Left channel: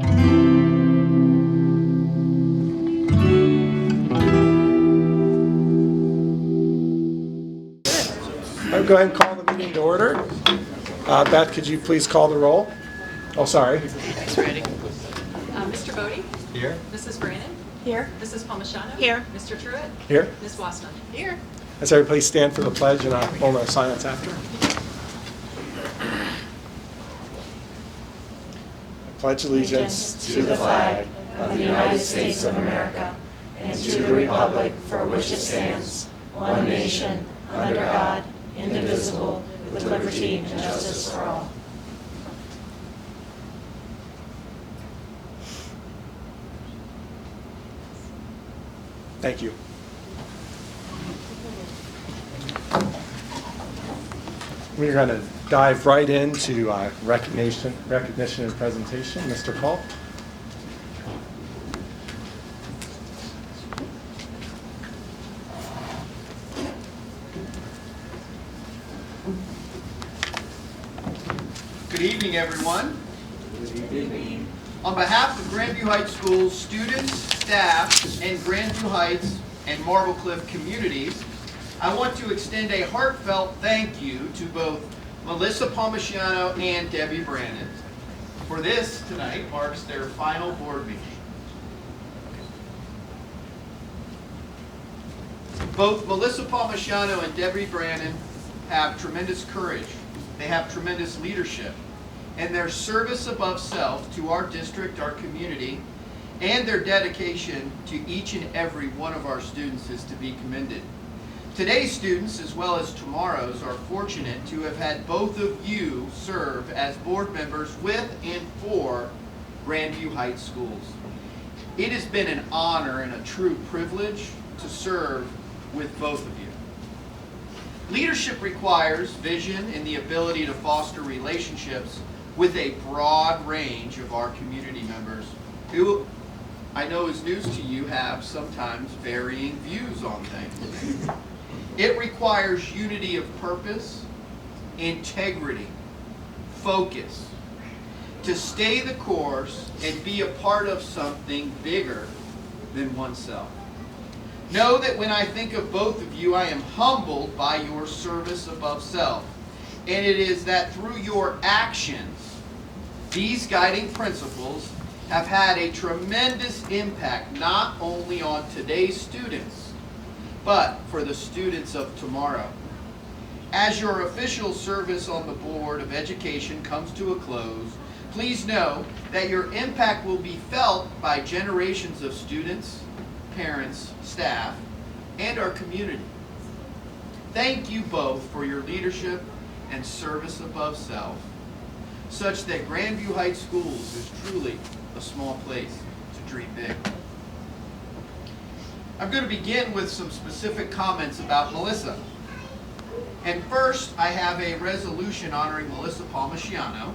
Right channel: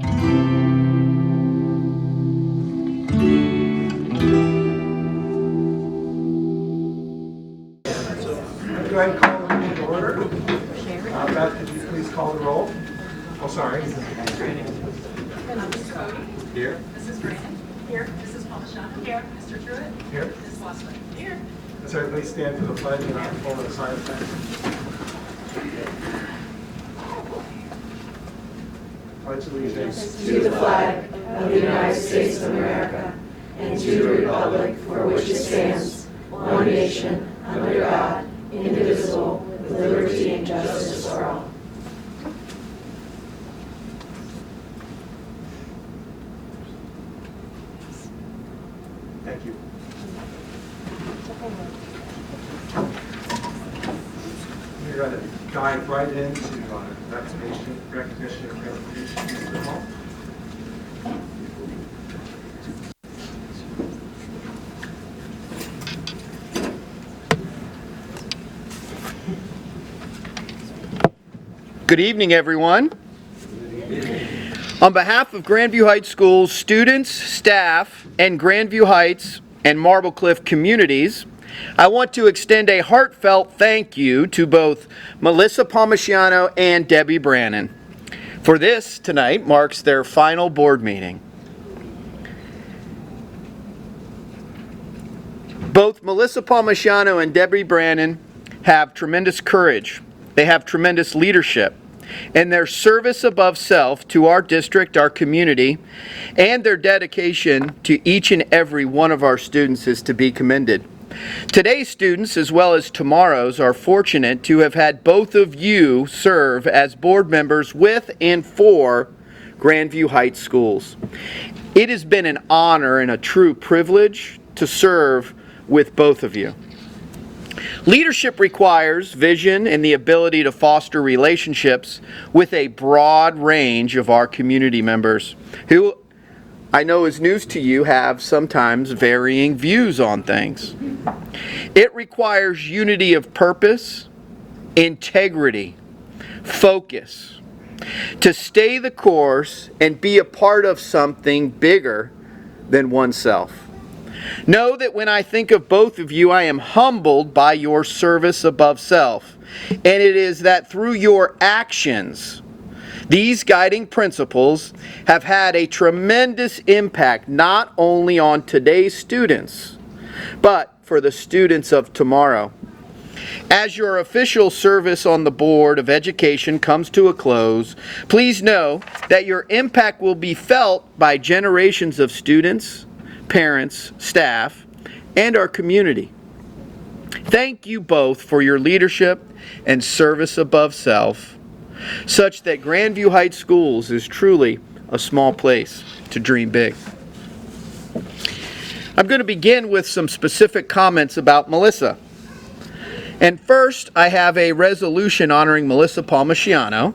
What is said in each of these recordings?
I'll go ahead and call the meeting to order. Beth, could you please call the roll? Oh, sorry. Mr. Bodie? Here. Mrs. Brannon? Here. Mrs. Palmashano? Here. Mr. Truitt? Here. Ms. Wassman? Here. Let's everybody stand for the pledge and a moment of silence after. Pledge allegiance To the flag of the United States of America and to the republic for which it stands, one nation, under God, indivisible, with liberty and justice for all. Thank you. We're going to dive right into recognition and presentation. Mr. Paul. Good evening, everyone. On behalf of Grandview Heights Schools students, staff, and Grandview Heights and Marble Cliff communities, I want to extend a heartfelt thank you to both Melissa Palmashano and Debbie Brannon, for this tonight marks their final board meeting. Both Melissa Palmashano and Debbie Brannon have tremendous courage. They have tremendous leadership, and their service above self to our district, our community, and their dedication to each and every one of our students is to be commended. Today's students, as well as tomorrow's, are fortunate to have had both of you serve as board members with and for Grandview Heights Schools. It has been an honor and a true privilege to serve with both of you. Leadership requires vision and the ability to foster relationships with a broad range of our community members who, I know is news to you, have sometimes varying views on things. It requires unity of purpose, integrity, focus, to stay the course and be a part of something bigger than oneself. Know that when I think of both of you, I am humbled by your service above self. And it is that through your actions, these guiding principles have had a tremendous impact not only on today's students, but for the students of tomorrow. As your official service on the Board of Education comes to a close, please know that your impact will be felt by generations of students, parents, staff, and our community. Thank you both for your leadership and service above self, such that Grandview Heights Schools is truly a small place to dream big. I'm going to begin with some specific comments about Melissa. And first, I have a resolution honoring Melissa Palmashano,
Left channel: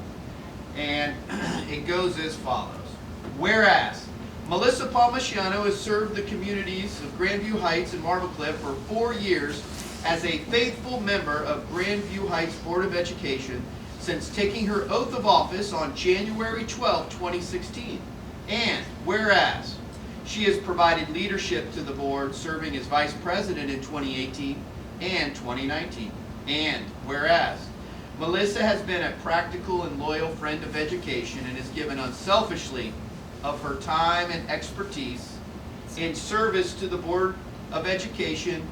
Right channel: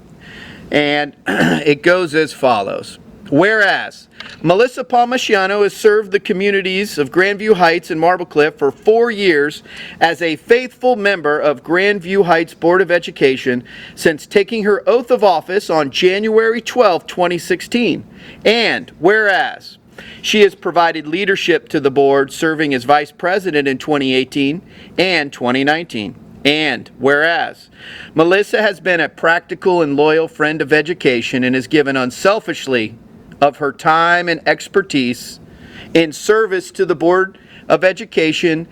and it goes as follows. Whereas, Melissa Palmashano has served the communities of Grandview Heights and Marble Cliff for 4 years as a faithful member of Grandview Heights Board of Education since taking her oath of office on January 12, 2016. And whereas, she has provided leadership to the board, serving as vice president in 2018 and 2019. And whereas, Melissa has been a practical and loyal friend of education and has given unselfishly of her time and expertise in service to the Board of Education,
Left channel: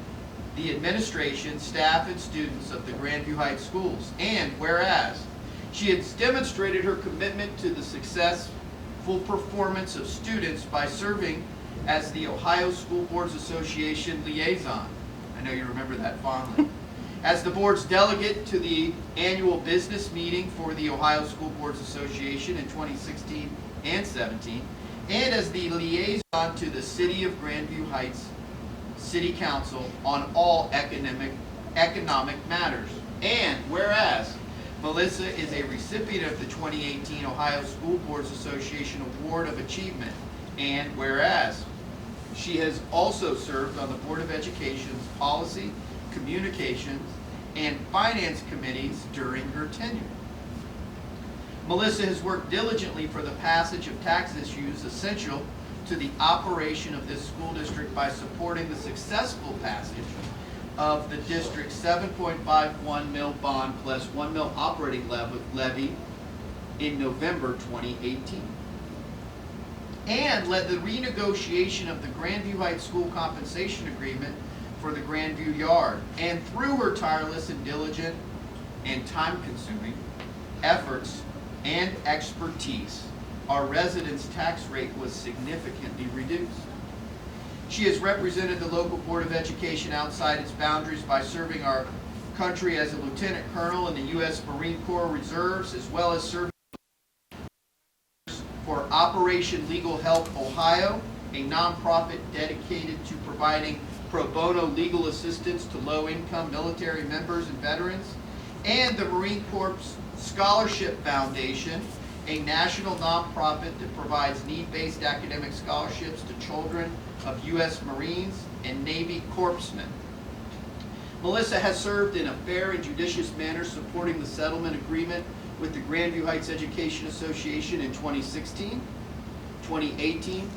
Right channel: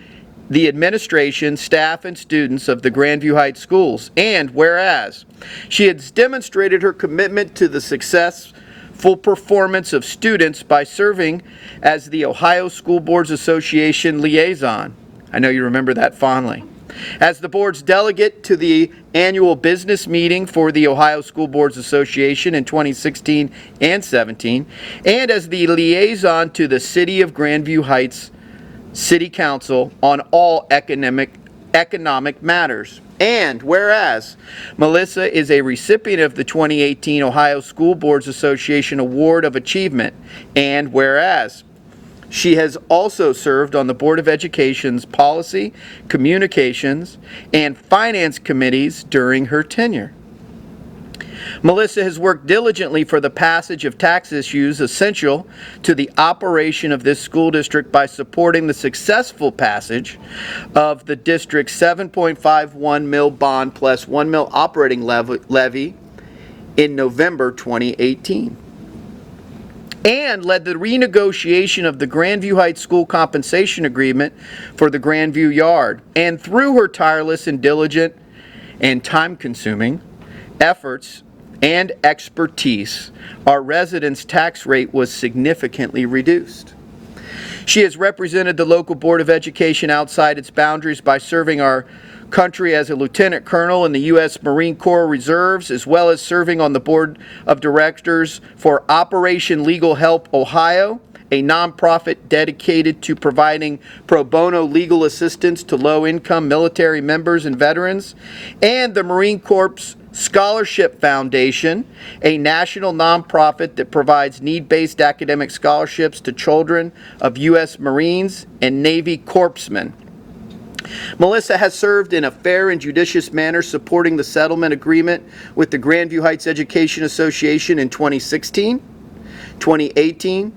the administration, staff, and students of the Grandview Heights Schools. And whereas, she has demonstrated her commitment to the successful performance of students by serving as the Ohio School Boards Association liaison. I know you remember that fondly. As the board's delegate to the annual business meeting for the Ohio School Boards Association in 2016 and 17, and as the liaison to the City of Grandview Heights City Council on all economic matters. And whereas, Melissa is a recipient of the 2018 Ohio School Boards Association Award of Achievement. And whereas, she has also served on the Board of Education's Policy, Communications, and Finance Committees during her tenure. Melissa has worked diligently for the passage of tax issues essential to the operation of this school district by supporting the successful passage of the district's 7.51 mil bond plus 1 mil operating levy in November 2018. And led the renegotiation of the Grandview Heights School Compensation Agreement for the Grandview Yard. And through her tireless and diligent and time-consuming efforts and expertise, our residents' tax rate was significantly reduced. She has represented the local Board of Education outside its boundaries by serving our country as a lieutenant colonel in the U.S. Marine Corps Reserves, as well as serving on the board of directors for Operation Legal Help Ohio, a nonprofit dedicated to providing pro bono legal assistance to low-income military members and veterans, and the Marine Corps Scholarship Foundation, a national nonprofit that provides need-based academic scholarships to children of U.S. Marines and Navy corpsmen. Melissa has served in a fair and judicious manner, supporting the settlement agreement with the Grandview Heights Education Association in 2016, 2018,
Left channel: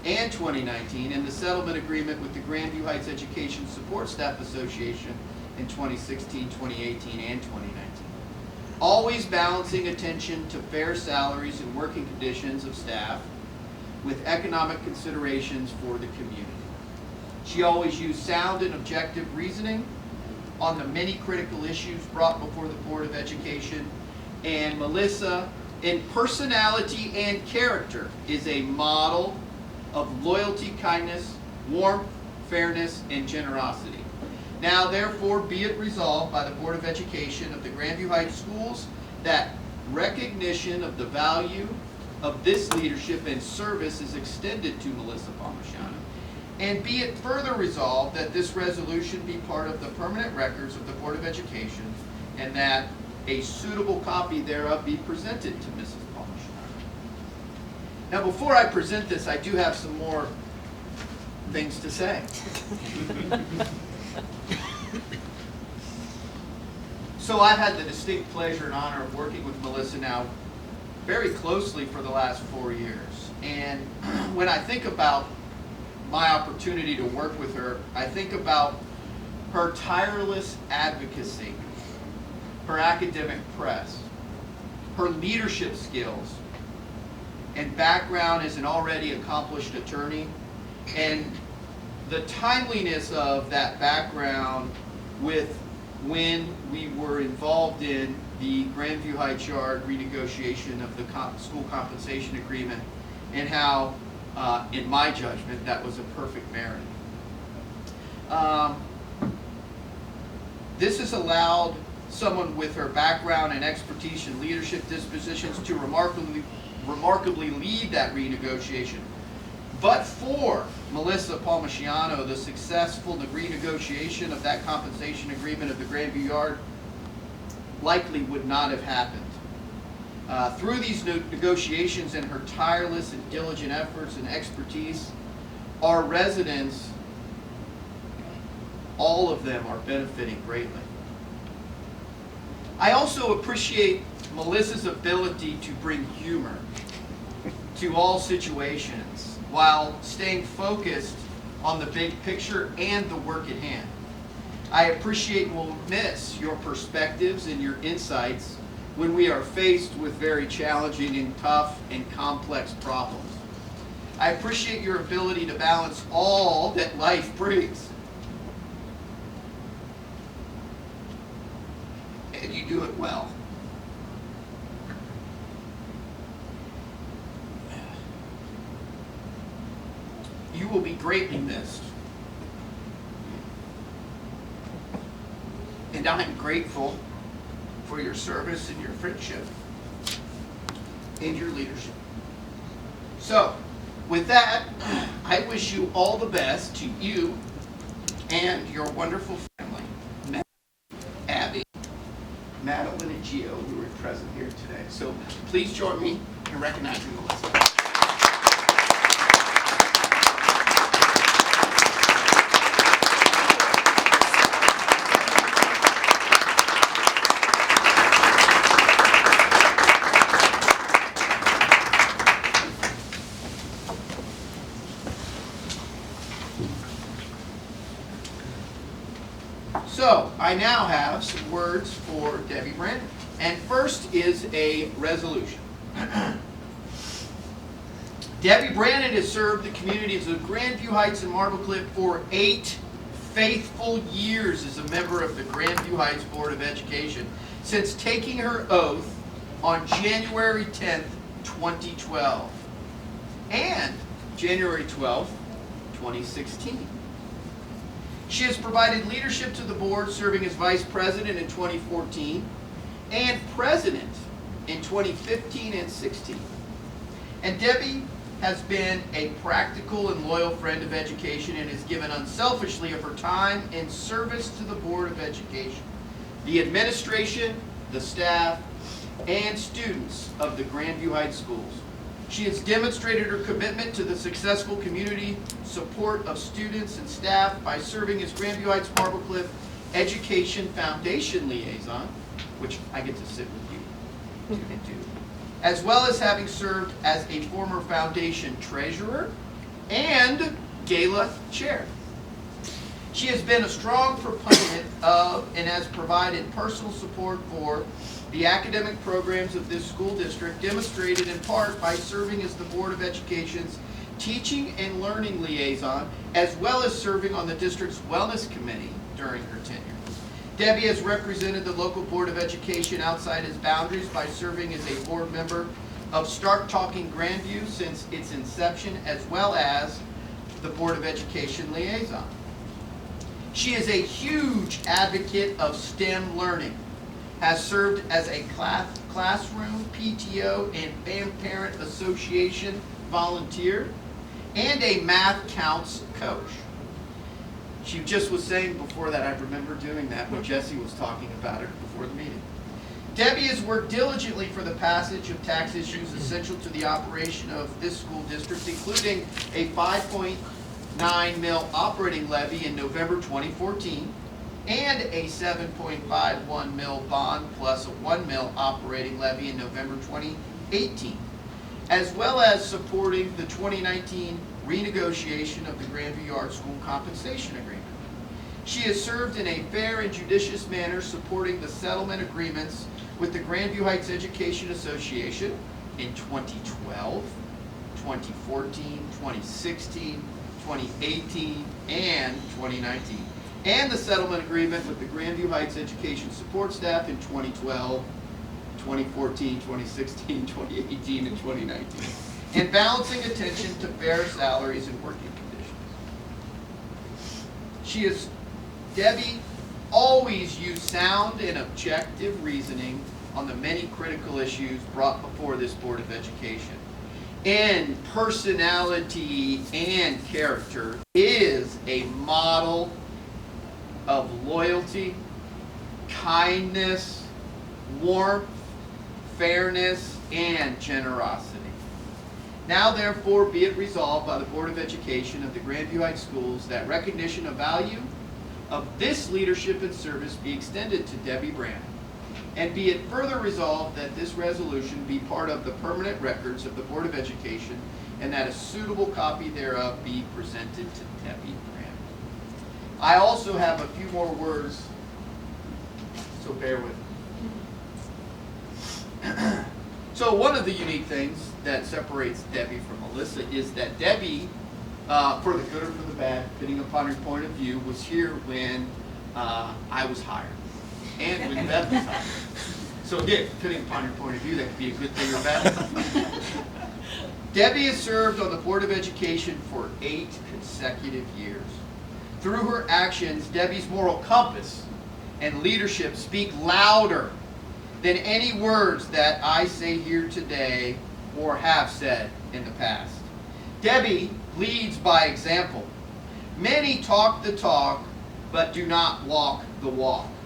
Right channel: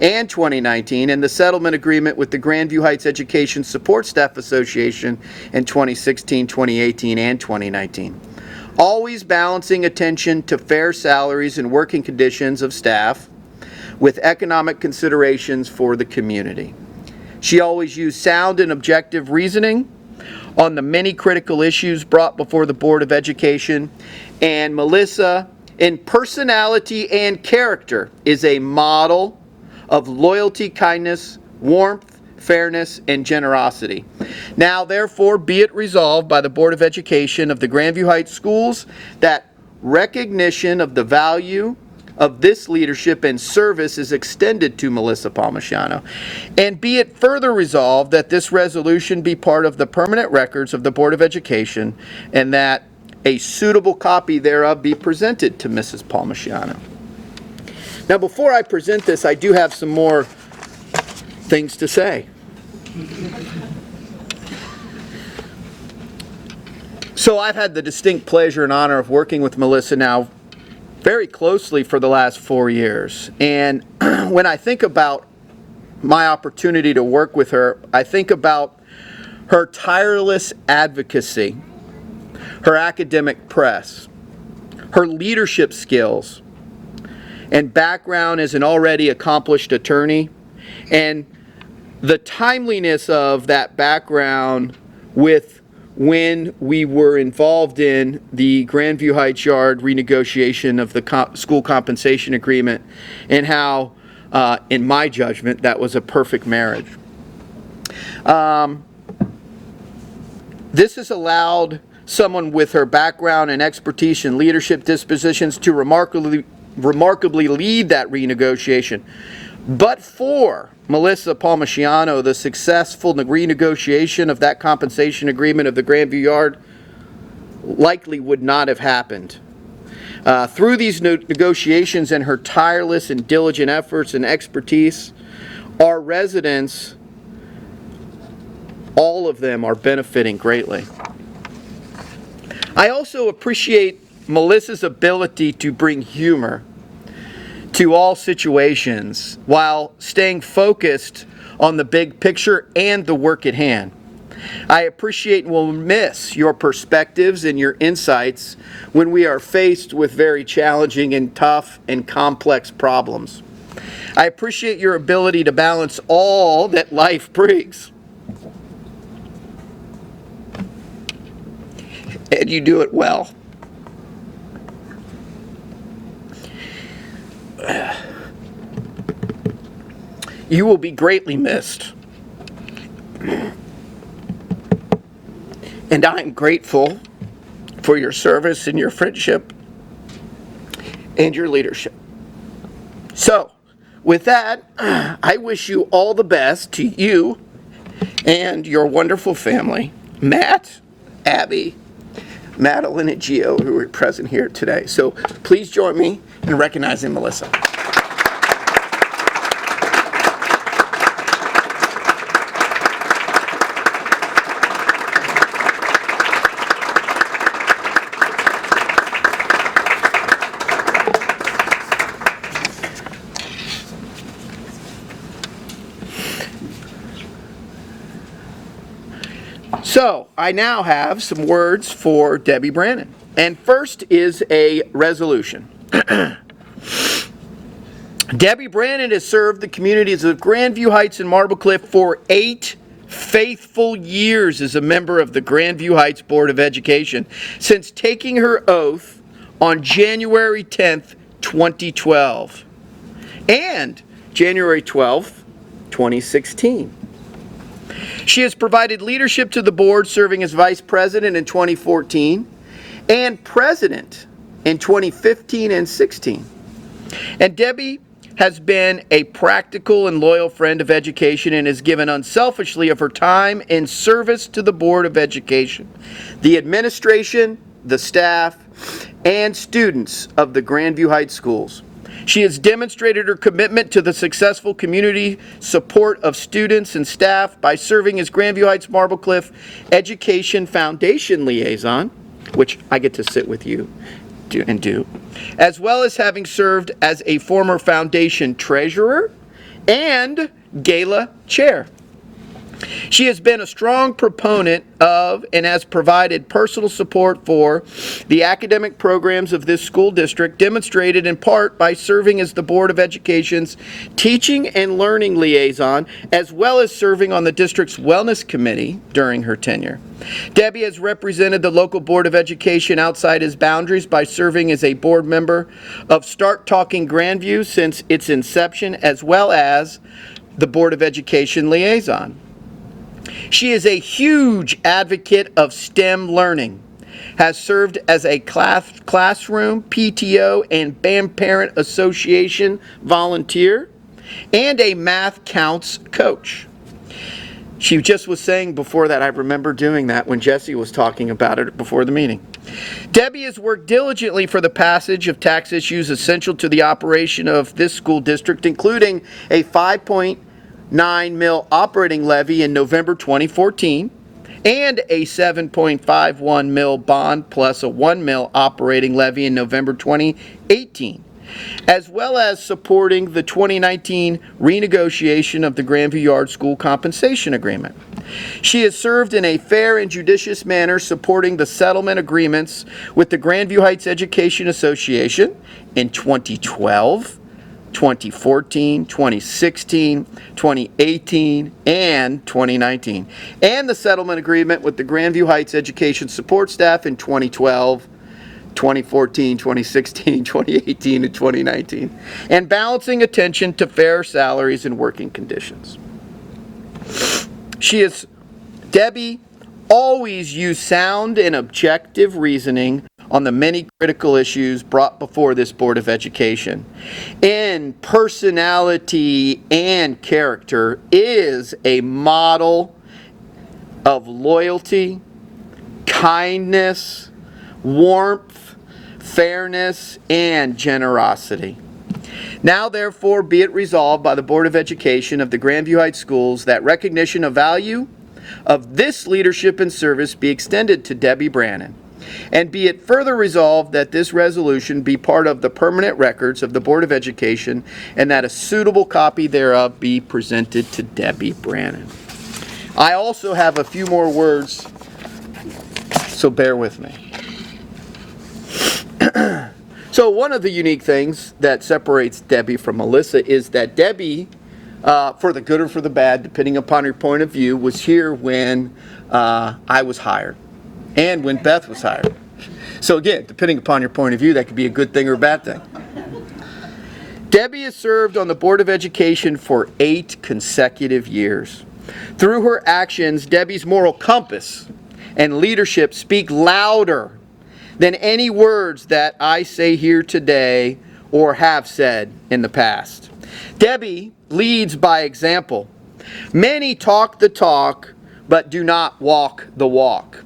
and 2019, and the settlement agreement with the Grandview Heights Education Support Staff Association in 2016, 2018, and 2019. Always balancing attention to fair salaries and working conditions of staff with economic considerations for the community. She always used sound and objective reasoning on the many critical issues brought before the Board of Education. And Melissa, in personality and character, is a model of loyalty, kindness, warmth, fairness, and generosity. Now, therefore, be it resolved by the Board of Education of the Grandview Heights Schools that recognition of the value of this leadership and service is extended to Melissa Palmisano. And be it further resolved that this resolution be part of the permanent records of the Board of Education, and that a suitable copy thereof be presented to Mrs. Palmisano. Now, before I present this, I do have some more things to say. So I've had the distinct pleasure and honor of working with Melissa now very closely for the last 4 years. And when I think about my opportunity to work with her, I think about her tireless advocacy, her academic press, her leadership skills, and background as an already accomplished attorney, and the timeliness of that background with when we were involved in the Grandview Heights Yard renegotiation of the school compensation agreement, and how, in my judgment, that was a perfect marriage. This has allowed someone with her background and expertise and leadership dispositions to remarkably lead that renegotiation. But for Melissa Palmisano, the successful renegotiation of that compensation agreement of the Grandview Yard likely would not have happened. Through these negotiations and her tireless and diligent efforts and expertise, our residents, all of them, are benefiting greatly. I also appreciate Melissa's ability to bring humor to all situations while staying focused on the big picture and the work at hand. I appreciate and will miss your perspectives and your insights when we are faced with very challenging and tough and complex problems. I appreciate your ability to balance all that life brings. And you do it well. You will be greatly missed. And I am grateful for your service and your friendship and your leadership. So, with that, I wish you all the best, to you and your wonderful family, Matt, Abby, Madeline, and Gio, who are present here today. So please join me in recognizing Melissa. So, I now have some words for Debbie Brannon. And first is a resolution. Debbie Brannon has served the communities of Grandview Heights and Marble Cliff for 8 faithful years as a member of the Grandview Heights Board of Education since taking her oath on January 10th, 2012 and January 12th, 2016. She has provided leadership to the board, serving as vice president in 2014 and president in 2015 and 16. And Debbie has been a practical and loyal friend of education and has given unselfishly of her time in service to the Board of Education, the administration, the staff, and students of the Grandview Heights schools. She has demonstrated her commitment to the successful community support of students and staff by serving as Grandview Heights Marble Cliff Education Foundation Liaison, which I get to sit with you and do, as well as having served as a former foundation treasurer and gala chair. She has been a strong proponent of and has provided personal support for the academic programs of this school district, demonstrated in part by serving as the Board of Education's Teaching and Learning Liaison, as well as serving on the district's Wellness Committee during her tenure. Debbie has represented the local Board of Education outside its boundaries by serving as a board member of Start Talking Grandview since its inception, as well as the Board of Education Liaison. She is a huge advocate of STEM learning, has served as a classroom, PTO, and BAM Parent Association volunteer, and a Math Counts coach. She just was saying before that, I remember doing that when Jesse was talking about it before the meeting. Debbie has worked diligently for the passage of tax issues essential to the operation of this school district, including a 5.9 mil operating levy in November 2014 and a 7.51 mil bond plus a 1 mil operating levy in November 2018, as well as supporting the 2019 renegotiation of the Grandview Yard School Compensation Agreement. She has served in a fair and judicious manner, supporting the settlement agreements with the Grandview Heights Education Association in 2012, 2014, 2016, 2018, and 2019, and the settlement agreement with the Grandview Heights Education Support Staff in 2012, 2014, 2016, 2018, and 2019, and balancing attention to fair salaries and working conditions. Debbie always used sound and objective reasoning on the many critical issues brought before this Board of Education. In personality and character is a model of loyalty, kindness, warmth, fairness, and generosity. Now, therefore, be it resolved by the Board of Education of the Grandview Heights Schools that recognition of value of this leadership and service be extended to Debbie Brannon. And be it further resolved that this resolution be part of the permanent records of the Board of Education and that a suitable copy thereof be presented to Debbie Brannon. I also have a few more words, so bear with me. So one of the unique things that separates Debbie from Melissa is that Debbie, for the good or for the bad, depending upon her point of view, was here when I was hired and when Beth was hired. So again, depending upon your point of view, that could be a good thing or a bad thing. Debbie has served on the Board of Education for 8 consecutive years. Through her actions, Debbie's moral compass and leadership speak louder than any words that I say here today or have said in the past. Debbie leads by example. Many talk the talk, but do not walk the walk.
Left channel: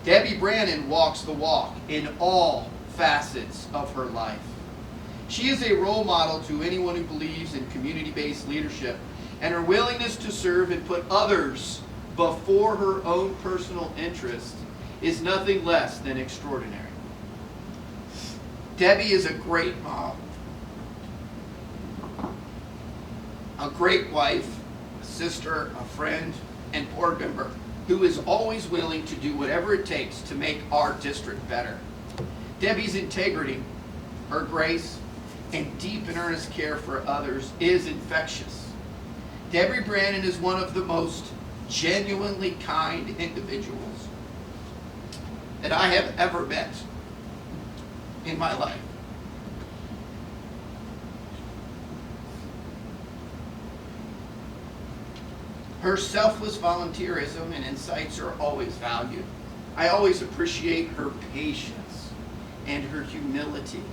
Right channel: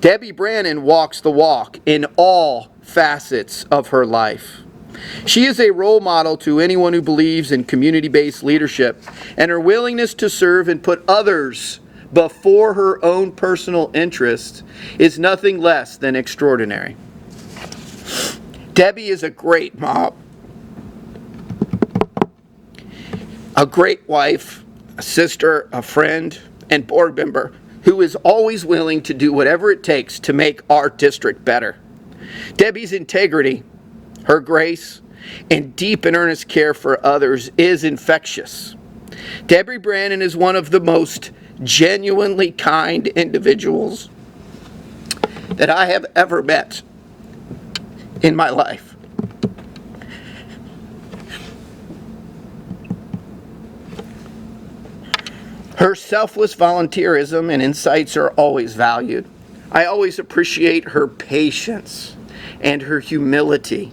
Debbie Brannon walks the walk in all facets of her life. She is a role model to anyone who believes in community-based leadership, and her willingness to serve and put others before her own personal interest is nothing less than extraordinary. Debbie is a great mom, a great wife, a sister, a friend, and board member who is always willing to do whatever it takes to make our district better. Debbie's integrity, her grace, and deep and earnest care for others is infectious. Debbie Brannon is one of the most genuinely kind individuals that I have ever met in my life. Her selfless volunteerism and insights are always valued. I always appreciate her patience and her humility.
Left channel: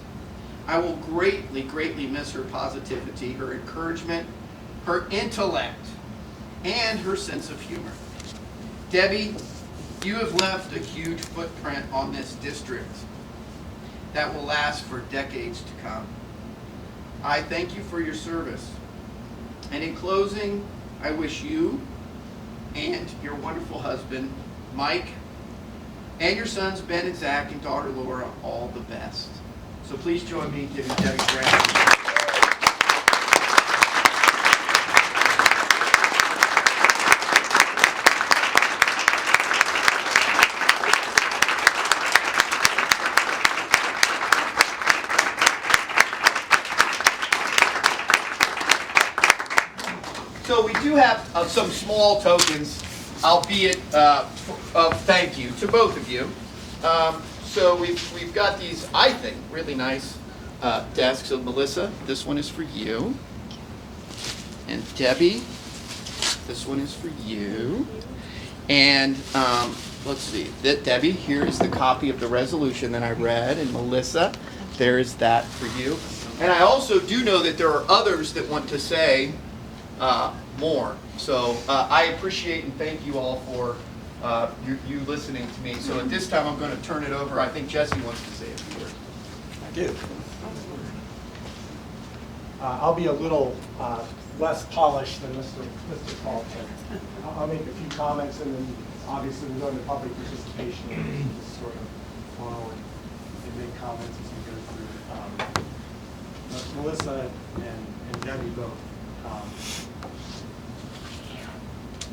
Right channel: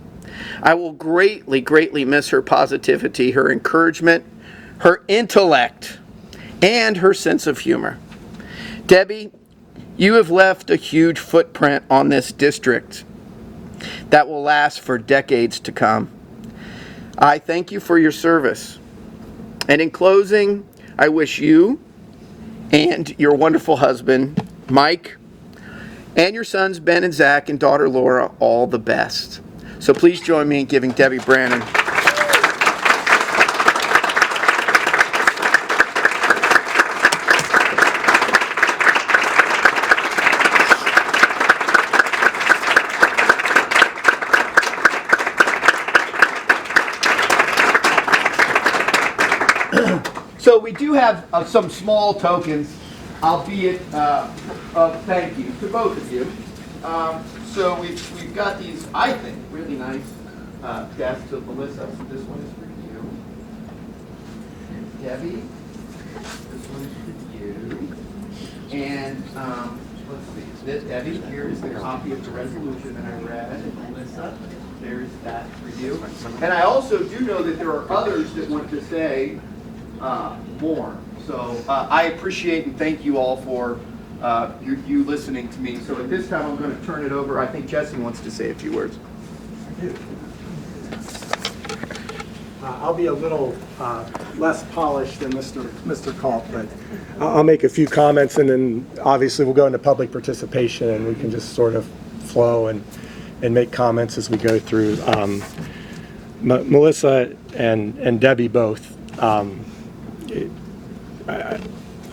I will greatly, greatly miss her positivity, her encouragement, her intellect, and her sense of humor. Debbie, you have left a huge footprint on this district that will last for decades to come. I thank you for your service. And in closing, I wish you and your wonderful husband, Mike, and your sons, Ben and Zach, and daughter, Laura, all the best. So please join me in giving Debbie Brannon. So we do have some small tokens, albeit of thank you to both of you. So we've got these, I think, really nice desks of Melissa. This one is for you. And Debbie, this one is for you. And let's see, Debbie, here is the copy of the resolution that I read. And Melissa, there is that for you. And I also do know that there are others that want to say more. So I appreciate and thank you all for you listening to me. So at this time, I'm going to turn it over. I think Jesse wants to say a few words. I do. I'll be a little less polished than Mr. Culp, but I'll make a few comments, and then obviously we'll go into public participation, and we can just sort of flow and make comments as we go through. Melissa and Debbie both.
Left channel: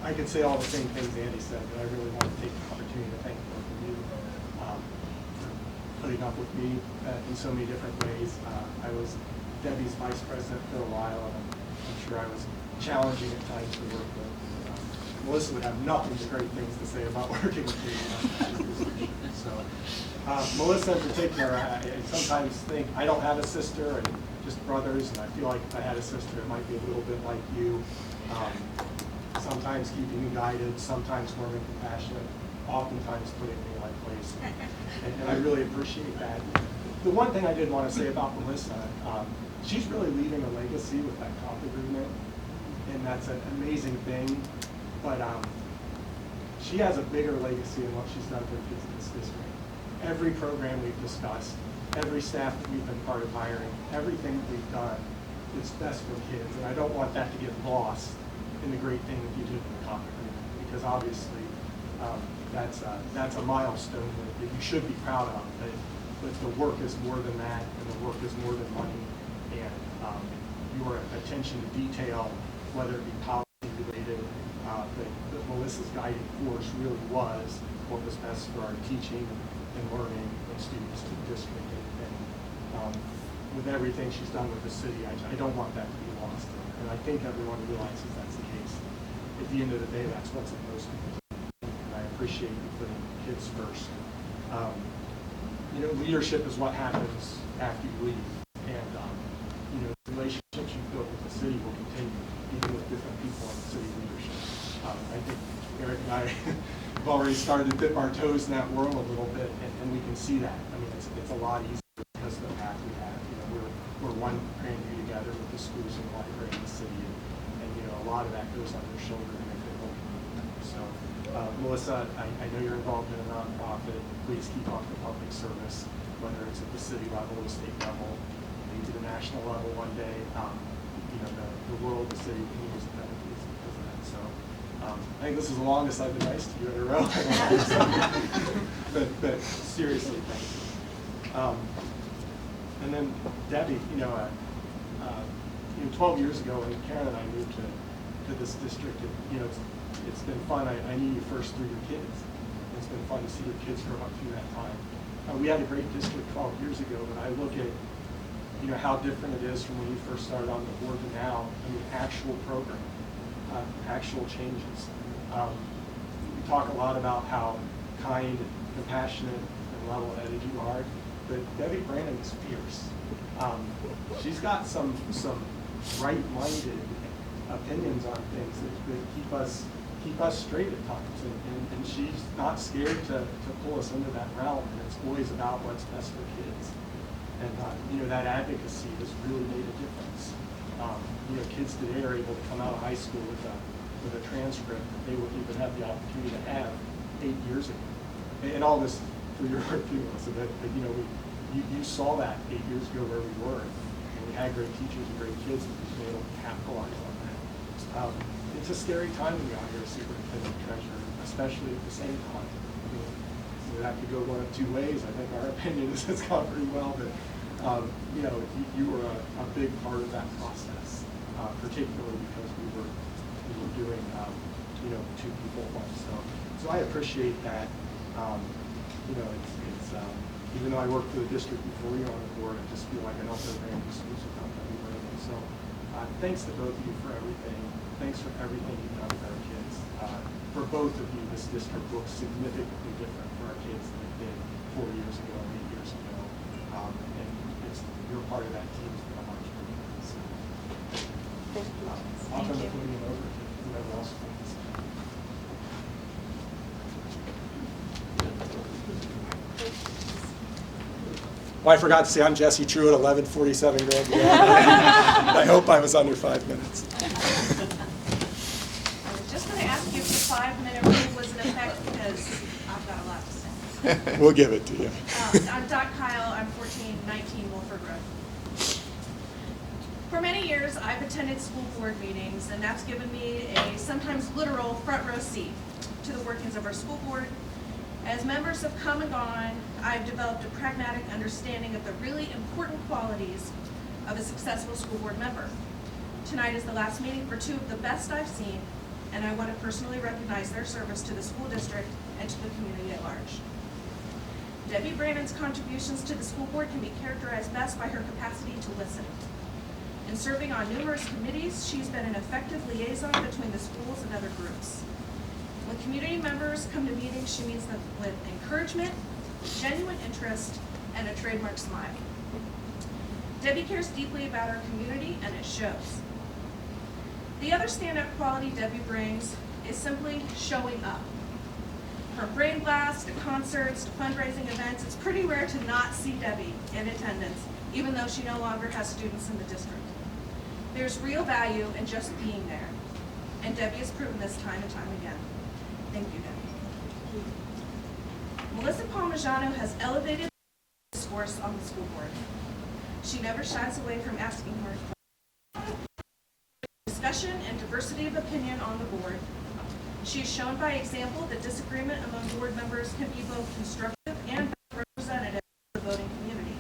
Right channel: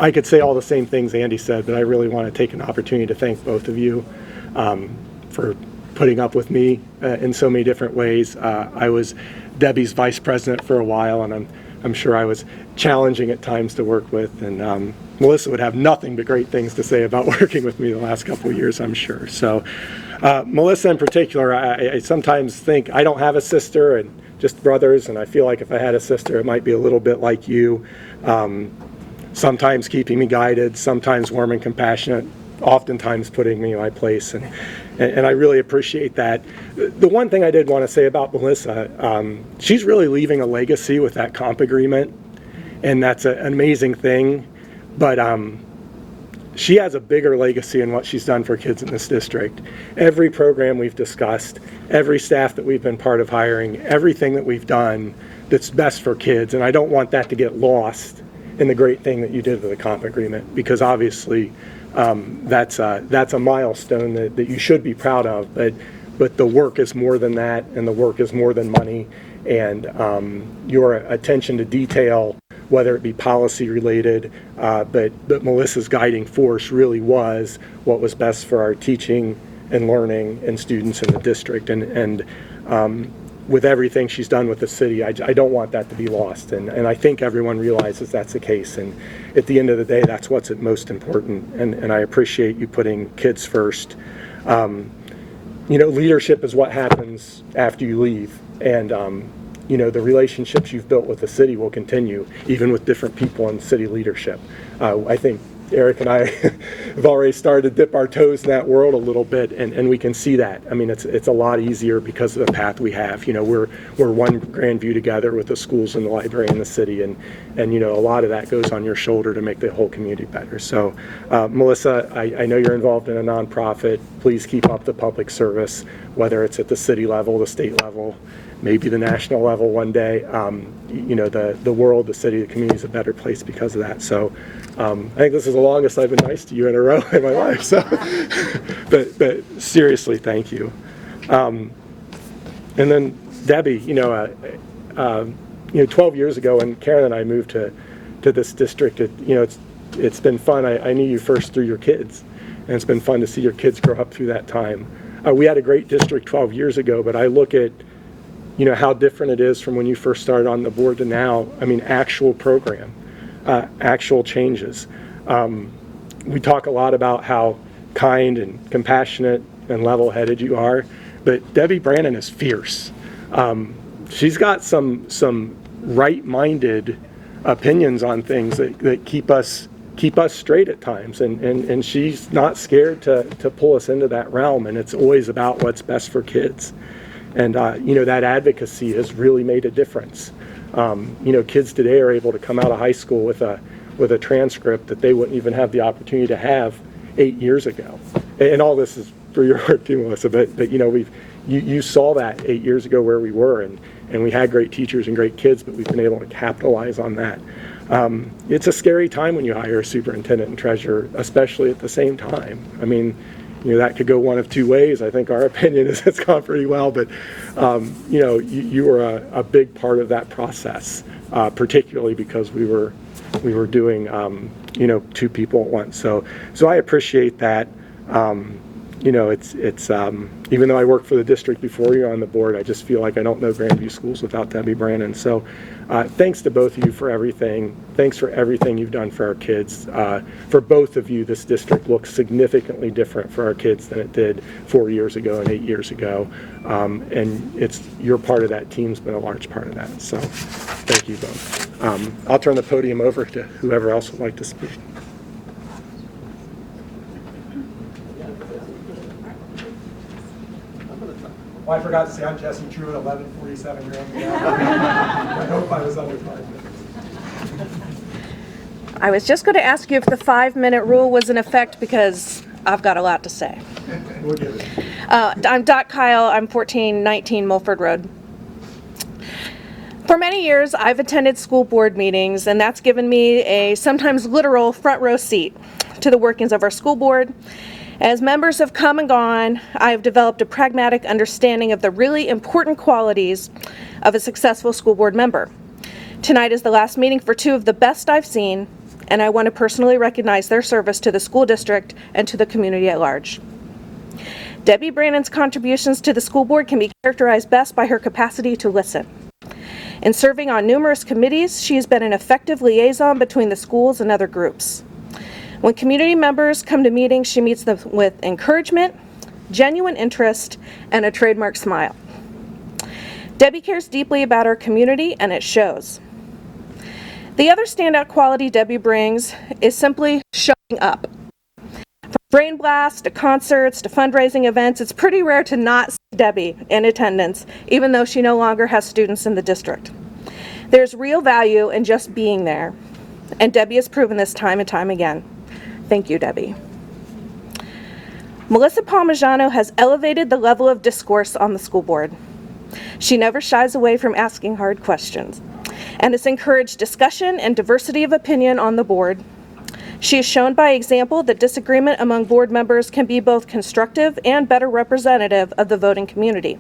I could say all the same things Andy said, but I really want to take an opportunity to thank both of you for putting up with me in so many different ways. I was Debbie's vice president for a while, and I'm sure I was challenging at times to work with. And Melissa would have nothing but great things to say about working with me the last couple of years, I'm sure. So Melissa in particular, I sometimes think I don't have a sister, and just brothers, and I feel like if I had a sister, it might be a little bit like you. Sometimes keeping me guided, sometimes warm and compassionate, oftentimes putting me in my place, and I really appreciate that. The one thing I did want to say about Melissa, she's really leaving a legacy with that comp agreement, and that's an amazing thing, but she has a bigger legacy in what she's done for kids in this district. Every program we've discussed, every staff that we've been part of hiring, everything that we've done that's best for kids, and I don't want that to get lost in the great thing that you did with the comp agreement, because obviously that's a milestone that you should be proud of, but the work is more than that, and the work is more than money, and your attention to detail, whether it be policy related, but Melissa's guiding force really was what was best for our teaching and learning and students in the district, and with everything she's done with the city, I don't want that to be lost, and I think everyone realizes that's the case, and at the end of the day, that's what's most important, and I appreciate you putting kids first. Leadership is what happens after you leave, and the relationships you've built with the city will continue, even with different people in city leadership. I think Eric and I have already started to dip our toes in that world a little bit, and we can see that. I mean, it's a lot easier because of the path we have. We're one Grandview together with the schools and the library in the city, and a lot of that goes on your shoulder to make the whole community better. So, Melissa, I know you're involved in a nonprofit. Please keep up the public service, whether it's at the city level, the state level, maybe the national level one day. The world, the city, the community is a better place because of that. So. I think this is the longest I've been nice to you in a row in my life. So, but seriously, thank you. And then Debbie, 12 years ago when Karen and I moved to this district, it's been fun. I knew you first through your kids, and it's been fun to see your kids grow up through that time. We had a great district 12 years ago, but I look at, you know, how different it is from when you first started on the board to now. I mean, actual program, actual changes. We talk a lot about how kind and compassionate and level-headed you are, but Debbie Brannon is fierce. She's got some right-minded opinions on things that keep us straight at times, and she's not scared to pull us into that realm, and it's always about what's best for kids. And you know, that advocacy has really made a difference. You know, kids today are able to come out of high school with a transcript that they wouldn't even have the opportunity to have 8 years ago. And all this is through your work too, Melissa, but you know, you saw that 8 years ago where we were, and we had great teachers and great kids, but we've been able to capitalize on that. It's a scary time when you hire a superintendent and treasurer, especially at the same time. I mean, you know, that could go one of two ways. I think our opinion is it's gone pretty well, but you know, you were a big part of that process, particularly because we were doing you know, two people at once. So I appreciate that. You know, it's even though I worked for the district before you're on the board, I just feel like I don't know Grandview Schools without Debbie Brannon. So thanks to both of you for everything. Thanks for everything you've done for our kids. For both of you, this district looks significantly different for our kids than it did 4 years ago and 8 years ago. And you're part of that team's been a large part of that. So thank you both. I'll turn the podium over to whoever else would like to speak. Well, I forgot to say I'm Jesse True at 1147 Grandview. I hope I was under 5 minutes. I was just going to ask you if the 5-minute rule was in effect because I've got a lot to say. We'll give it to you. I'm Dot Kyle. I'm 1419 Mulford Road. For many years, I've attended school board meetings, and that's given me a sometimes literal front row seat to the workings of our school board. As members have come and gone, I have developed a pragmatic understanding of the really important qualities of a successful school board member. Tonight is the last meeting for two of the best I've seen, and I want to personally recognize their service to the school district and to the community at large. Debbie Brannon's contributions to the school board can be characterized best by her capacity to listen. In serving on numerous committees, she has been an effective liaison between the schools and other groups. When community members come to meetings, she meets them with encouragement, genuine interest, and a trademark smile. Debbie cares deeply about our community, and it shows. The other standout quality Debbie brings is simply showing up. From brain blasts to concerts to fundraising events, it's pretty rare to not see Debbie in attendance, even though she no longer has students in the district. There's real value in just being there, and Debbie has proven this time and time again. Thank you, Debbie. Melissa Palmisano has elevated the level of discourse on the school board. She never shies away from asking hard questions and has encouraged discussion and diversity of opinion on the board. She has shown by example that disagreement among board members can be both constructive and better representative of the voting community.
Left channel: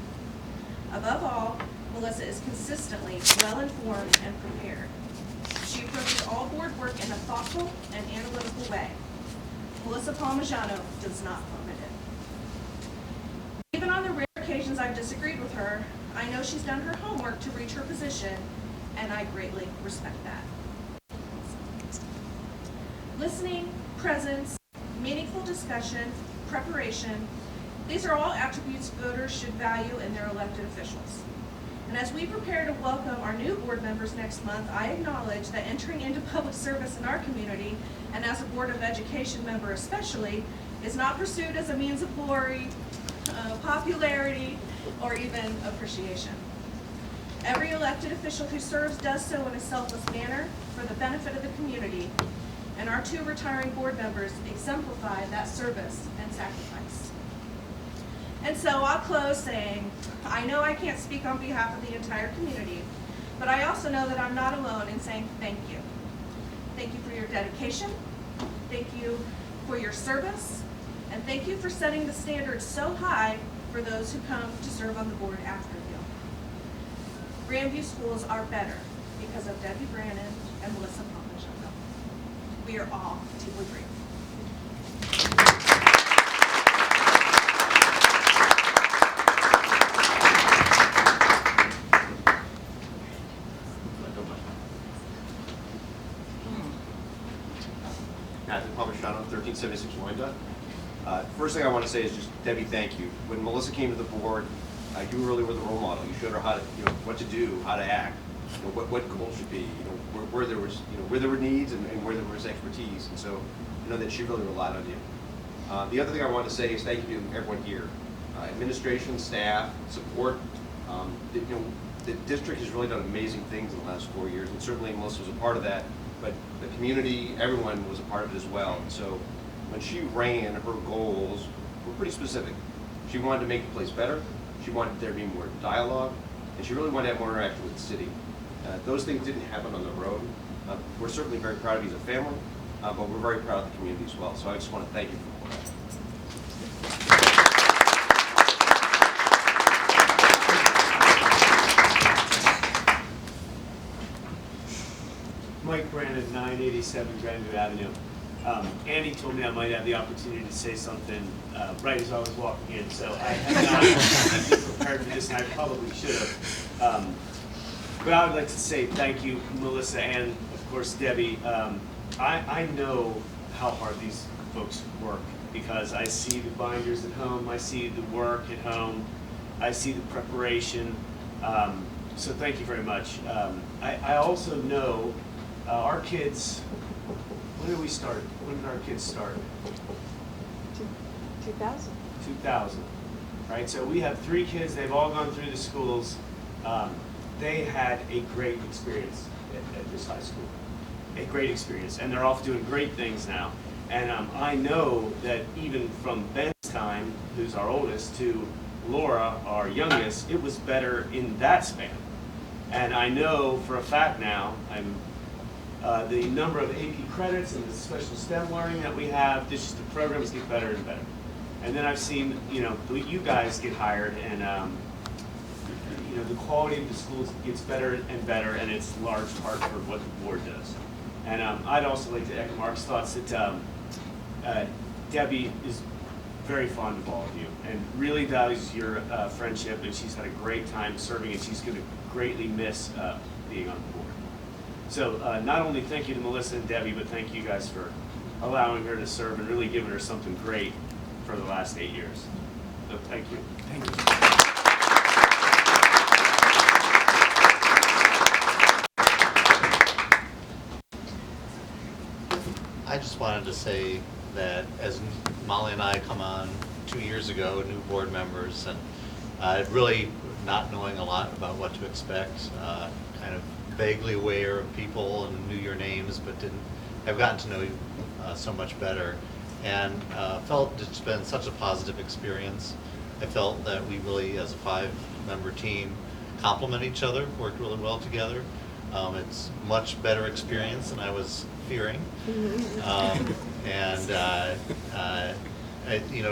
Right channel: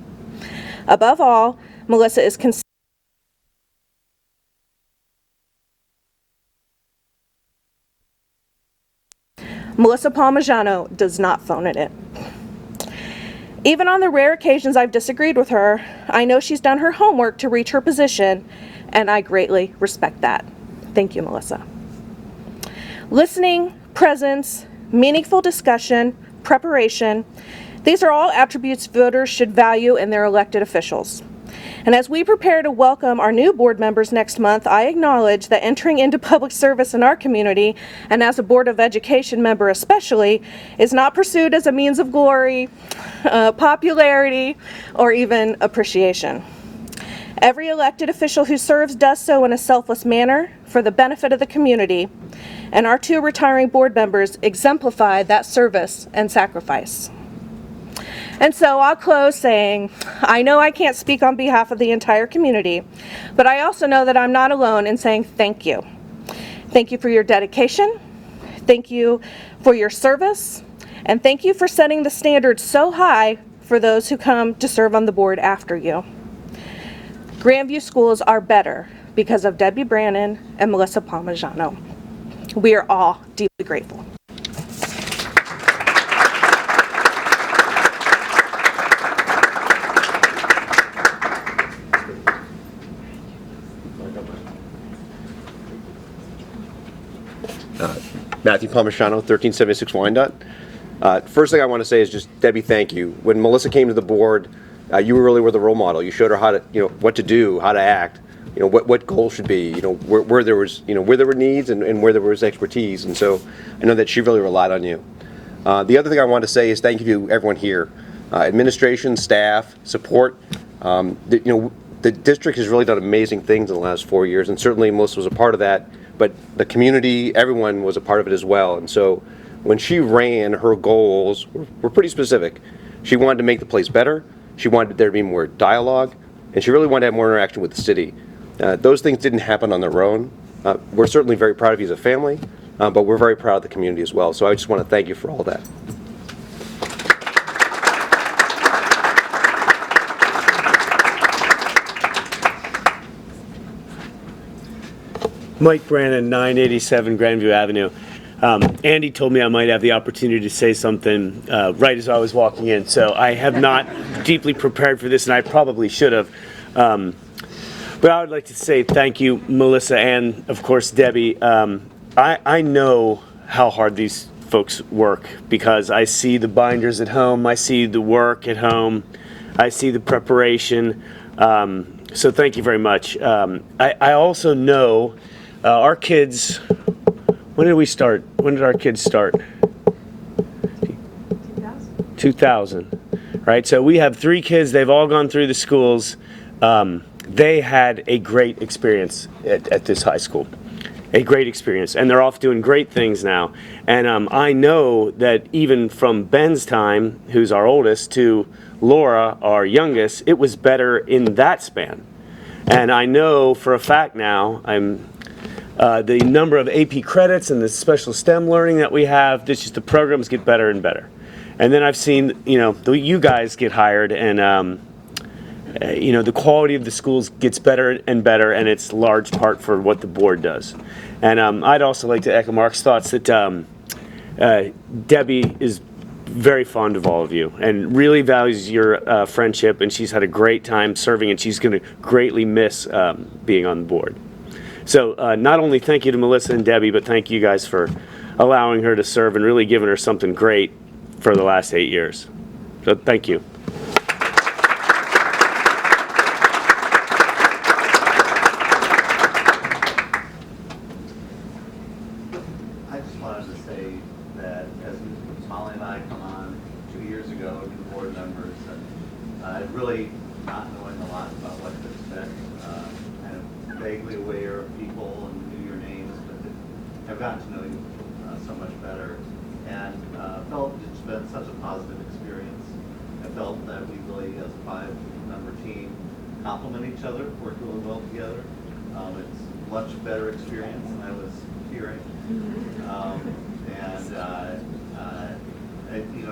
Above all, Melissa is consistently well-informed and prepared. She approaches all board work in a thoughtful and analytical way. Melissa Palmisano does not phone it in. Even on the rare occasions I've disagreed with her, I know she's done her homework to reach her position, and I greatly respect that. Thank you, Melissa. Listening, presence, meaningful discussion, preparation, these are all attributes voters should value in their elected officials. And as we prepare to welcome our new board members next month, I acknowledge that entering into public service in our community, and as a Board of Education member especially, is not pursued as a means of glory, popularity, or even appreciation. Every elected official who serves does so in a selfless manner for the benefit of the community, and our two retiring board members exemplify that service and sacrifice. And so I'll close saying, I know I can't speak on behalf of the entire community, but I also know that I'm not alone in saying thank you. Thank you for your dedication, thank you for your service, and thank you for setting the standard so high for those who come to serve on the board after you. Grandview schools are better because of Debbie Brannon and Melissa Palmisano. We are all deeply grateful. Matthew Palmisciano, 1376 Wyandotte. First thing I want to say is just, Debbie, thank you. When Melissa came to the board, you really were the role model. You showed her how to, what to do, how to act, what goals should be, where there was, where there were needs and where there was expertise. And so I know that she really relied on you. The other thing I want to say is thank you to everyone here, administration, staff, support. The district has really done amazing things in the last 4 years, and certainly Melissa was a part of that. But the community, everyone was a part of it as well. And so when she ran, her goals were pretty specific. She wanted to make the place better. She wanted there to be more dialogue. And she really wanted to have more interaction with the city. Those things didn't happen on their own. We're certainly very proud of you as a family, but we're very proud of the community as well. So I just want to thank you for all that. Mike Brannon, 987 Grandview Avenue. Andy told me I might have the opportunity to say something right as I was walking in, so I have not deeply prepared for this, and I probably should have. But I would like to say thank you, Melissa, and of course Debbie. I know how hard these folks work because I see the binders at home, I see the work at home, I see the preparation. So thank you very much. I also know our kids. When did we start? When did our kids start? 2000, right? So we have 3 kids. They've all gone through the schools. They had a great experience at this high school, a great experience, and they're off doing great things now. And I know that even from Ben's time, who's our oldest, to Laura, our youngest, it was better in that span. And I know for a fact now, the number of AP credits and the special STEM learning that we have, the programs get better and better. And then I've seen, you guys get hired, and the quality of the schools gets better and better, and it's large part for what the board does. And I'd also like to echo Mark's thoughts that Debbie is very fond of all of you and really values your friendship, and she's had a great time serving, and she's going to greatly miss being on the board. So not only thank you to Melissa and Debbie, but thank you guys for allowing her to serve and really giving her something great for the last 8 years. So thank you. I just wanted to say that as Molly and I come on 2 years ago, new board members, and really not knowing a lot about what to expect, kind of vaguely aware of people and knew your names, but have gotten to know you so much better, and felt it's been such a positive experience. I felt that we really, as a 5-member team, complement each other, work really well together. It's much better experience than I was fearing.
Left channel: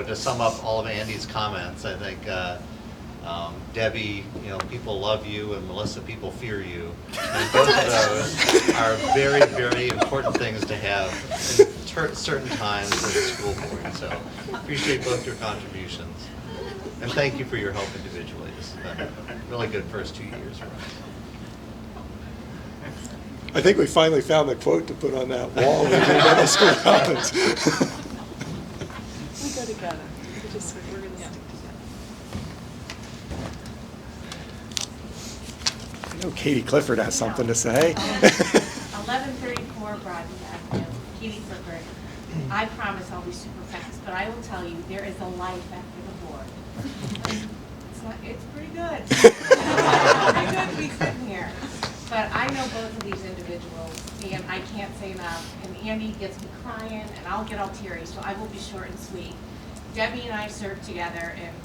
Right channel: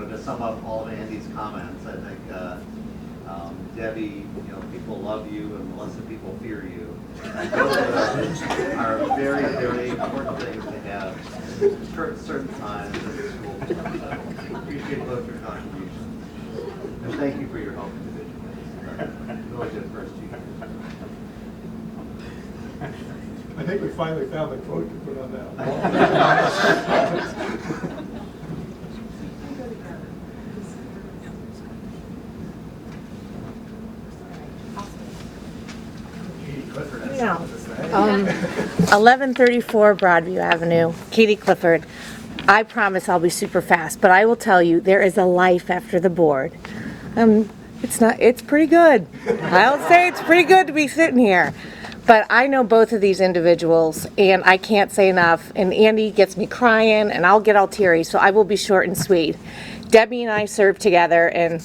To sum up all of Andy's comments, I think Debbie, people love you, and Melissa, people fear you. And both of those are very, very important things to have at certain times in the school board. So appreciate both your contributions. And thank you for your help individually. This has been a really good first 2 years. I think we finally found the quote to put on that wall. Middle school comments. Katie Clifford has something to say. 1134 Broadview Avenue, Katie Clifford. I promise I'll be super fast, but I will tell you there is a life after the board. It's pretty good. I'll say it's pretty good to be sitting here. But I know both of these individuals, and I can't say enough. And Andy gets me crying, and I'll get all teary, so I will be short and sweet. Debbie and I served together, and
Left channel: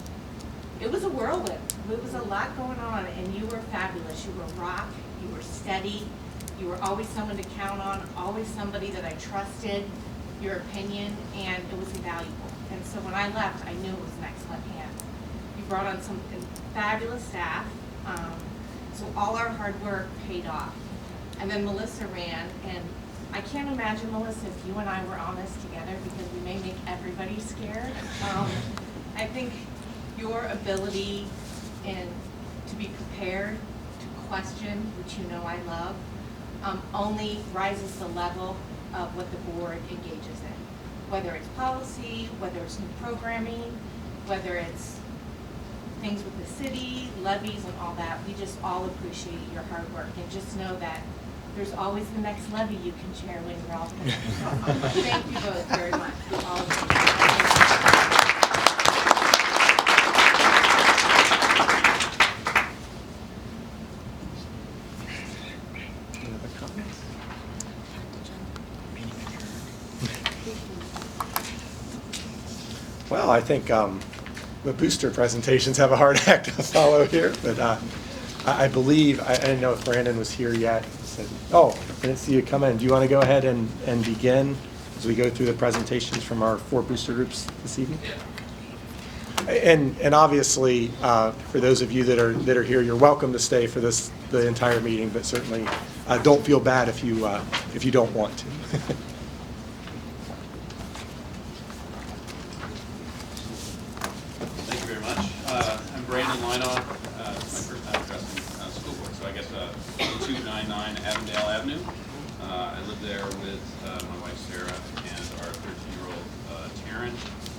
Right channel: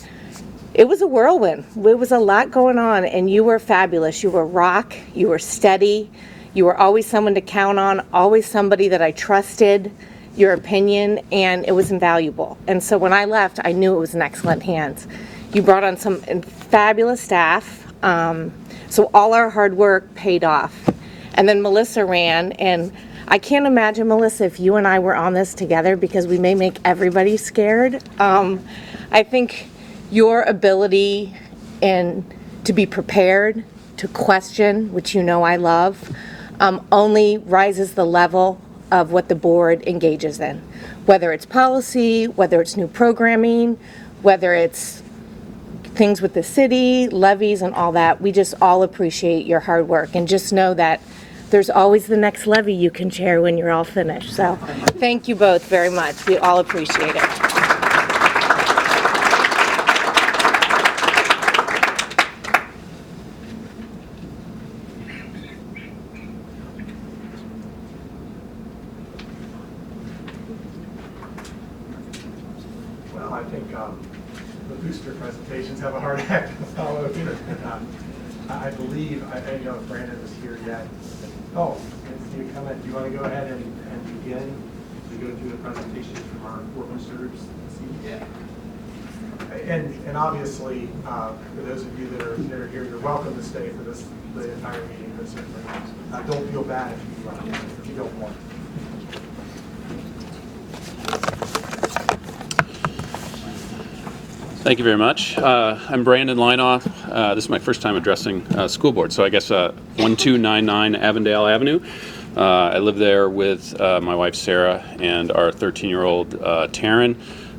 it was a whirlwind. It was a lot going on, and you were fabulous. You were rock. You were steady. You were always someone to count on, always somebody that I trusted your opinion, and it was invaluable. And so when I left, I knew it was in excellent hands. You brought on some fabulous staff. So all our hard work paid off. And then Melissa ran, and I can't imagine, Melissa, if you and I were on this together because we may make everybody scared. I think your ability and to be prepared, to question, which you know I love, only rises the level of what the board engages in. Whether it's policy, whether it's new programming, whether it's things with the city, levies and all that, we just all appreciate your hard work. And just know that there's always the next levy you can chair when you're all finished. So thank you both very much. We all appreciate it. Well, I think the booster presentations have a hard act to follow here, but I believe, I didn't know if Brandon was here yet. Oh, I didn't see you come in. Do you want to go ahead and begin as we go through the presentations from our 4 booster groups this evening? Yeah. And obviously, for those of you that are here, you're welcome to stay for the entire meeting, but certainly don't feel bad if you don't want to. Thank you very much. I'm Brandon Leinoff. This is my first time addressing school board, so I guess 1299 Avondale Avenue. I live there with my wife Sarah and our 13-year-old Taryn.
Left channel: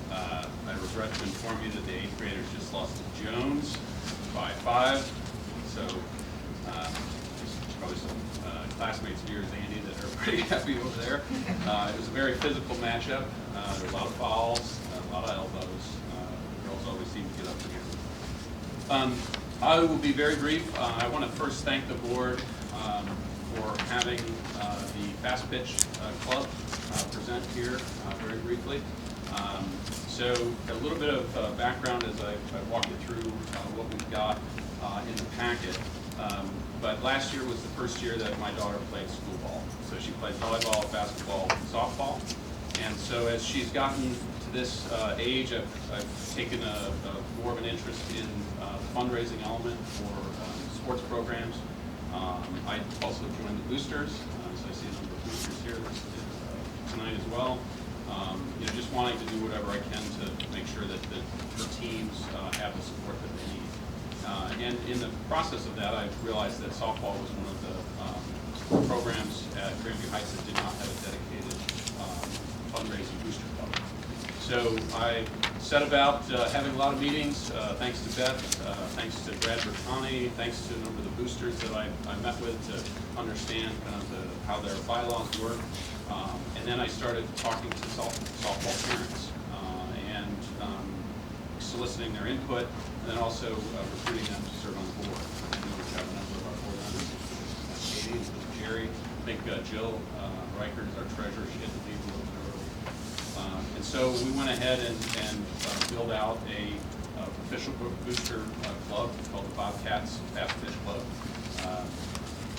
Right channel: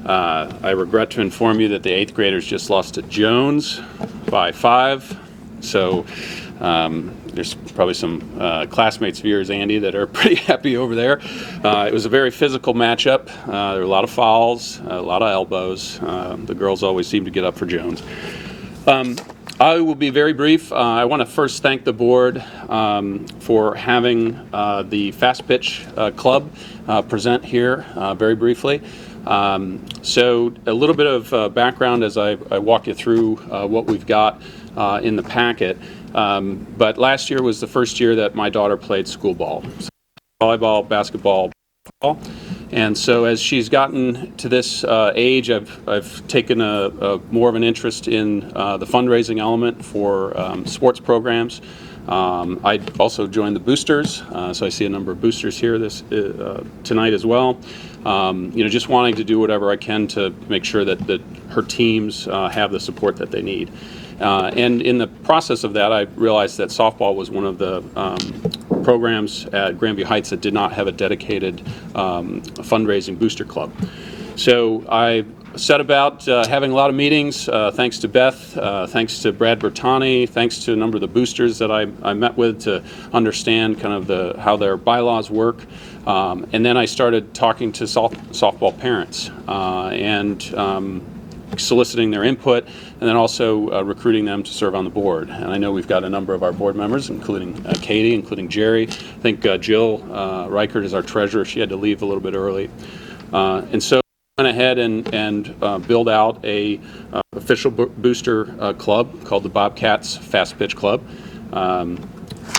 I regret to inform you that the 8th graders just lost to Jones by 5. So there's probably some classmates of yours, Andy, that are pretty happy over there. It was a very physical matchup. There were a lot of fouls, a lot of elbows. The girls always seem to get up for Jones. I will be very brief. I want to first thank the board for having the Fast Pitch Club present here very briefly. So a little bit of background as I walk you through what we've got in the packet. But last year was the first year that my daughter played school ball. So she played volleyball, basketball, softball. And so as she's gotten to this age, I've taken a more of an interest in the fundraising element for sports programs. I also joined the boosters, so I see a number of boosters here tonight as well. Just wanting to do whatever I can to make sure that her teams have the support that they need. And in the process of that, I realized that softball was one of the programs at Grandview Heights that did not have a dedicated fundraising booster club. So I set about having a lot of meetings, thanks to Beth, thanks to Brad Bertani, thanks to a number of the boosters that I met with to understand kind of how their bylaws work. And then I started talking to softball parents and soliciting their input, and then also recruiting them to serve on the board. And I know we've got a number of our board members, including Katie, including Jerry. I think Jill Reichert is our treasurer. She had to leave a little bit early. And so we went ahead and build out a official booster club called the Bobcats Fast Pitch Club.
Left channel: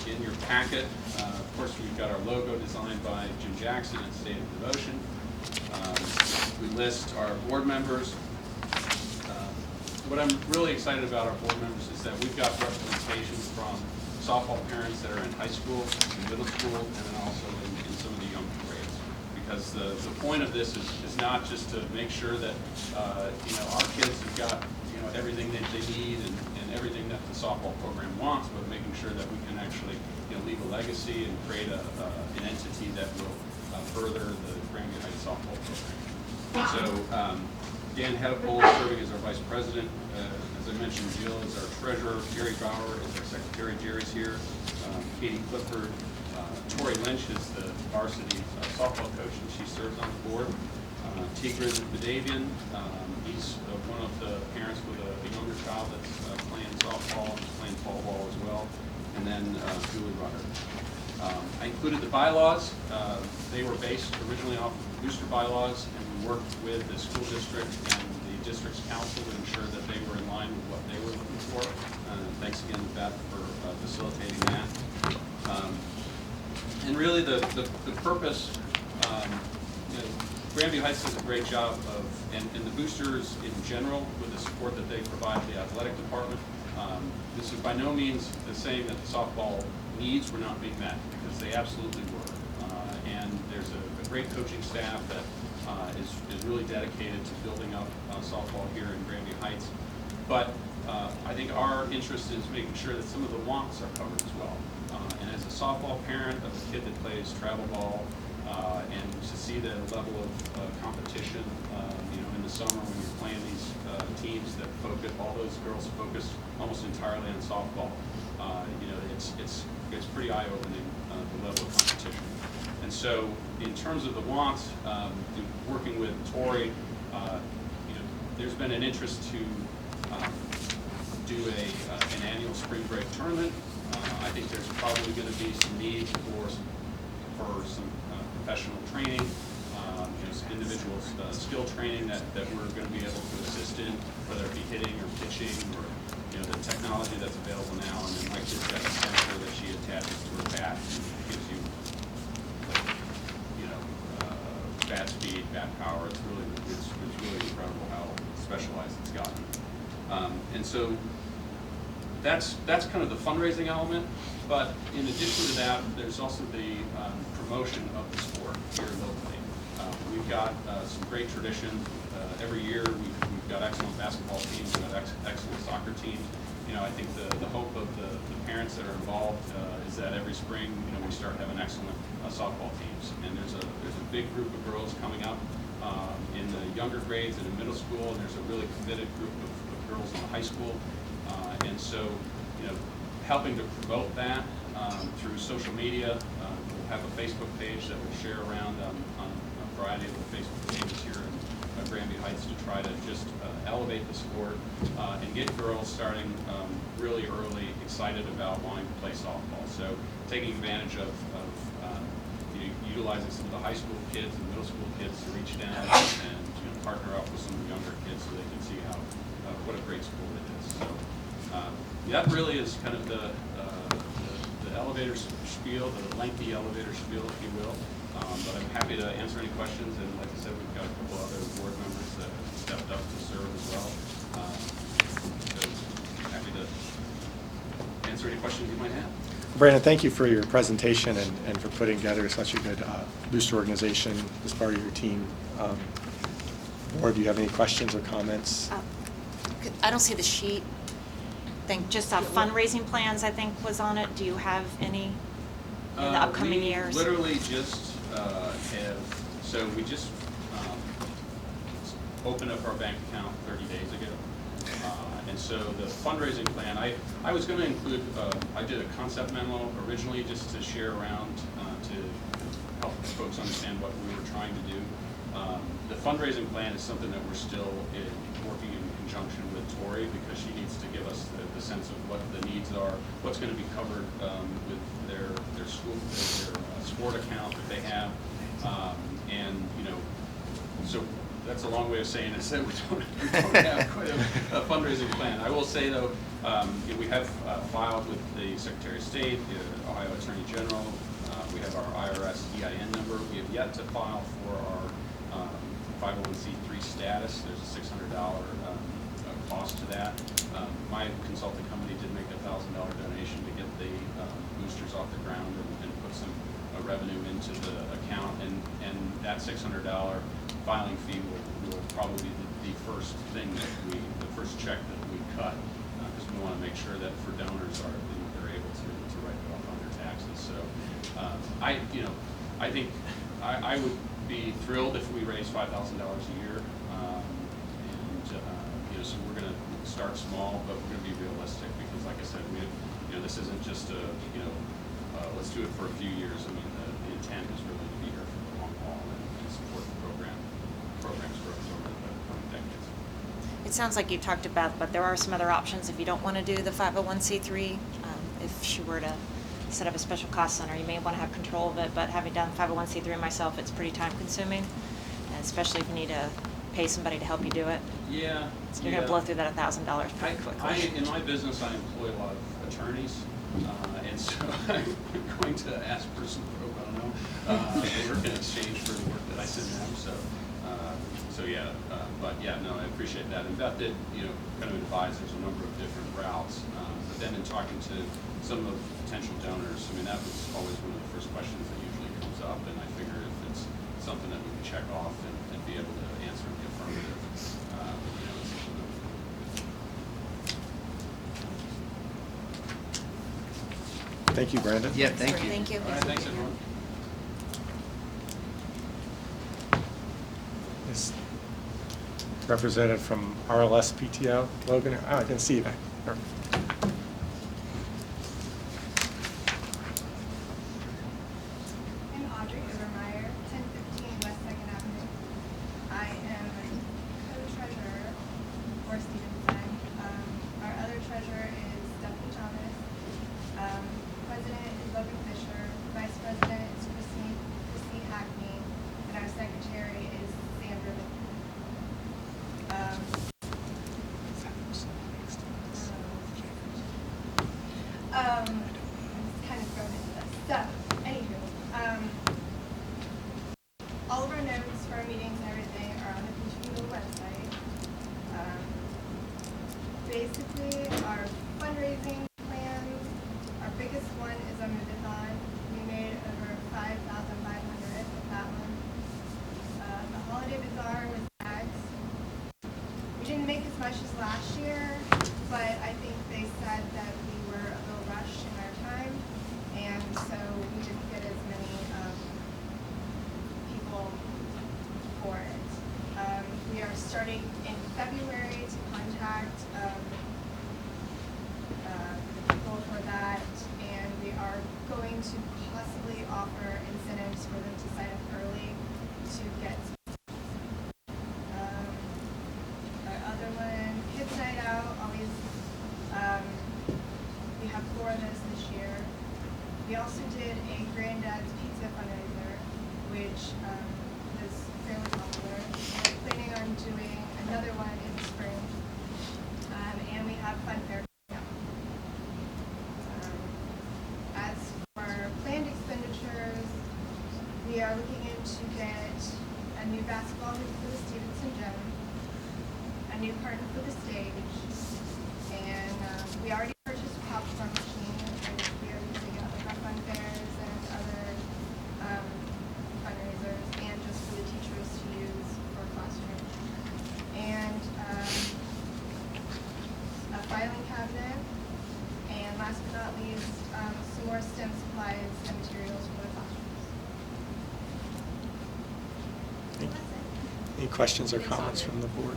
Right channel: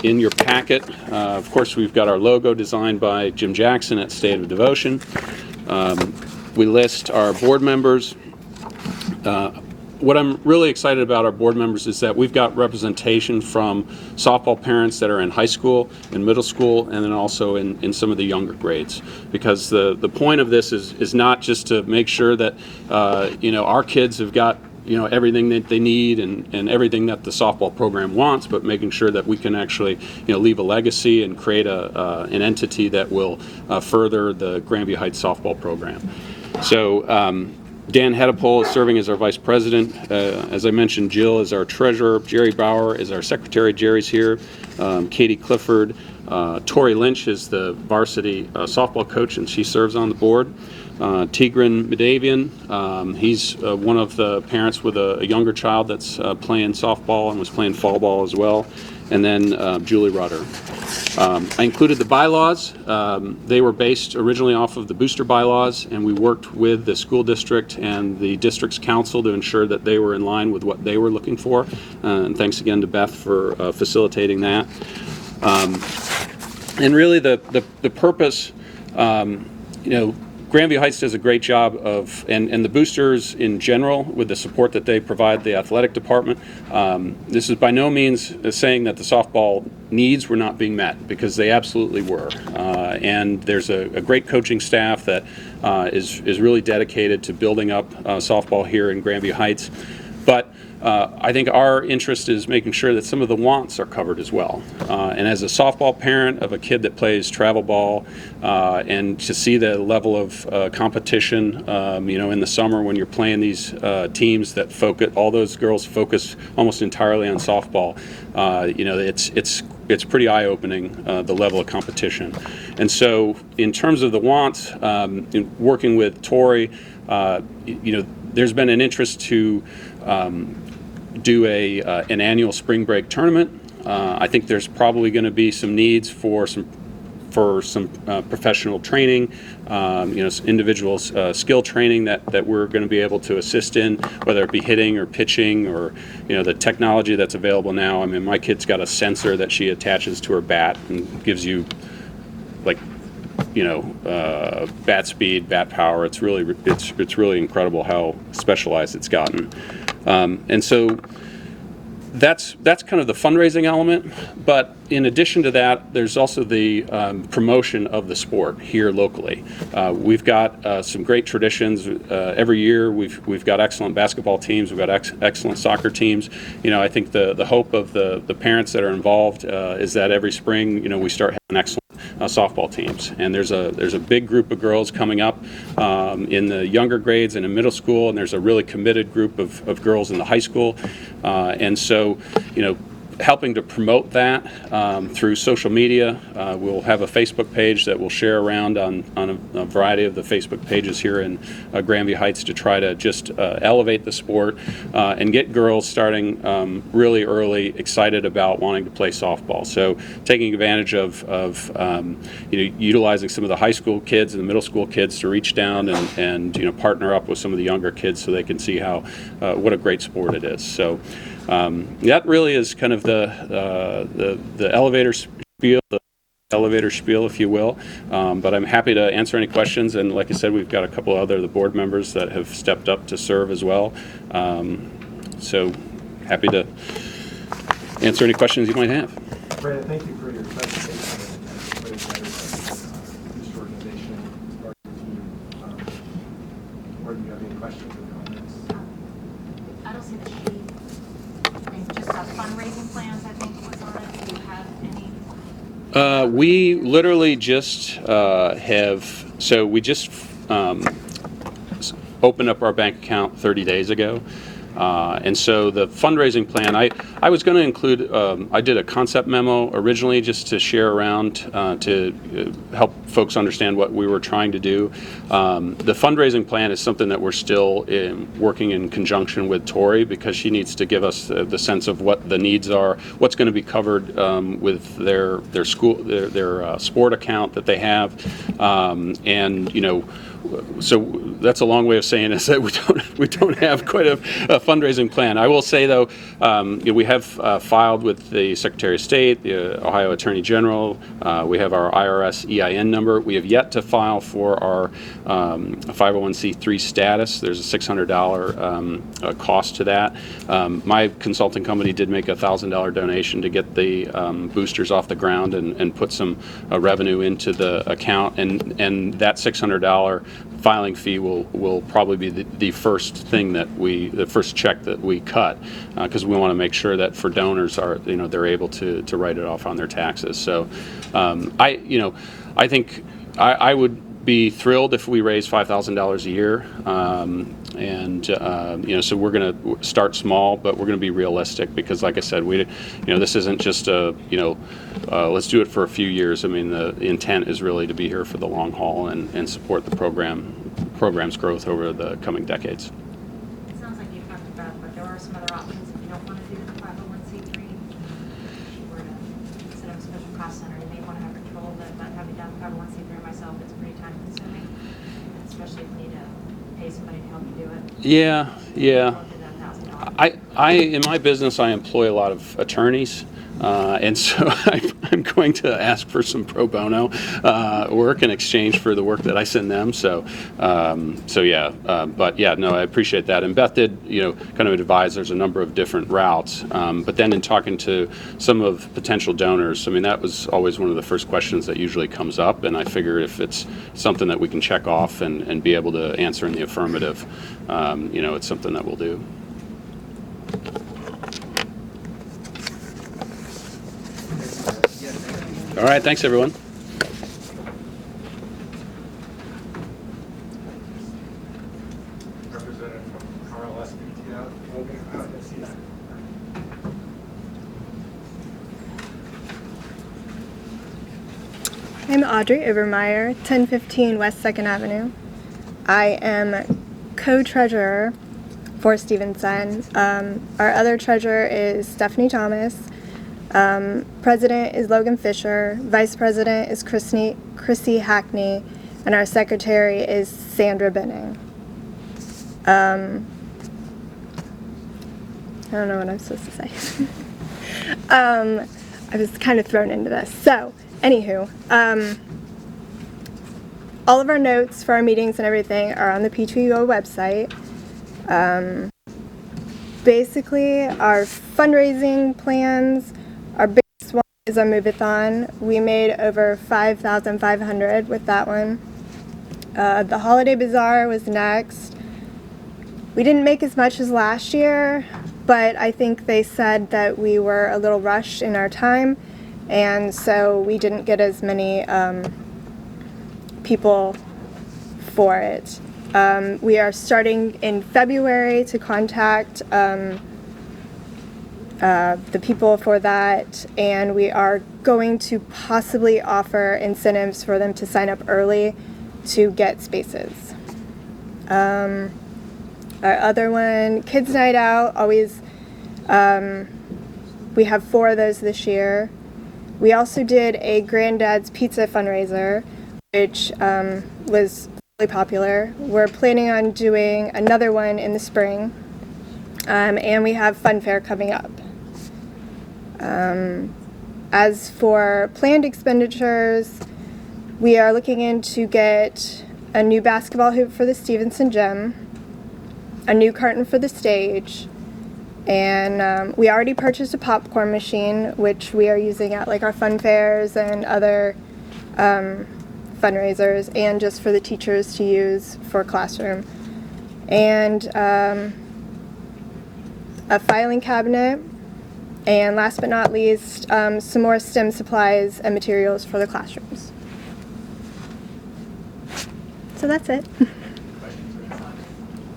In your packet, of course, we've got our logo designed by Jim Jackson at State of Devotion. We list our board members. What I'm really excited about our board members is that we've got representation from softball parents that are in high school, in middle school, and then also in some of the younger grades. Because the point of this is not just to make sure that our kids have got everything that they need and everything that the softball program wants, but making sure that we can actually leave a legacy and create an entity that will further the Grandview Heights softball program. So Dan Hedepole is serving as our vice president. As I mentioned, Jill is our treasurer. Jerry Bauer is our secretary. Jerry's here. Katie Clifford. Tori Lynch is the varsity softball coach, and she serves on the board. Tigran Medavian, he's one of the parents with a younger child that's playing softball and was playing fall ball as well. And then Julie Rudder. I included the bylaws. They were based originally off of the booster bylaws, and we worked with the school district and the district's council to ensure that they were in line with what they were looking for. And thanks again to Beth for facilitating that. And really the purpose, Grandview Heights does a great job of, and the boosters in general, with the support that they provide the athletic department. This is by no means saying that the softball needs were not being met, because they absolutely were. and there's a great coaching staff that is really dedicated to building up softball here in Grandview Heights. But I think our interest is making sure that some of the wants are covered as well. And as a softball parent of a kid that plays travel ball, and to see the level of competition, in the summer when you're playing these teams that focus, all those girls focus almost entirely on softball. It's pretty eye-opening, the level of competition. And so, in terms of the wants, in working with Tori, there's been an interest to do an annual spring break tournament. I think there's probably going to be some needs for some professional training, individual skill training that we're going to be able to assist in, whether it be hitting or pitching or the technology that's available now. I mean, my kid's got a sensor that she attaches to her bat and gives you bat speed, bat power. It's really incredible how specialized it's gotten. And so that's kind of the fundraising element. But in addition to that, there's also the promotion of the sport here locally. We've got some great traditions. Every year we've got excellent basketball teams. We've got excellent soccer teams. I think the hope of the parents that are involved is that every spring, we start having excellent softball teams. And there's a big group of girls coming up in the younger grades and in middle school, and there's a really committed group of girls in the high school. And so, helping to promote that through social media. We'll have a Facebook page that we'll share around on a variety of the Facebook pages here in Grandview Heights to try to just elevate the sport and get girls starting really early, excited about wanting to play softball. So taking advantage of utilizing some of the high school kids and the middle school kids to reach down and partner up with some of the younger kids so they can see how what a great sport it is. So. That really is kind of the elevator spiel, the lengthy elevator spiel, if you will. But I'm happy to answer any questions. And like I said, we've got a couple other the board members that have stepped up to serve as well. So happy to answer any questions you might have. Brandon, thank you for your presentation and for putting together such a good booster organization as part of your team. Or do you have any questions or comments? I don't see the sheet. Just fundraising plans, I think, was on it. Do you have any? We literally just we just opened up our bank account 30 days ago. And so the fundraising plan, I was going to include, I did a concept memo originally just to share around to help folks understand what we were trying to do. The fundraising plan is something that we're still working in conjunction with Tori because she needs to give us the sense of what the needs are, what's going to be covered with their school, their sport account that they have, and so that's a long way of saying is that we don't have quite a fundraising plan. I will say though, we have filed with the Secretary of State, the Ohio Attorney General. We have our IRS EIN number. We have yet to file for our 501c3 status. There's a $600 cost to that. My consulting company did make a $1,000 donation to get the boosters off the ground and put some revenue into the account, and that $600 filing fee will probably be the first thing the first check that we cut, because we want to make sure that for donors they're able to write it off on their taxes. So I think I would be thrilled if we raise $5,000 a year, so we're going to start small, but we're going to be realistic because, like I said, this isn't just let's do it for a few years. I mean, the intent is really to be here for the long haul and support the program's growth over the coming decades. It sounds like you talked about it, but there are some other options if you don't want to do the 501c3. If she were to set up a special cost center, you may want to have control of it, but having done 501c3 myself, it's pretty time consuming, and especially if you need to pay somebody to help you do it. Yeah, so yeah. Blow through that $1,000. I in my business, I employ a lot of attorneys, And so I'm going to ask for some pro bono work in exchange for the work that I send them. So, but yeah, no, I appreciate that. And Beth did, kind of advise there's a number of different routes. But then in talking to some of potential donors, I mean, that was always one of the first questions that usually comes up. And I figure if it's something that we can check off and be able to answer in the affirmative, it's something that we'll do. Thank you, Brandon. Yeah, thank you. Thank you. All right, thanks, everyone. This representative from RLS PTO, Logan. Oh, I can see you back. Perfect. I'm Audrey Overmeyer, 1015 West 2nd Avenue. I am co-treasurer for Stevenson. Our other treasurer is Stephanie Thomas. President is Logan Fisher. Vice president is Chrissy Hackney. And our secretary is Sandra Benning. I don't know what I'm supposed to say. I was kind of thrown into this. So, anywho, all of our notes for our meetings and everything are on the PTO website. Basically, our fundraising plans, our biggest one is our Move-a-thon. We made over $5,500 with that one. The Holiday Bazaar was next. We didn't make as much as last year, but I think they said that we were a little rushed in our time, and so we didn't get as many people for it. We are starting in February to contact the people for that, and we are going to possibly offer incentives for them to sign up early to get spaces. Our other one, Kids Night Out, always, we have 4 of those this year. We also did a Granddad's Pizza fundraiser, which was really popular. We're planning on doing another one in the spring, and we have Fun Fair coming up. As for planned expenditures, we are looking into get a new basketball hoop for the Stevenson gym, a new curtain for the stage, and we already purchased a popcorn machine, which we are using at like our fun fairs and other fundraisers, and just for the teachers to use for classroom. And a filing cabinet, and last but not least, some more STEM supplies and materials for the classrooms. So that's it. Any questions or comments from the board?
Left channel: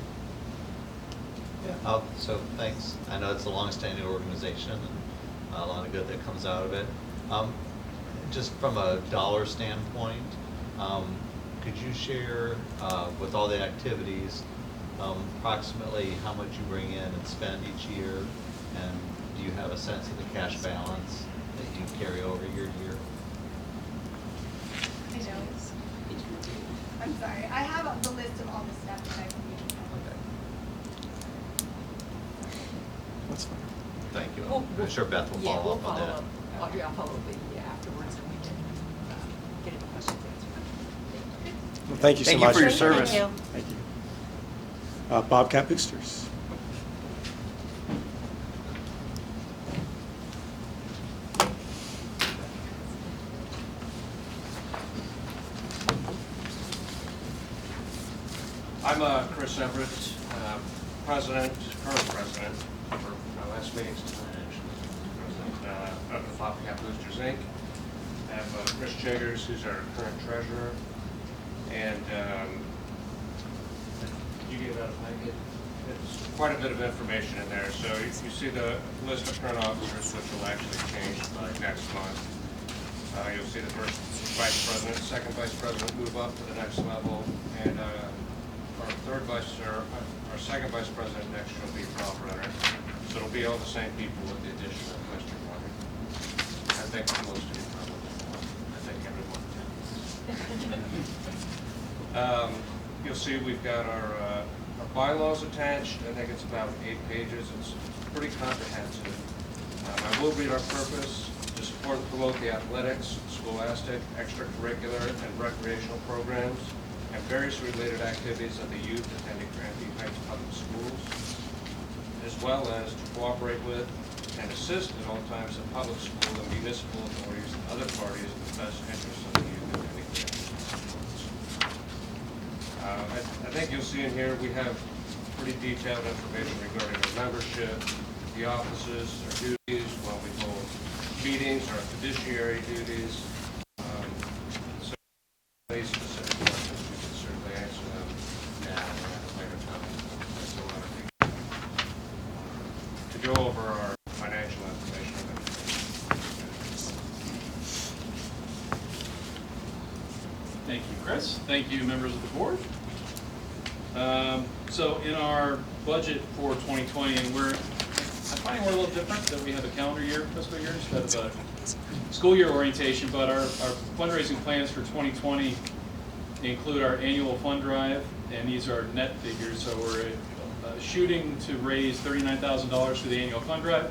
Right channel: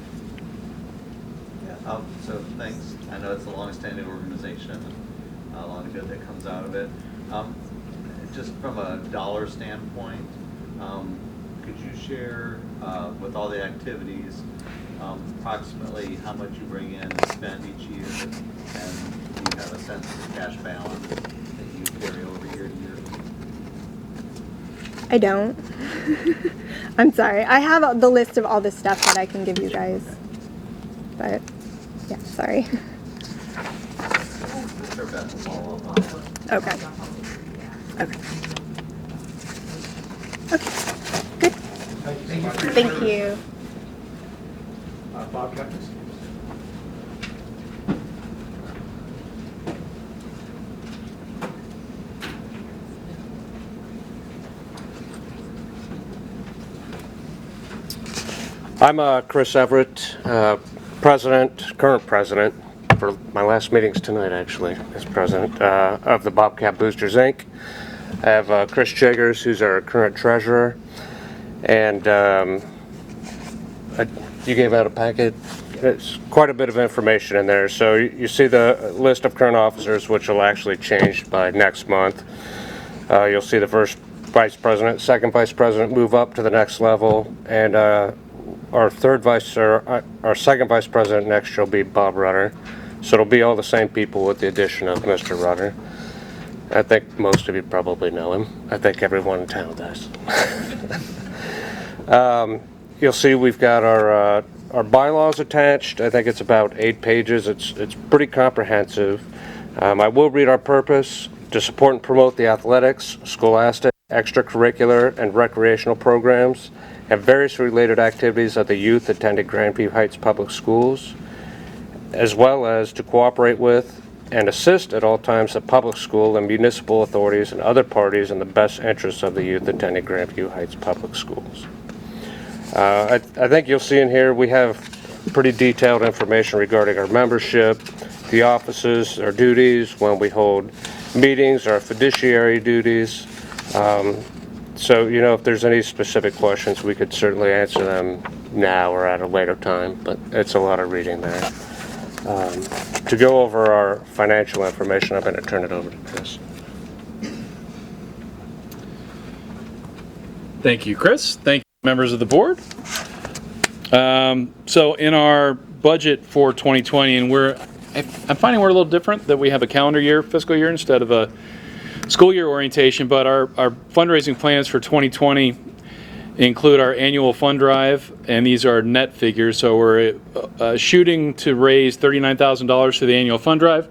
Yeah, so thanks. I know it's a long-standing organization, and a lot of good that comes out of it. Just from a dollar standpoint, could you share with all the activities approximately how much you bring in and spend each year, and do you have a sense of the cash balance that you carry over year to year? I don't. I'm sorry. I have the list of all the stuff that I can give you guys. But, yeah, sorry. I'm sure Beth will follow up on that. Okay. Okay. Okay. Good. Thank you so Thank you much. for your Thank service. you. Bobcat Boosters. I'm Chris Everett, current president, for my last meetings tonight actually, as president of the Bobcat Boosters Inc. I have Chris Chiggers, who's our current treasurer, and you gave out a packet. It's quite a bit of information in there. So you see the list of current officers, which will actually change by next month. You'll see the first vice president, second vice president move up to the next level, and our second vice president next year will be Bob Rutter. So it'll be all the same people with the addition of Mr. Rutter. I think most of you probably know him. I think everyone in town does. You'll see we've got our bylaws attached. I think it's about 8 pages. It's pretty comprehensive. I will read our purpose: to support and promote the athletics, scholastic, extracurricular, and recreational programs, and various related activities of the youth attending Grandview Heights Public Schools, as well as to cooperate with and assist at all times the public school and municipal authorities and other parties in the best interests of the youth attending Grandview Heights Public Schools. I think you'll see in here we have pretty detailed information regarding our membership, the offices, our duties, when we hold meetings, our fiduciary duties. So, you know, if there's any specific questions, we could certainly answer them now or at a later time, but it's a lot of reading there. To go over our financial information, I'm going to turn it over to Chris. Thank you, Chris. Thank you, members of the board. So in our budget for 2020, and I'm finding we're a little different, that we have a calendar year, fiscal year, instead of a school year orientation, but our fundraising plans for 2020 include our annual fund drive, and these are net figures. So we're shooting to raise $39,000 for the annual fund drive.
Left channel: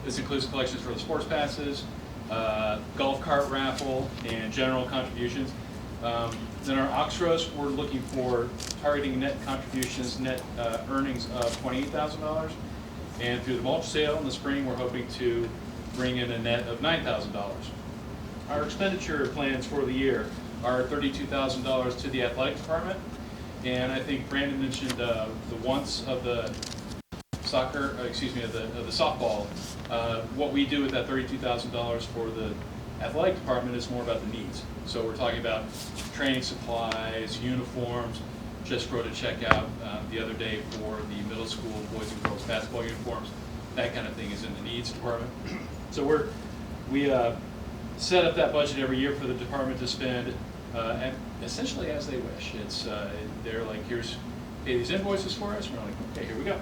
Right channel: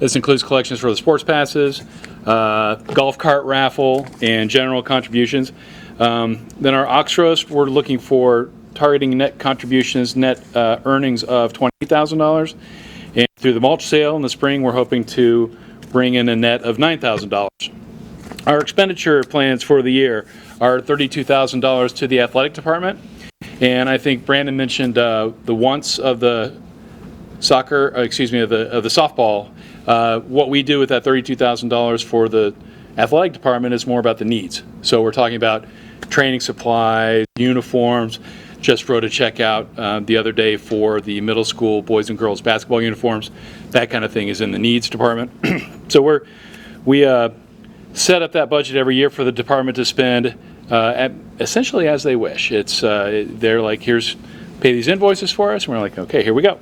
This includes collections for the sports passes, golf cart raffle, and general contributions. Then our Oxros, we're looking for targeting net contributions, net earnings of $28,000. And through the mulch sale in the spring, we're hoping to bring in a net of $9,000. Our expenditure plans for the year are $32,000 to the athletic department. And I think Brandon mentioned the wants of the soccer, of the softball. What we do with that $32,000 for the athletic department is more about the needs. So we're talking about training supplies, uniforms. Just wrote a check out the other day for the middle school boys and girls basketball uniforms. That kind of thing is in the needs department. So we set up that budget every year for the department to spend essentially as they wish. It's they're like, here's, pay these invoices for us, and we're like, okay, here we go.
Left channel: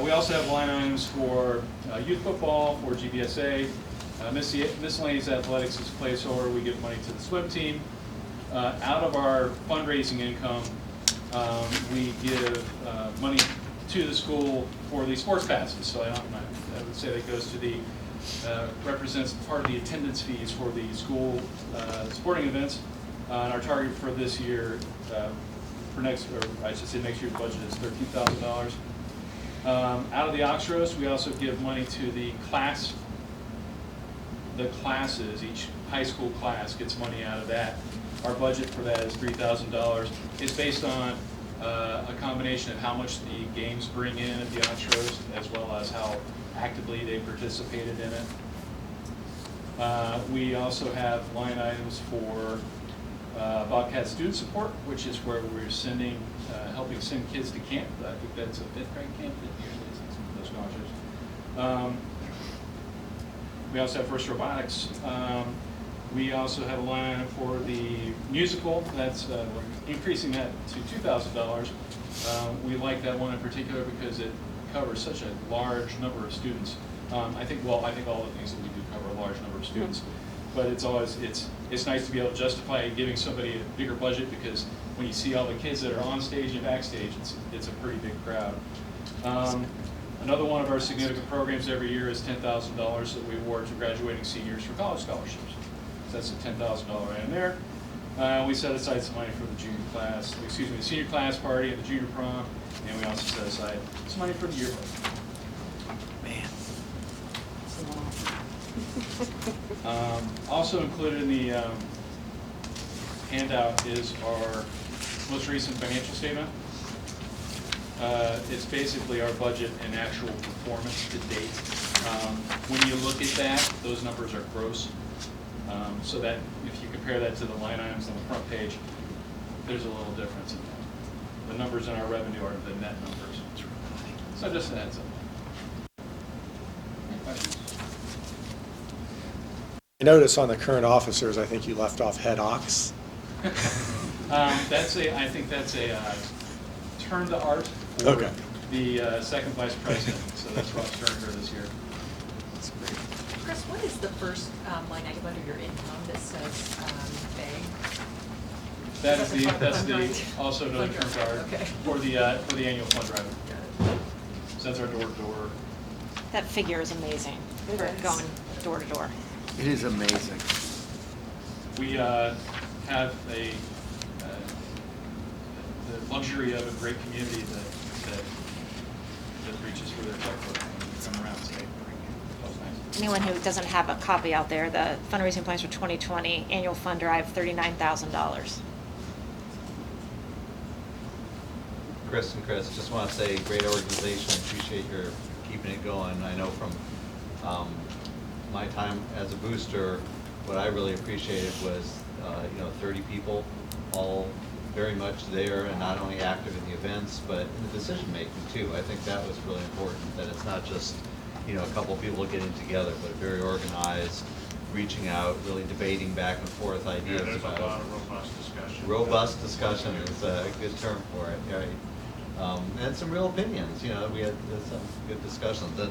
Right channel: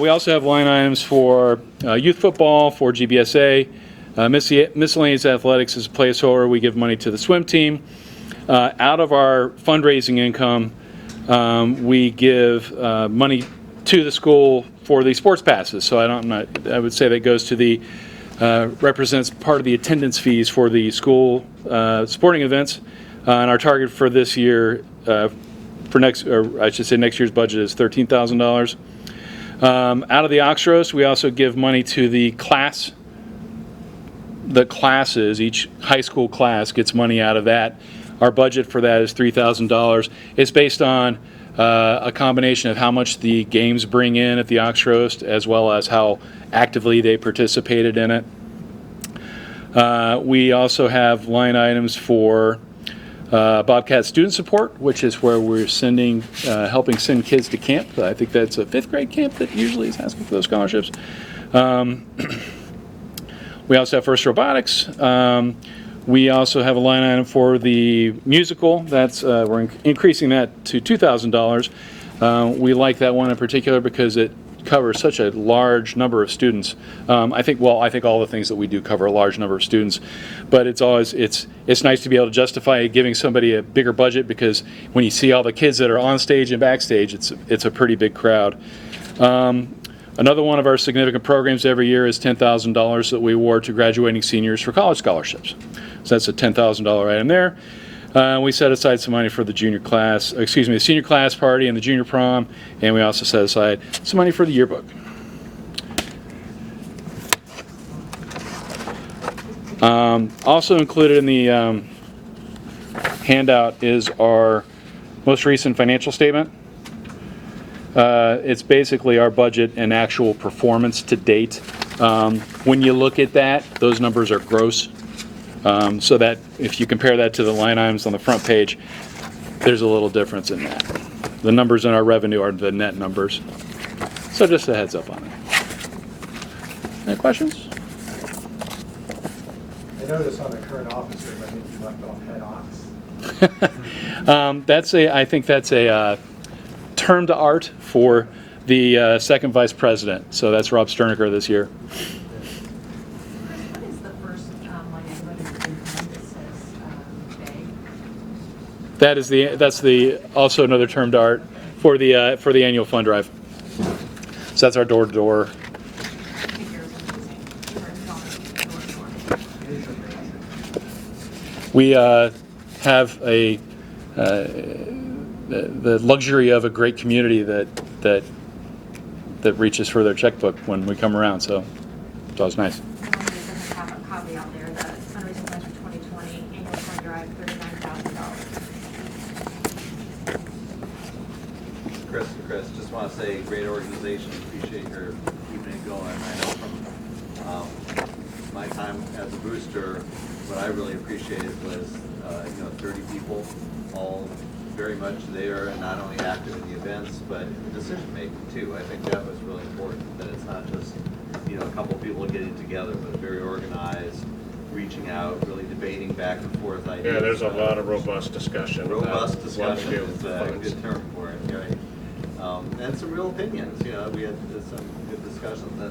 We also have line items for youth football, for GBSA, miscellaneous athletics as a placeholder. We give money to the swim team. Out of our fundraising income, we give money to the school for the sports passes. So I would say that goes to the represents part of the attendance fees for the school sporting events. And our target for this year, for next year's budget is $13,000. Out of the Oxros, we also give money to the classes. Each high school class gets money out of that. Our budget for that is $3,000. It's based on a combination of how much the games bring in at the Oxroast, as well as how actively they participated in it. We also have line items for Bobcat student support, which is where we're helping send kids to camp. I think that's a 5th grade camp that usually is asking for those scholarships. We also have First Robotics. We also have a line item for the musical. That's we're increasing that to $2,000. We like that one in particular because it covers such a large number of students. I think all the things that we do cover a large number of students, but it's nice to be able to justify giving somebody a bigger budget, because when you see all the kids that are on stage and backstage, it's a pretty big crowd. Another one of our significant programs every year is $10,000 that we award to graduating seniors for college scholarships. So that's a $10,000 item there. We set aside some money for the the senior class party and the junior prom, and we also set aside some money for the yearbook. Also included in the handout is our most recent financial statement. It's basically our budget and actual performance to date. When you look at that, those numbers are gross. So that if you compare that to the line items on the front page, there's a little difference in that. The numbers in our revenue are the net numbers. So just a heads up on it. Any questions? I notice on the current officers, I think you left off head ox. I think that's a term to art for the second vice president. So that's Rob Sterniger this year. Chris, what is the first line item under your income that says That's also another term to art for the annual fund drive. So that's our door-to-door That figure is amazing. We're going door to door. It is amazing. We have the luxury of a great community that reaches for their checkbook when we come around, so it's always nice. Anyone who doesn't have a copy out there, the fundraising plans for 2020, annual fund drive, $39,000. Chris and Chris, just want to say, great organization. Appreciate your keeping it going. I know from my time as a booster, what I really appreciated was 30 people, all very much there and not only active in the events, but the decision making too. I think that was really important. That it's not just a couple people getting together, but very organized, reaching out, really debating back and forth ideas. Yeah, there's a lot of robust discussion. Robust discussion is a good term for it, right? And some real opinions. We had some good discussions that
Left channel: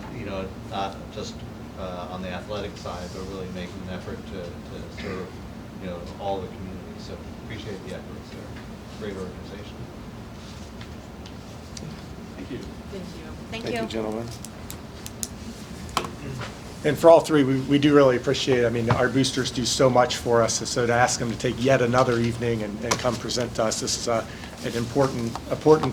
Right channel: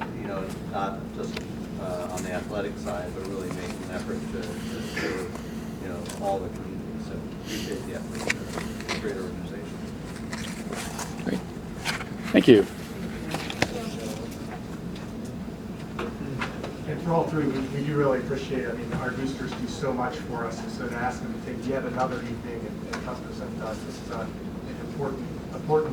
not just on the athletic side, but really making an effort to serve all the community. So appreciate the effort. Great organization. Great. Thank you. Thank you. Gentlemen. And for all three, we do really appreciate it. I mean, our boosters do so much for us, and so to ask them to take yet another evening and come present to us, this is an important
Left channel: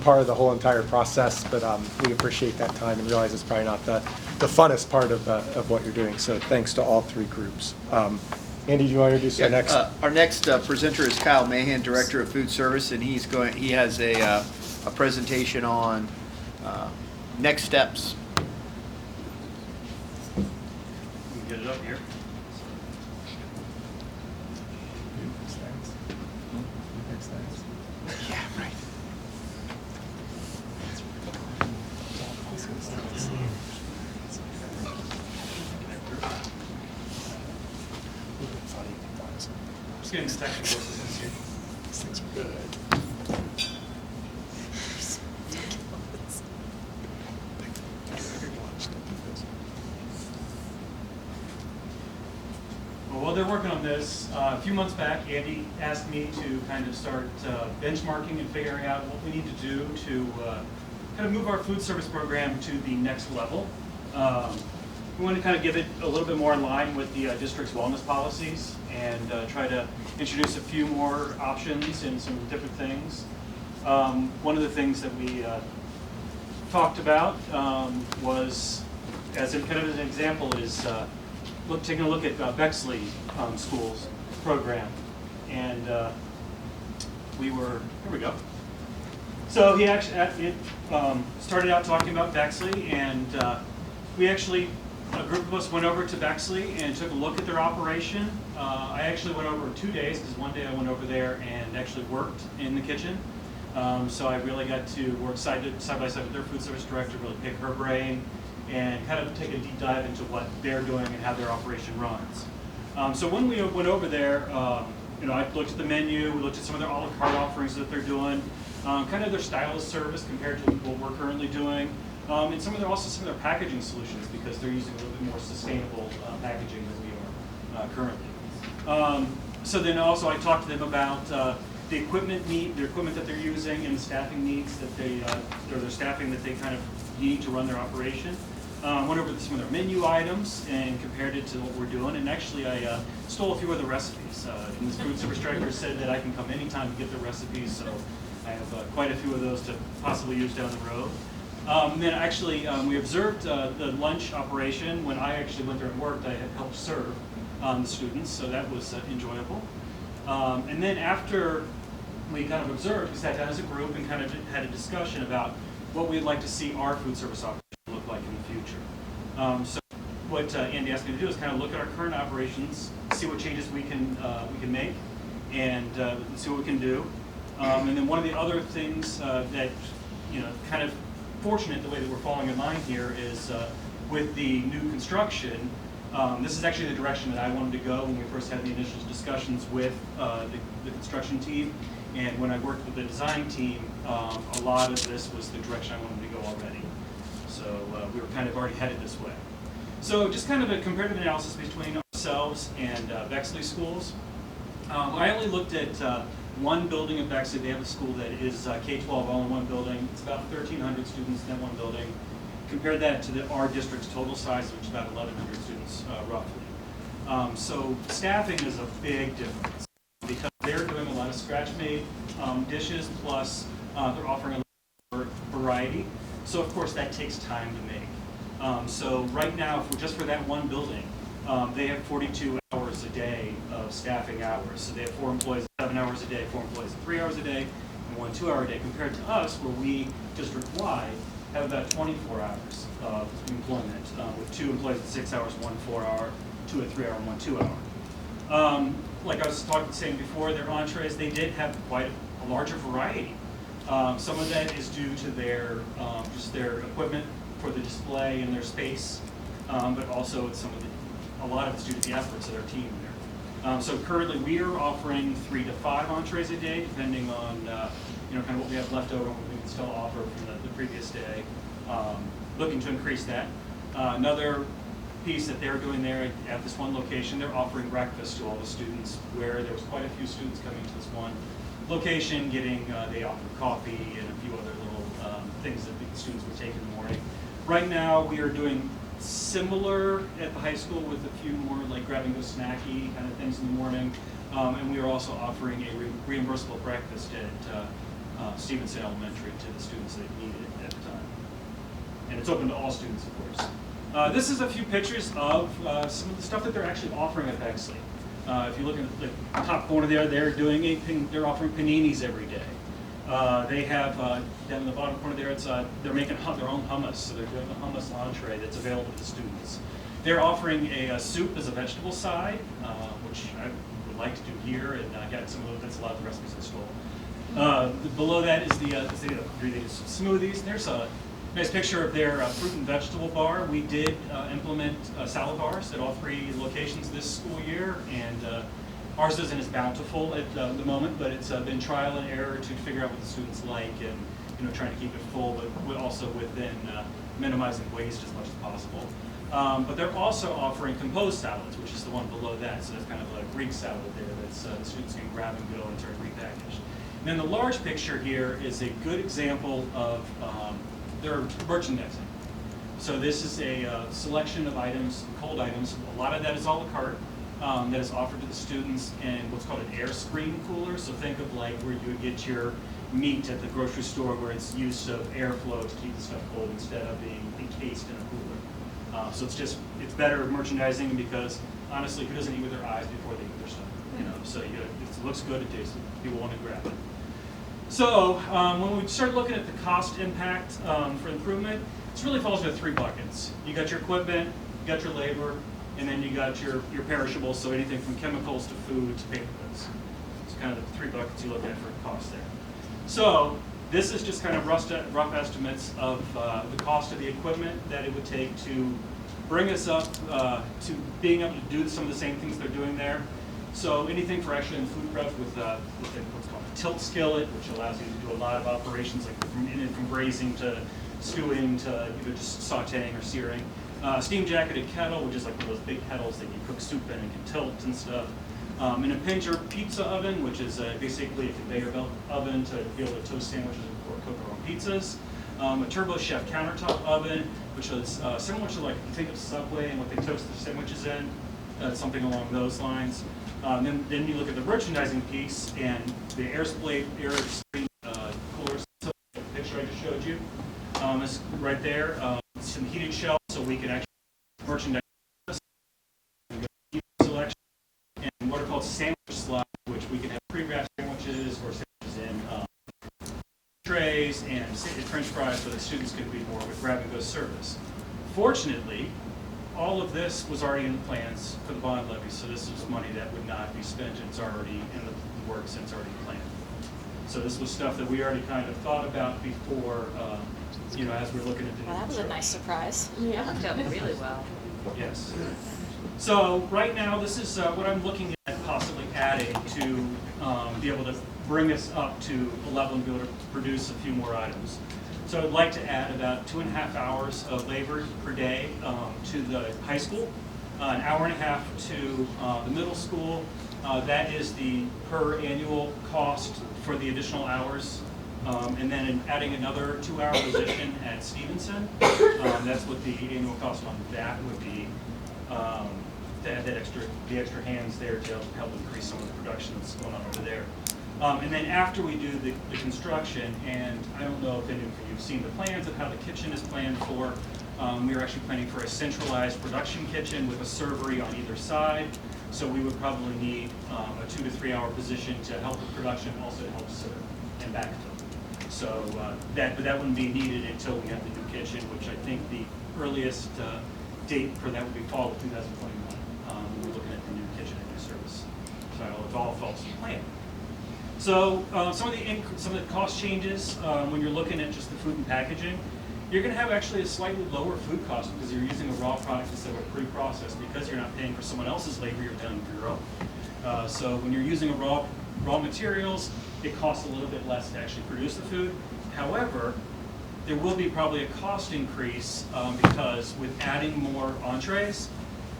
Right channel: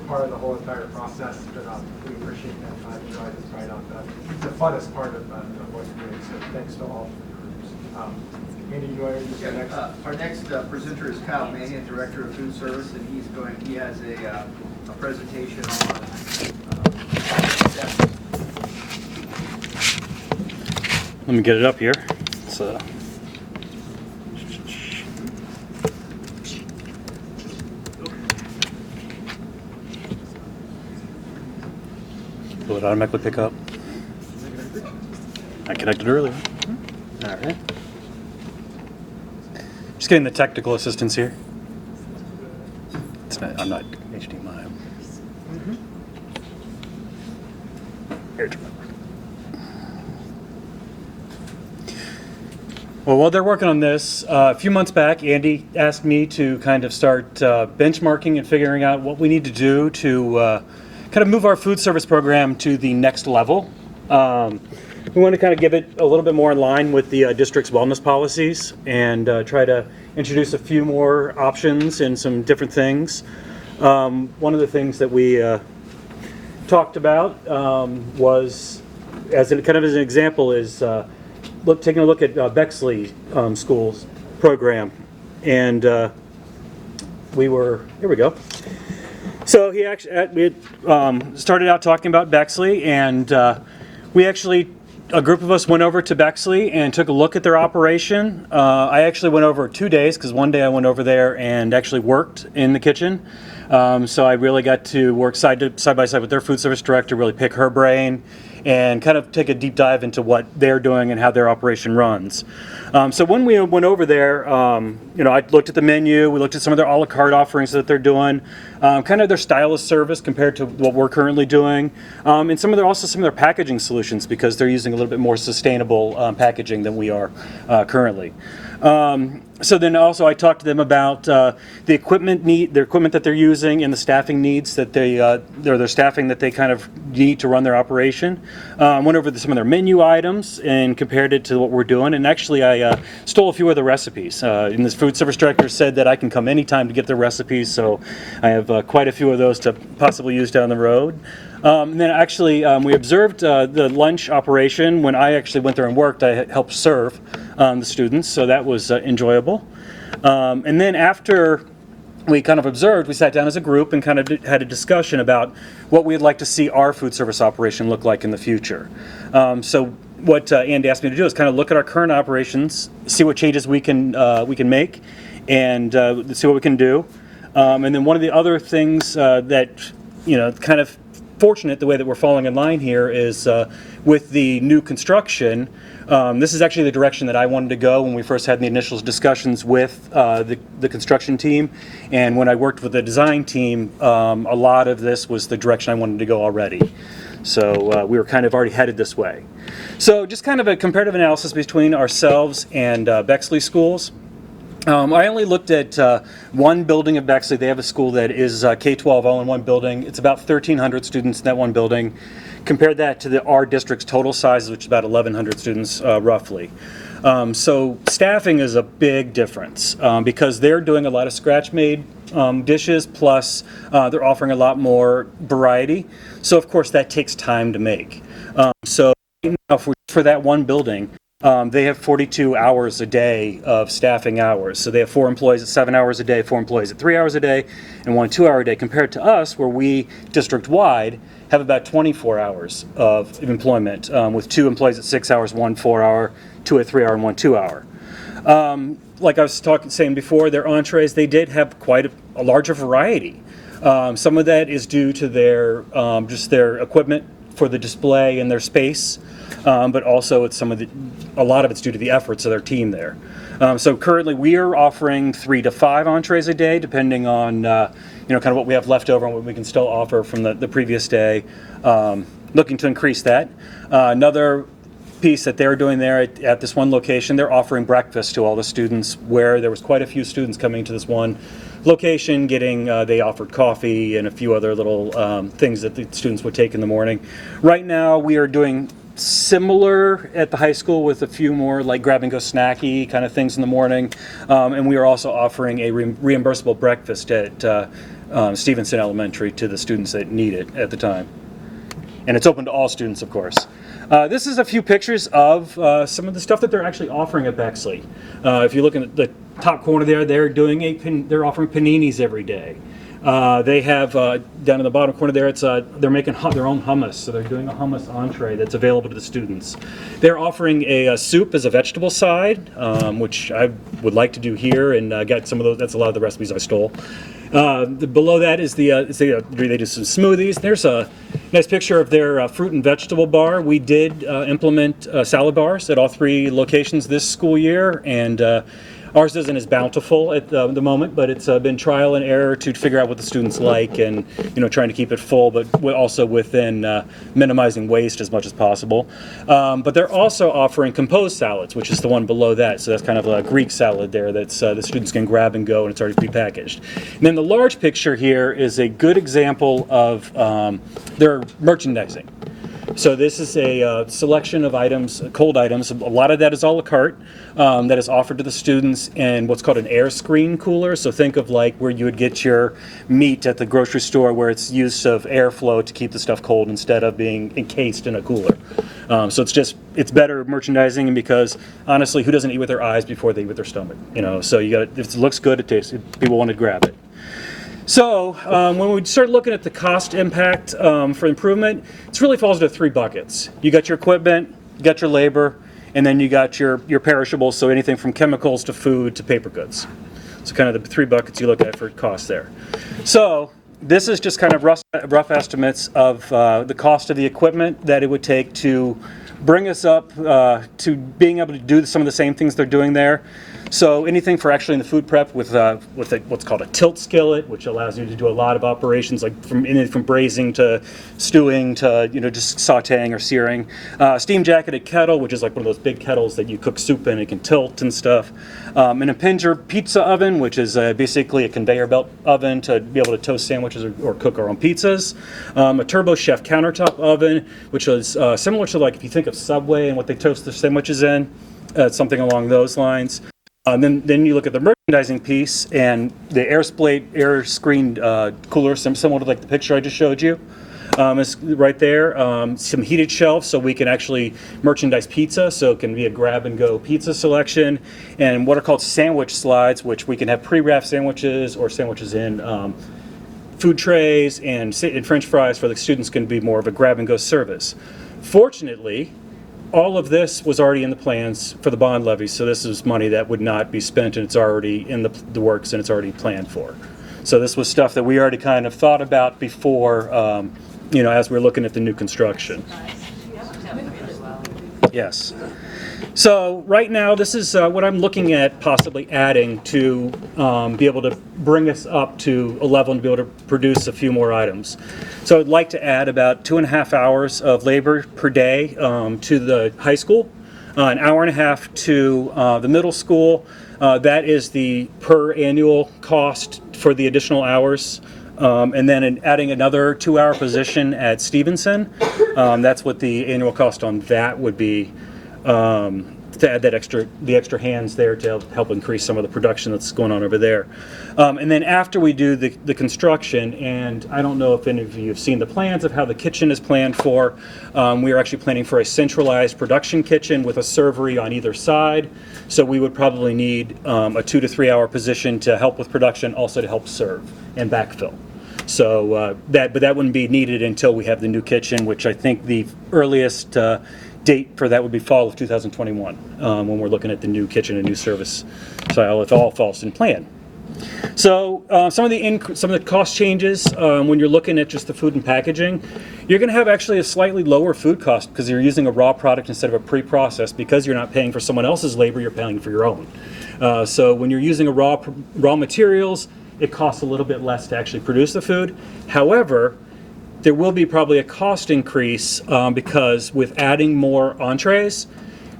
part of the whole entire process, but we appreciate that time and realize it's probably not the funnest part of what you're doing, so thanks to all three groups. Andy, do you want to introduce our next? Our next presenter is Kyle Mahan, Director of Food Service, and he has a presentation on next steps. Let me get it up here. Will it automatically pick up? I connected earlier. All right. Just getting the technical assistance here. I'm not HDMI. Here it was. Well, while they're working on this, a few months back, Andy asked me to kind of start benchmarking and figuring out what we need to do to kind of move our food service program to the next level. We want to kind of give it a little bit more in line with the district's wellness policies and try to introduce a few more options and some different things. One of the things that we talked about was, as an example, is taking a look at Bexley Schools program, and here we go. So we started out talking about Bexley, and we actually, a group of us went over to Bexley and took a look at their operation. I actually went over 2 days because one day I went over there and actually worked in the kitchen. So I really got to work side by side with their food service director, really pick her brain, and kind of take a deep dive into what they're doing and how their operation runs. So when we went over there, I looked at the menu, we looked at some of their a la carte offerings that they're doing, kind of their style of service compared to what we're currently doing, and some of their packaging solutions, because they're using a little bit more sustainable packaging than we are currently. So then also I talked to them about the equipment that they're using and the staffing needs that their staffing that they kind of need to run their operation. Went over some of their menu items and compared it to what we're doing. And actually, I stole a few of the recipes. And this food service director said that I can come anytime to get their recipes, so I have quite a few of those to possibly use down the road. And then actually, we observed the lunch operation. When I actually went there and worked, I helped serve the students, so that was enjoyable. And then after we kind of observed, we sat down as a group and kind of had a discussion about what we'd like to see our food service operation look like in the future. So what Andy asked me to do is kind of look at our current operations, see what changes we can make, and see what we can do. And then one of the other things that, kind of fortunate the way that we're falling in line here is with the new construction. This is actually the direction that I wanted to go when we first had the initial discussions with the construction team. And when I worked with the design team, a lot of this was the direction I wanted to go already. So we were kind of already headed this way. So just kind of a comparative analysis between ourselves and Bexley Schools. I only looked at one building of Bexley. They have a school that is K-12 all in one building. It's about 1,300 students in that one building. compare that to our district's total size, which is about 1,100 students roughly. So staffing is a big difference because they're doing a lot of scratch-made dishes, plus they're offering a lot more variety. So of course that takes time to make. So right now, just for that one building, they have 42 hours a day of staffing hours. So they have 4 employees at 7 hours a day, 4 employees at 3 hours a day, and 1 2-hour a day, compared to us, where we, district-wide, have about 24 hours of employment, with 2 employees at 6 hours, 1 4-hour, 2 at 3 hour, and 1 2-hour. Like I was saying before, their entrees, they did have quite a larger variety. Some of that is due to their just their equipment for the display and their space, but also it's a lot of it's due to the efforts of their team there. So currently we are offering 3 to 5 entrees a day, depending on kind of what we have left over and what we can still offer from the previous day. Looking to increase that. Another piece that they're doing there at this one location, they're offering breakfast to all the students, where there was quite a few students coming to this one location getting, they offered coffee and a few other little things that the students would take in the morning. Right now we are doing similar at the high school with a few more like grab and go snacky kind of things in the morning, and we are also offering a reimbursable breakfast at Stevenson Elementary to the students that need it at the time. And it's open to all students, of course. This is a few pictures of some of the stuff that they're actually offering at Bexley. If you look at the top corner there, they're offering paninis every day. They have down in the bottom corner there, they're making their own hummus, so they're doing a hummus entree that's available to the students. They're offering a soup as a vegetable side, which I would like to do here and get some of those. That's a lot of the recipes I stole. Below that is they do some smoothies. There's a nice picture of their fruit and vegetable bar. We did implement salad bars at all 3 locations this school year, and ours isn't as bountiful at the moment, but it's been trial and error to figure out what the students like, and trying to keep it full, but also within minimizing waste as much as possible. But they're also offering composed salads, which is the one below that. So that's kind of a Greek salad there that's the students can grab and go, and it's already prepackaged. And then the large picture here is a good example of their merchandising. So this is a selection of items, cold items. A lot of that is a la carte. That is offered to the students in what's called an air screen cooler. So think of like where you would get your meat at the grocery store, where it's use of airflow to keep the stuff cold instead of being encased in a cooler. So it's better merchandising, and because honestly, who doesn't eat with their eyes before they eat with their stomach? So if it looks good, it tastes, people want to grab it. So when we start looking at the cost impact for improvement, it really falls into 3 buckets. You got your equipment, you got your labor, and then you got your perishables, so anything from chemicals to food to paper goods. So kind of the 3 buckets you look at for cost there. So this is just kind of rough estimates of the cost of the equipment that it would take to bring us up to being able to do some of the same things they're doing there. So anything for actually in the food prep with what's called a tilt skillet, which allows you to do a lot of operations, like from braising to stewing to just sautéing or searing. Steam jacketed kettle, which is like one of those big kettles that you cook soup in. It can tilt and stuff. An Impinger pizza oven, which is basically a conveyor belt oven to be able to toast sandwiches or cook our own pizzas. A Turbo Chef countertop oven, which is similar to like if you think of Subway and what they toast their sandwiches in, something along those lines. Then you look at the merchandising piece and the air screened cooler, similar to like the picture I just showed you. It's right there. Some heated shelves so we can actually merchandise pizza, so it can be a grab and go pizza selection, and what are called sandwich slides, which we can have pre-wrapped sandwiches or sandwiches in food trays, and French fries for the students can be more of a grab and go service. Fortunately, all of this was already in the plans for the bond levy, so this is money that would not be spent, and it's already in the works and it's already planned for. So this was stuff that we already kind of thought about before, as we're looking at the new construction. Nice surprise. Yeah, worked out really well. Yes. So right now, this is what I'm looking at possibly adding to be able to bring us up to a level and be able to produce a few more items. So I'd like to add about 2.5 hours of labor per day to the high school, an hour and a half to the middle school. That is the per annual cost for the additional hours And then adding another 2-hour position at Stevenson. That's what the annual cost on that would be, to add that the extra hands there to help increase some of the production that's going on over there. And then after we do the construction, and I don't know if any of you have seen the plans of how the kitchen is planned for, we are actually planning for a centralized production kitchen with a servery on either side. So we would probably need a 2 to 3 hour position to help with production, also to help serve and backfill. So but that wouldn't be needed until we have the new kitchen, which I think the earliest date for that would be fall of 2021, when we're looking at the new kitchen and new service. So it all falls in plan. So some of the cost changes when you're looking at just the food and packaging, you're going to have actually a slightly lower food cost because you're using a raw product instead of a pre-processed. Because you're not paying for someone else's labor, you're paying for your own. So when you're using a raw materials, it costs a little bit less to actually produce the food. However, there will be probably a cost increase because with adding more entrees,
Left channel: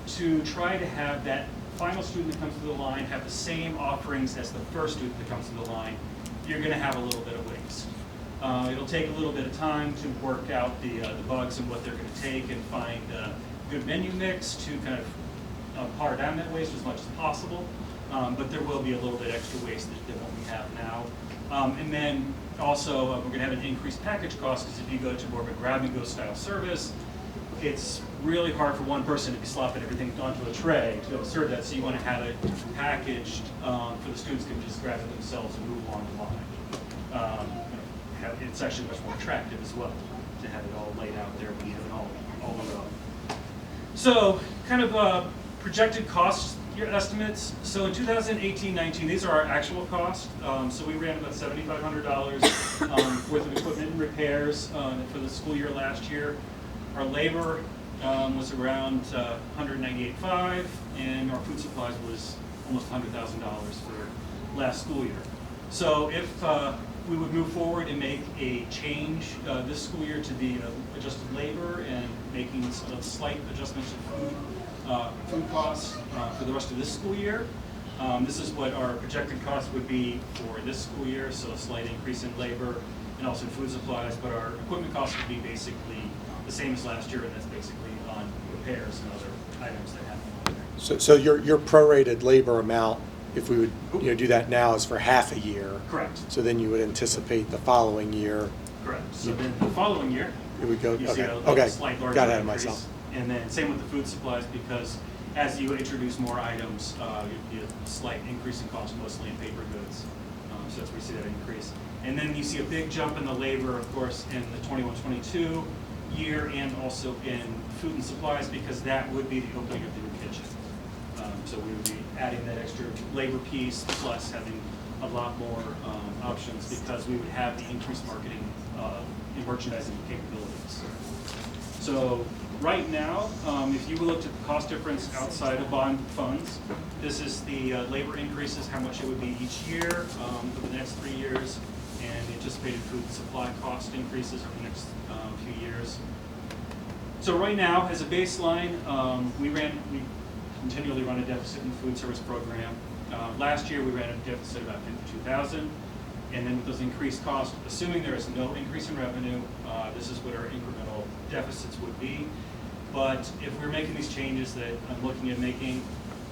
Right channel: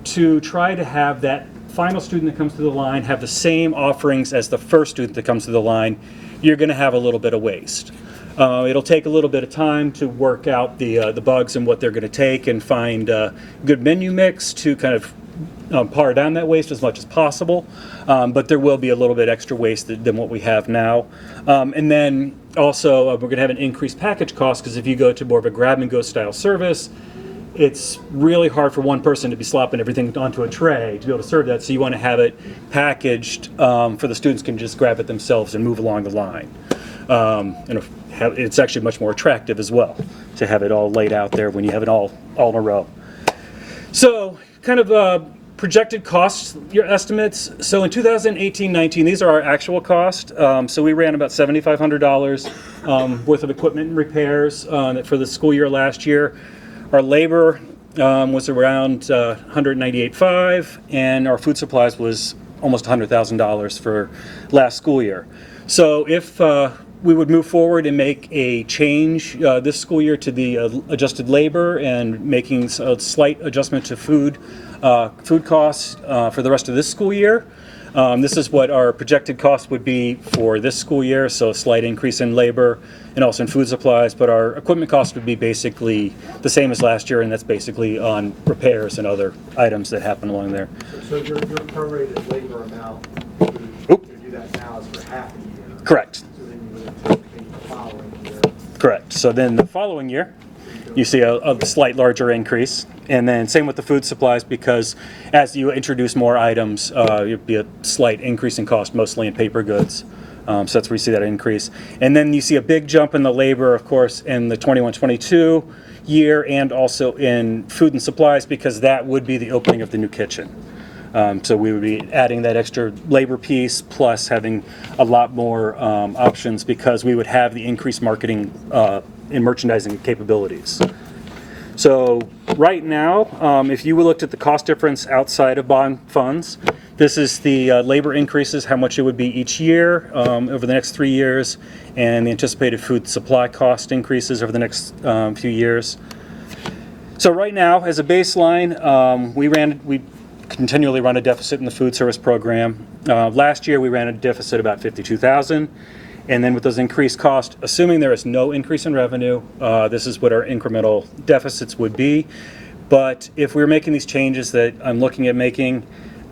to try to have that final student that comes to the line have the same offerings as the first student that comes to the line, you're going to have a little bit of waste. It'll take a little bit of time to work out the bugs and what they're going to take and find a good menu mix to kind of par down that waste as much as possible. But there will be a little bit extra waste than what we have now. And then also we're going to have an increased package cost because if you go to more of a grab-and-go style service, it's really hard for one person to be slopping everything onto a tray to be able to serve that. So you want to have it packaged for the students can just grab it themselves and move along the line. It's actually much more attractive as well to have it all laid out there when you have it all in a row. So kind of projected costs, your estimates. So in 2018-19, these are our actual costs. So we ran about $7,500 worth of equipment and repairs for the school year last year. Our labor was around $198,500, and our food supplies was almost $100,000 for last school year. So if we would move forward and make a change this school year to the adjusted labor and making a slight adjustment to food costs for the rest of this school year. This is what our projected cost would be for this school year, so a slight increase in labor and also in food supplies, but our equipment cost would be basically the same as last year, and that's basically on repairs and other items that happen along there. So your prorated labor amount, if we would do that now, is for half a year. Correct. So then you would anticipate the following year. Correct. So then the following year, you see a slight larger increase. And then same with the food supplies, because as you introduce more items, it'd be a slight increase in cost, mostly in paper goods. So that's where you see that increase. And then you see a big jump in the labor, of course, in the 21-22 year and also in food and supplies, because that would be the opening of the new kitchen. So we would be adding that extra labor piece plus having a lot more options because we would have the increased marketing and merchandising capabilities. So right now, if you looked at the cost difference outside of bond funds, this is the labor increases, how much it would be each year over the next 3 years, and the anticipated food supply cost increases over the next few years. So right now, as a baseline, we continually run a deficit in the food service program. Last year, we ran a deficit about $52,000. And then with those increased costs, assuming there is no increase in revenue, this is what our incremental deficits would be. But if we're making these changes that I'm looking at making,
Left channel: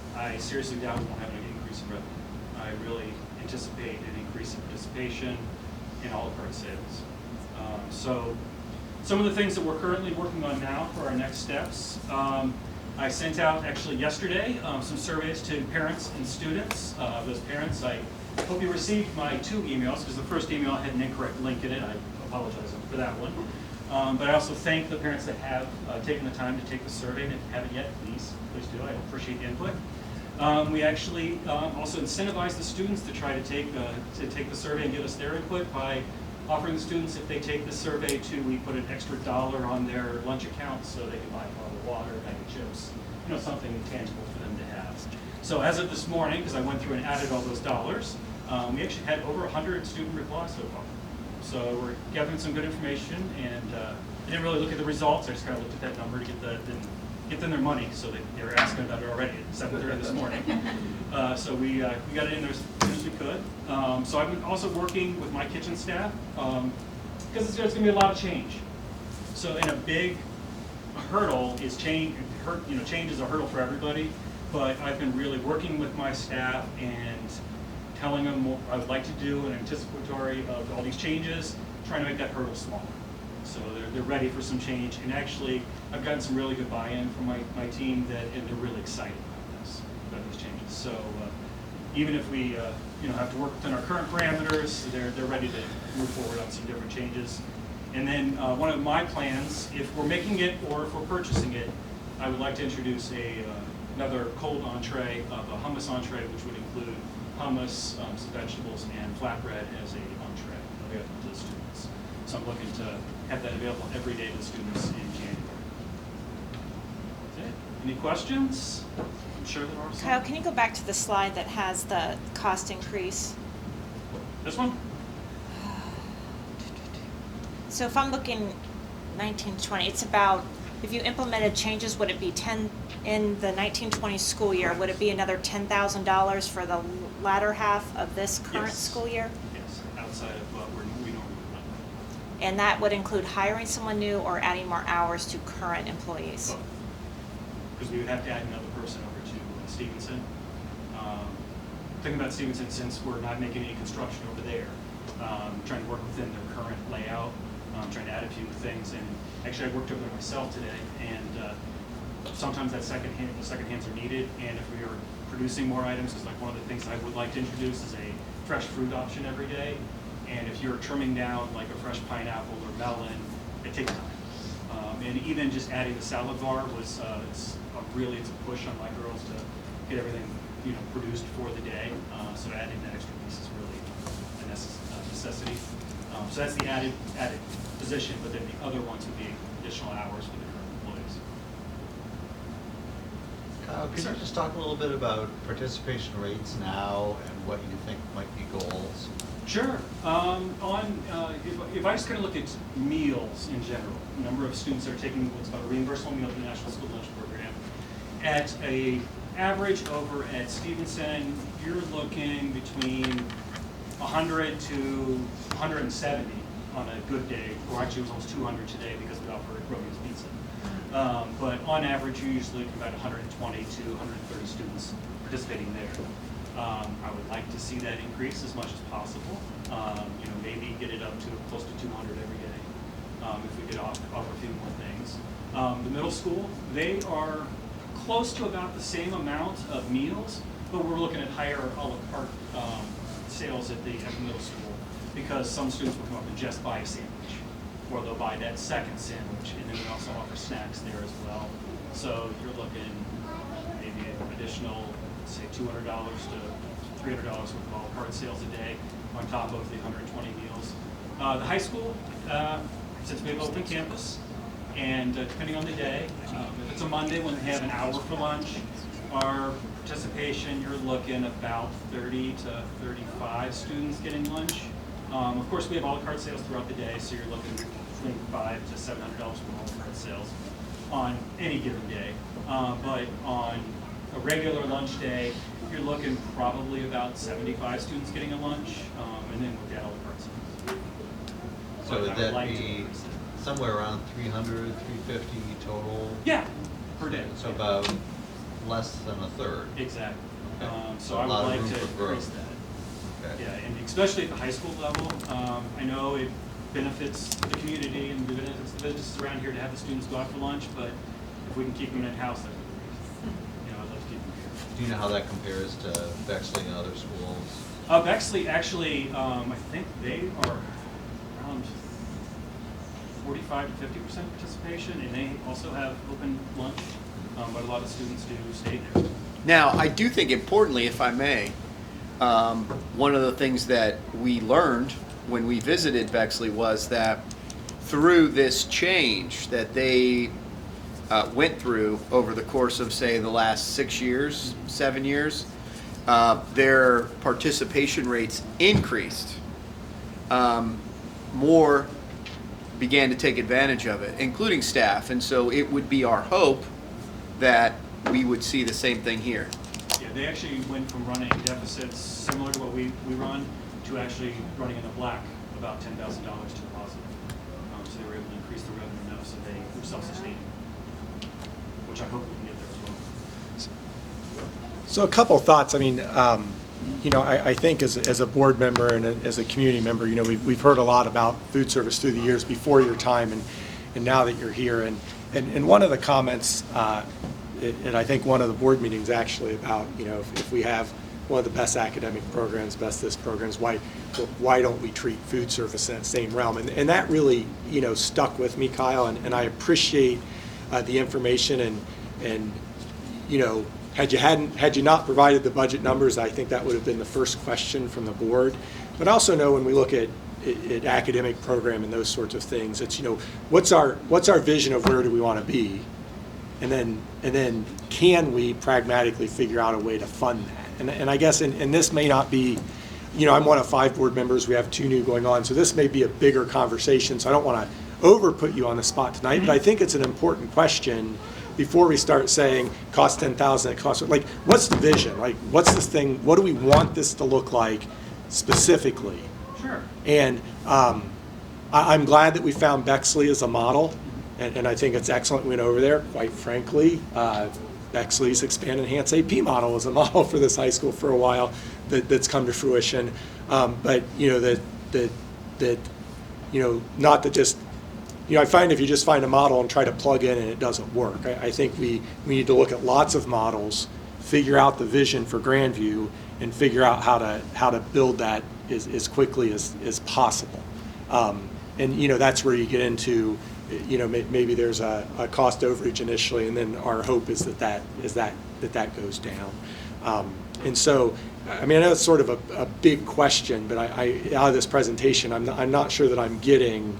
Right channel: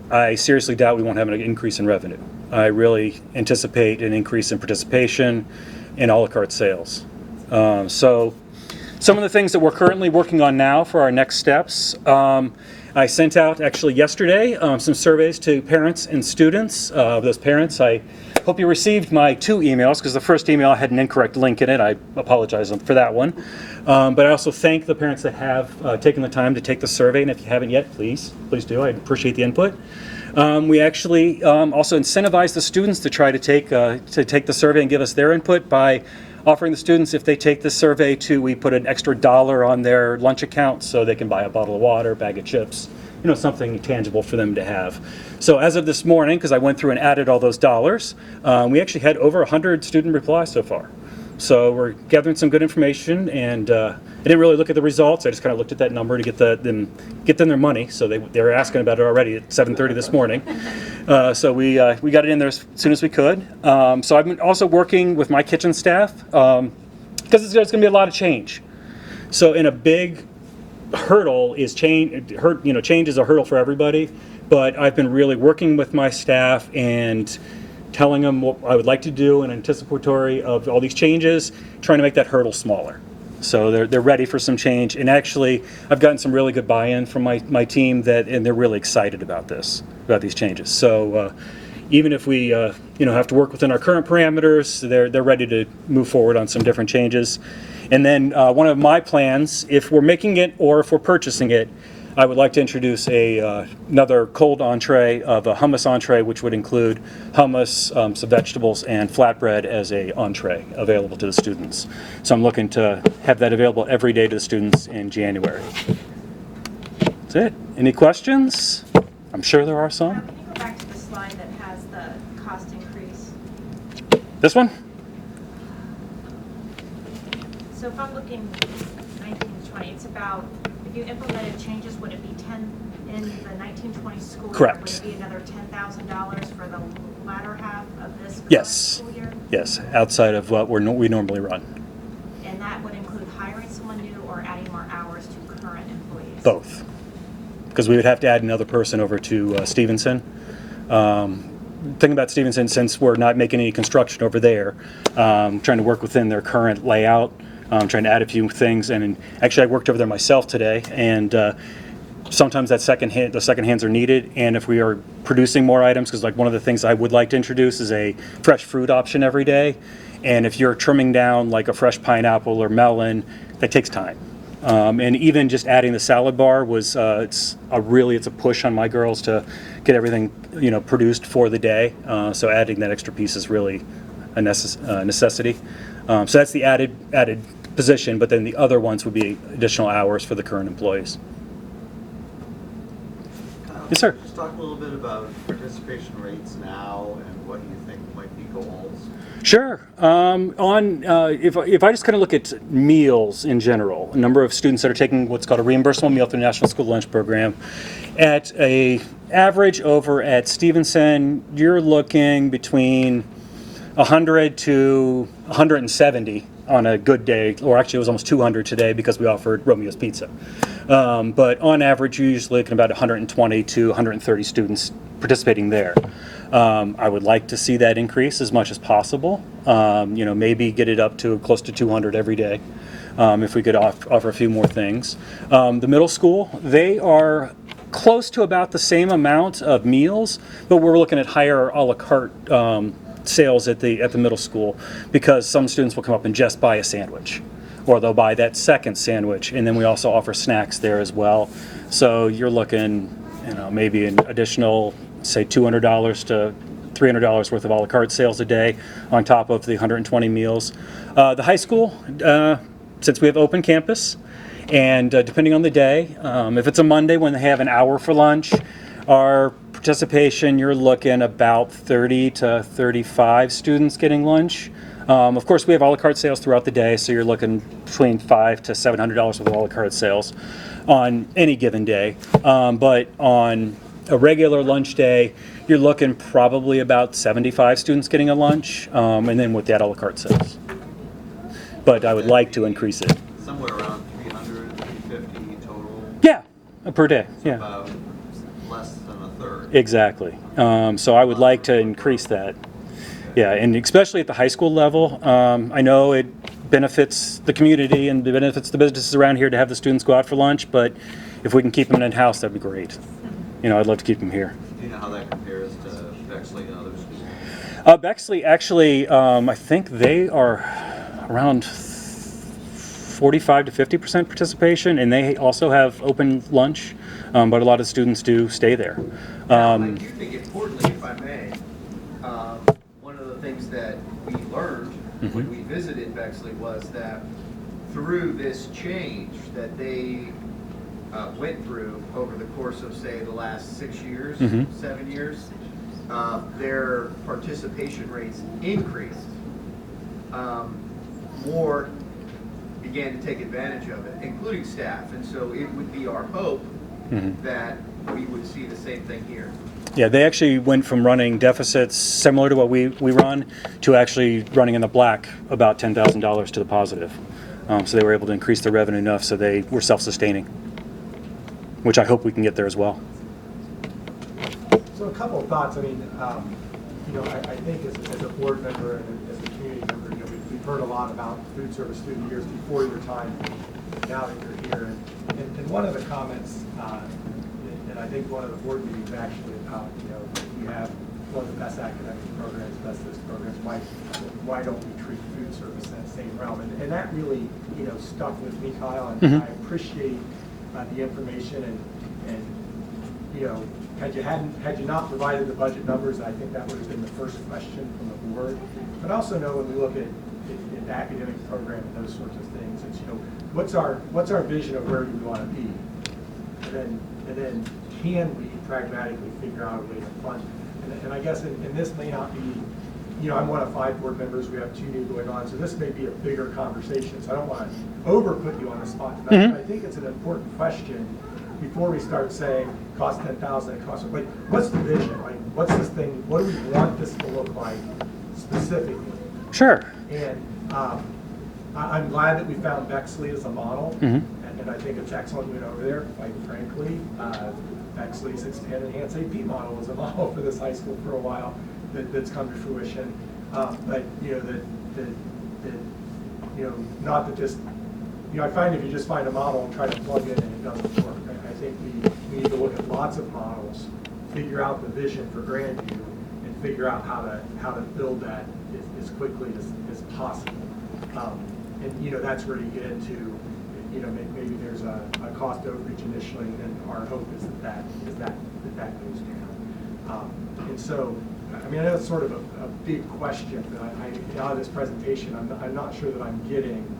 I seriously doubt we won't have an increase in revenue. I really anticipate an increase in participation in a la carte sales. So some of the things that we're currently working on now for our next steps, I sent out actually yesterday some surveys to parents and students. Those parents, I hope you received my 2 emails, because the first email had an incorrect link in it. I apologize for that one. But I also thank the parents that have taken the time to take the survey, and if you haven't yet, please do. I appreciate the input. We actually also incentivize the students to try to take the survey and give us their input by offering the students, if they take the survey, we put an extra $1 on their lunch account so they can buy a bottle of water, a bag of chips, something tangible for them to have. So as of this morning, because I went through and added all those dollars, we actually had over 100 student replies so far. So we're gathering some good information, and I didn't really look at the results. I just kind of looked at that number to get them their money. So they were asking about it already at 7:30 this morning. So we got it in there as soon as we could. So I've been also working with my kitchen staff because there's going to be a lot of change. So in a big hurdle is change. Change is a hurdle for everybody. But I've been really working with my staff and telling them what I would like to do in anticipatory of all these changes, trying to make that hurdle smaller. So they're ready for some change. And actually, I've gotten some really good buy-in from my team and they're really excited about these changes. So even if we have to work within our current parameters, they're ready to move forward on some different changes. And then one of my plans, if we're making it or if we're purchasing it, I would like to introduce another cold entree of a hummus entree, which would include hummus, some vegetables, and flatbread as a entree available to the students. So I'm looking to have that available every day to the students in January. That's it. Any questions? I'm sure there are some. Kyle, can you go back to the slide that has the cost increase? This one? So if I'm looking 1920, it's about, if you implemented changes, would it be 10 in the 1920 school year? Correct. Would it be another $10,000 for the latter half of this current Yes. school year? Yes, outside of what we normally run. And that would include hiring someone new or adding more hours to current employees? Both. Because we would have to add another person over to Stevenson. Thing about Stevenson, since we're not making any construction over there, trying to work within their current layout, trying to add a few things. And actually, I worked over there myself today, and sometimes the second hands are needed. And if we are producing more items, because like one of the things I would like to introduce is a fresh fruit option every day. And if you're trimming down like a fresh pineapple or melon, that takes time. And even just adding the salad bar was it's a push on my girls to get everything produced for the day. So adding that extra piece is really a necessity. So that's the added position, but then the other ones would be additional hours for the current employees. Yes, sir. Just talk a little bit about participation rates now and what you think might be goals. Sure. If I just kind of look at meals in general, a number of students that are taking what's called a reimbursable meal through the National School Lunch Program, at a average over at Stevenson, you're looking between 100 to 170 on a good day, or actually it was almost 200 today because we offered Romeo's Pizza. But on average, you're usually looking about 120 to 130 students participating there. I would like to see that increase as much as possible. Maybe get it up to close to 200 every day if we could offer a few more things. The middle school, they are close to about the same amount of meals, but we're looking at higher a la carte sales at the middle school because some students will come up and just buy a sandwich, or they'll buy that second sandwich, and then we also offer snacks there as well. So you're looking, maybe an additional, say $200 to $300 worth of a la carte sales a day on top of the 120 meals. The high school, since we have open campus, and depending on the day, if it's a Monday when they have an hour for lunch, our participation, you're looking about 30 to 35 students getting lunch. Of course, we have a la carte sales throughout the day, so you're looking between $500 to $700 with a la carte sales on any given day. But on a regular lunch day, you're looking probably about 75 students getting a lunch, and then with that a la carte sales. But I would like to increase it. Somewhere around 300, 350 total? Yeah, per day. So Yeah. about less than a third. Exactly. So I would like to increase that. Yeah, and especially at the high school level, I know it benefits the community and it benefits the businesses around here to have the students go out for lunch, but if we can keep them in-house, that'd be great. I'd love to keep them here. Do you know how that compares to Bexley and other schools? Bexley, actually, I think they are around 45 to 50% participation, and they also have open lunch, but a lot of students do stay there. Now, I do think importantly, if I may, one of the things that we learned when we visited Bexley was that through this change that they went through over the course of, say, the last 6 years, 7 years, their participation rates increased more began to take advantage of it, including staff. And so it would be our hope that we would see the same thing here. Yeah, they actually went from running deficits similar to what we run to actually running in the black about $10,000 to the positive. So they were able to increase their revenue enough so they were self-sustaining, which I hope we can get there as well. So a couple of thoughts. I mean, I think as a board member and as a community member, we've heard a lot about food service through the years before your time and now that you're here. And one of the comments, and I think one of the board meetings actually about, if we have one of the best academic programs, best this programs, why don't we treat food service in that same realm? And that really, stuck with me, Kyle, and I appreciate the information and had you not provided the budget numbers, I think that would have been the first question from the board. But I also know when we look at academic program and those sorts of things, it's what's our vision of where do we want to be, and then can we pragmatically figure out a way to fund that? And I guess and this may not be, I'm one of 5 board members. We have 2 new going on, so this may be a bigger conversation. So I don't want to over put you on the spot tonight, but I think it's an important question. Before we start saying cost 10,000, it costs, like, what's the vision? Like, what's this thing? What do we want this to look like specifically? Sure. And I'm glad that we found Bexley as a model, and I think it's excellent. We went over there. Quite frankly, Bexley's Expand Enhance AP model was a model for this high school for a while that's come to fruition. But not to just. I find if you just find a model and try to plug in and it doesn't work. I think we need to look at lots of models, figure out the vision for Grandview, and figure out how to build that as quickly as possible. And that's where you get into, maybe there's a cost overage initially, and then our hope is that goes down. And so, I mean, I know it's sort of a big question, but I out of this presentation, I'm not sure that I'm getting.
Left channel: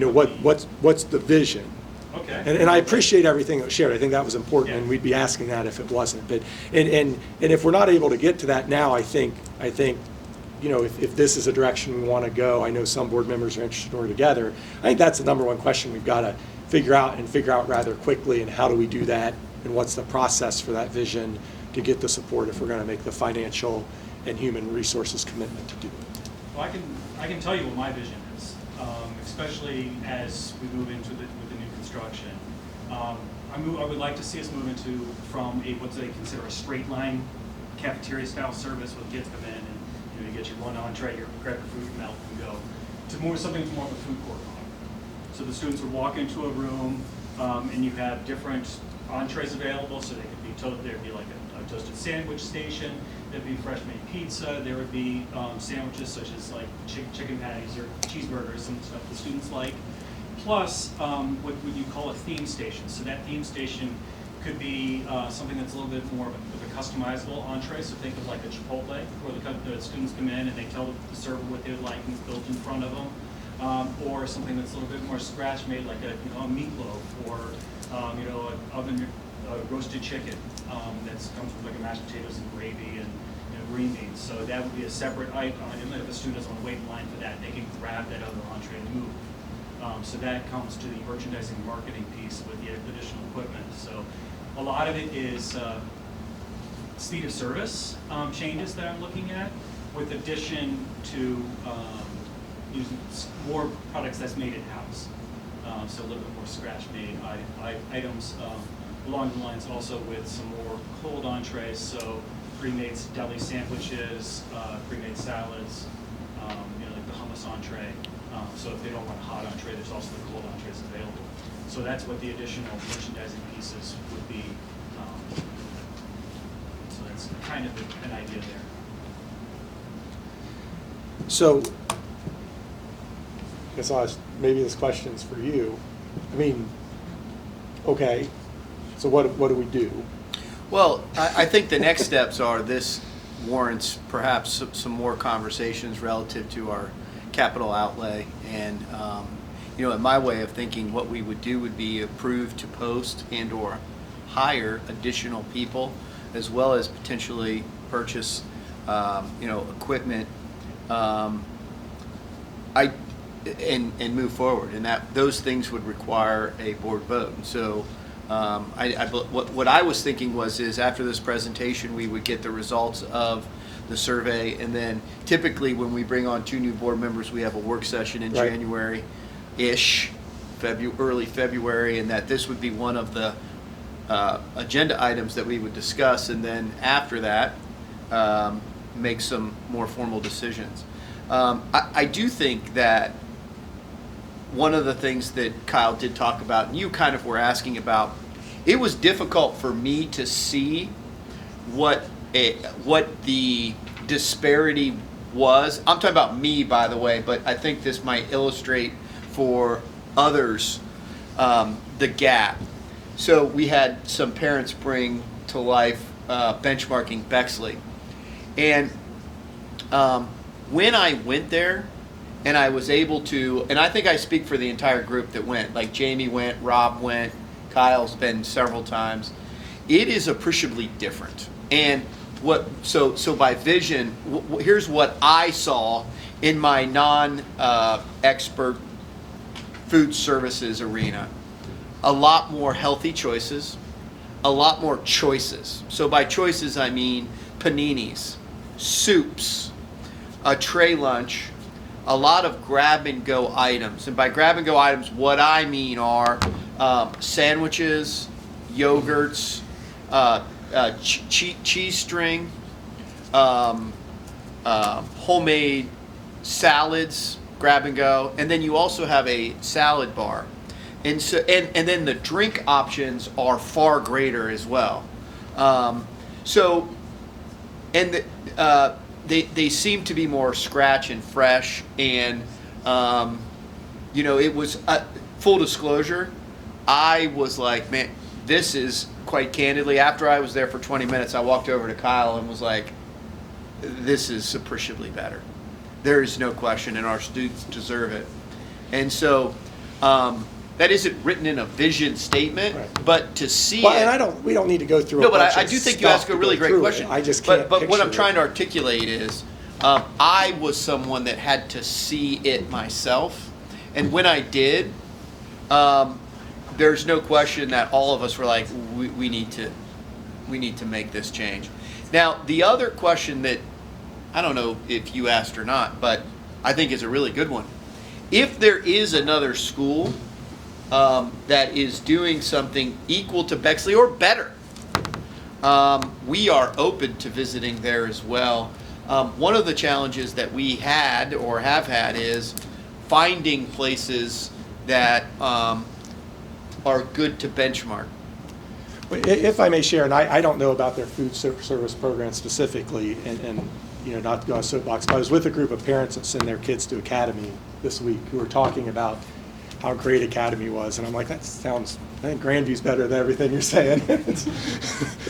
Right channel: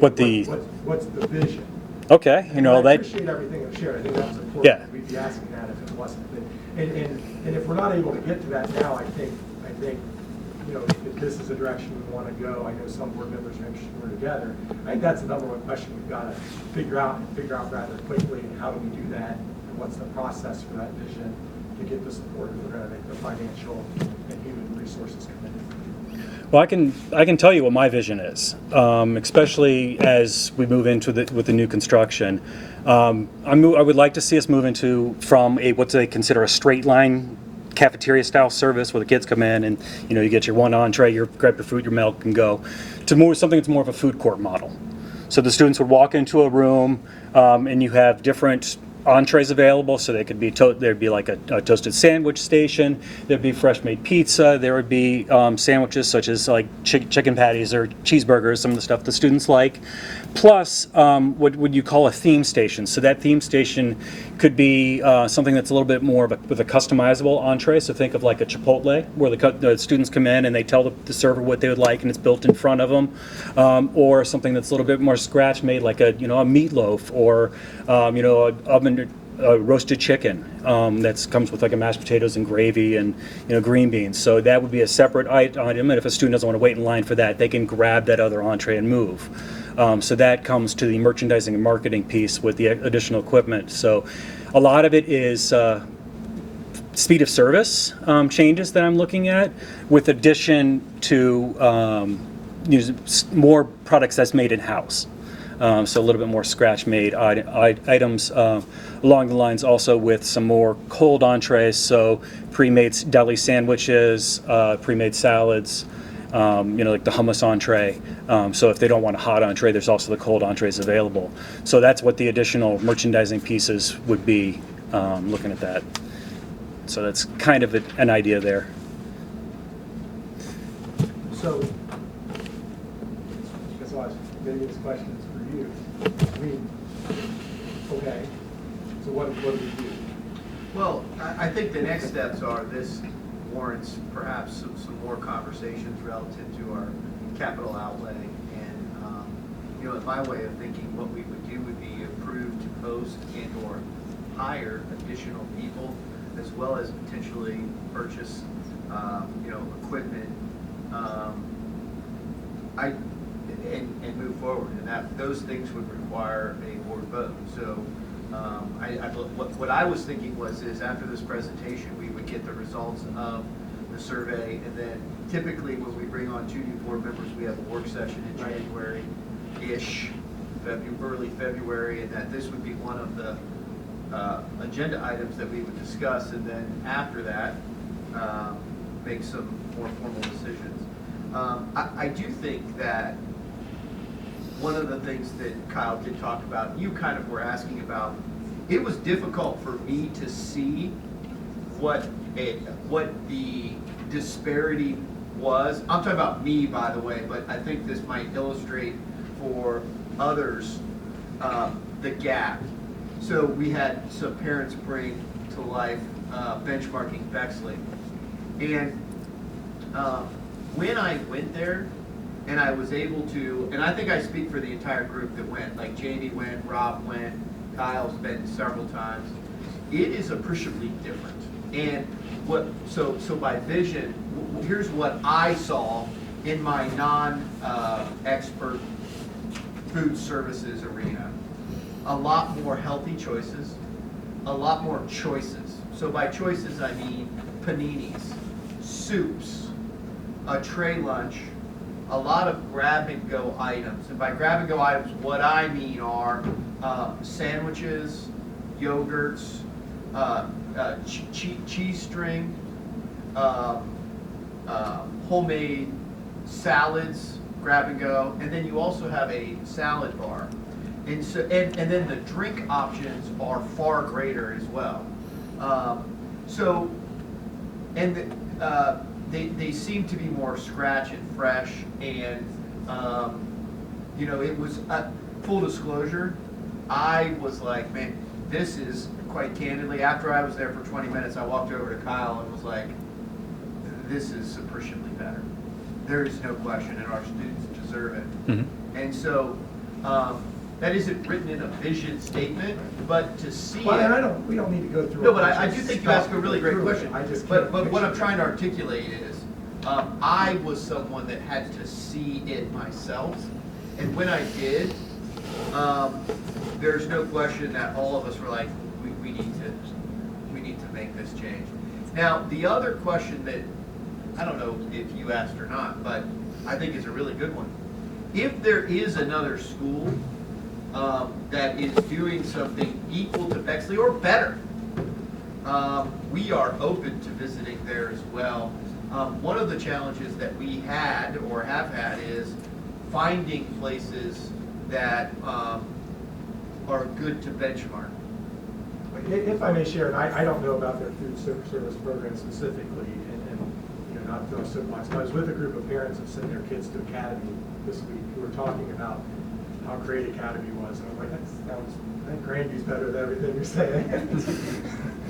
What's the vision? Okay. And I appreciate everything that was shared. I think that was important, Yeah. and we'd be asking that if it wasn't. But and if we're not able to get to that now, I think if this is a direction we want to go, I know some board members are interested in together. I think that's the number one question we've got to figure out rather quickly. And how do we do that? And what's the process for that vision to get the support if we're going to make the financial and human resources commitment to do it? Well, I can tell you what my vision is, especially as we move into with the new construction. I would like to see us move from what they consider a straight line cafeteria style service where the kids come in and you get your one entree, you grab your food, your milk, and go, to something that's more of a food court model. So the students would walk into a room and you have different entrees available, so they could be there'd be like a toasted sandwich station, there'd be fresh made pizza, there would be sandwiches such as like chicken patties or cheeseburgers, some of the stuff the students like, plus what would you call a theme station. So that theme station could be something that's a little bit more with a customizable entree. So think of like a Chipotle, where the students come in and they tell the server what they would like, and it's built in front of them, or something that's a little bit more scratch made, like a meatloaf, or a roasted chicken that comes with like a mashed potatoes and gravy and green beans. So that would be a separate item, and if a student doesn't want to wait in line for that, they can grab that other entree and move. So that comes to the merchandising and marketing piece with the additional equipment. So a lot of it is speed of service changes that I'm looking at, with addition to more products that's made in-house. So a little bit more scratch-made items along the lines, also with some more cold entrees, so pre-made deli sandwiches, pre-made salads, like the hummus entree. So if they don't want a hot entree, there's also the cold entrees available. So that's what the additional merchandising pieces would be, looking at that. So that's kind of an idea there. So, I guess maybe this question's for you. I mean, okay, so what do we do? Well, I think the next steps are, this warrants perhaps some more conversations relative to our capital outlay. And, in my way of thinking, what we would do would be approve to post and or hire additional people, as well as potentially purchase, equipment. and move forward. And that those things would require a board vote. And so what I was thinking is after this presentation, we would get the results of the survey, and then typically when we bring on 2 new board members, we have a work session in Right. January-ish, early February, and that this would be one of the agenda items that we would discuss, and then after that, make some more formal decisions. I do think that one of the things that Kyle did talk about, and you kind of were asking about, it was difficult for me to see what the disparity was. I'm talking about me, by the way, but I think this might illustrate for others the gap. So we had some parents bring to life benchmarking Bexley. And when I went there, and I was able to, and I think I speak for the entire group that went, like Jamie went, Rob went, Kyle's been several times, it is appreciably different. And so by vision, here's what I saw in my non-expert food services arena. A lot more healthy choices, a lot more choices. So by choices, I mean paninis, soups, a tray lunch, a lot of grab-and-go items. And by grab-and-go items, what I mean are sandwiches, yogurts, cheese string, homemade salads, grab-and-go, and then you also have a salad bar. And so, and then the drink options are far greater as well. They seem to be more scratch and fresh, and it was full disclosure. I was like, man, this is quite candidly. After I was there for 20 minutes, I walked over to Kyle and was like, this is appreciably better. There is no question, and our students deserve it. Mm-hmm. And so. That isn't written in a vision statement, right. But to see and we don't need to go through. No, but I do think you ask a really great question. I just can't. But what I'm trying to articulate is, I was someone that had to see it myself, and when I did, there's no question that all of us were like, we need to make this change. Now, the other question that I don't know if you asked or not, but I think is a really good one. If there is another school that is doing something equal to Bexley or better, we are open to visiting there as well. One of the challenges that we had or have had is finding places that are good to benchmark. If I may share, and I don't know about their food service program specifically, and not to go on a soapbox, but I was with a group of parents that send their kids to Academy this week who were talking about how great Academy was, and I'm like, I think Grandview's better than everything you're saying.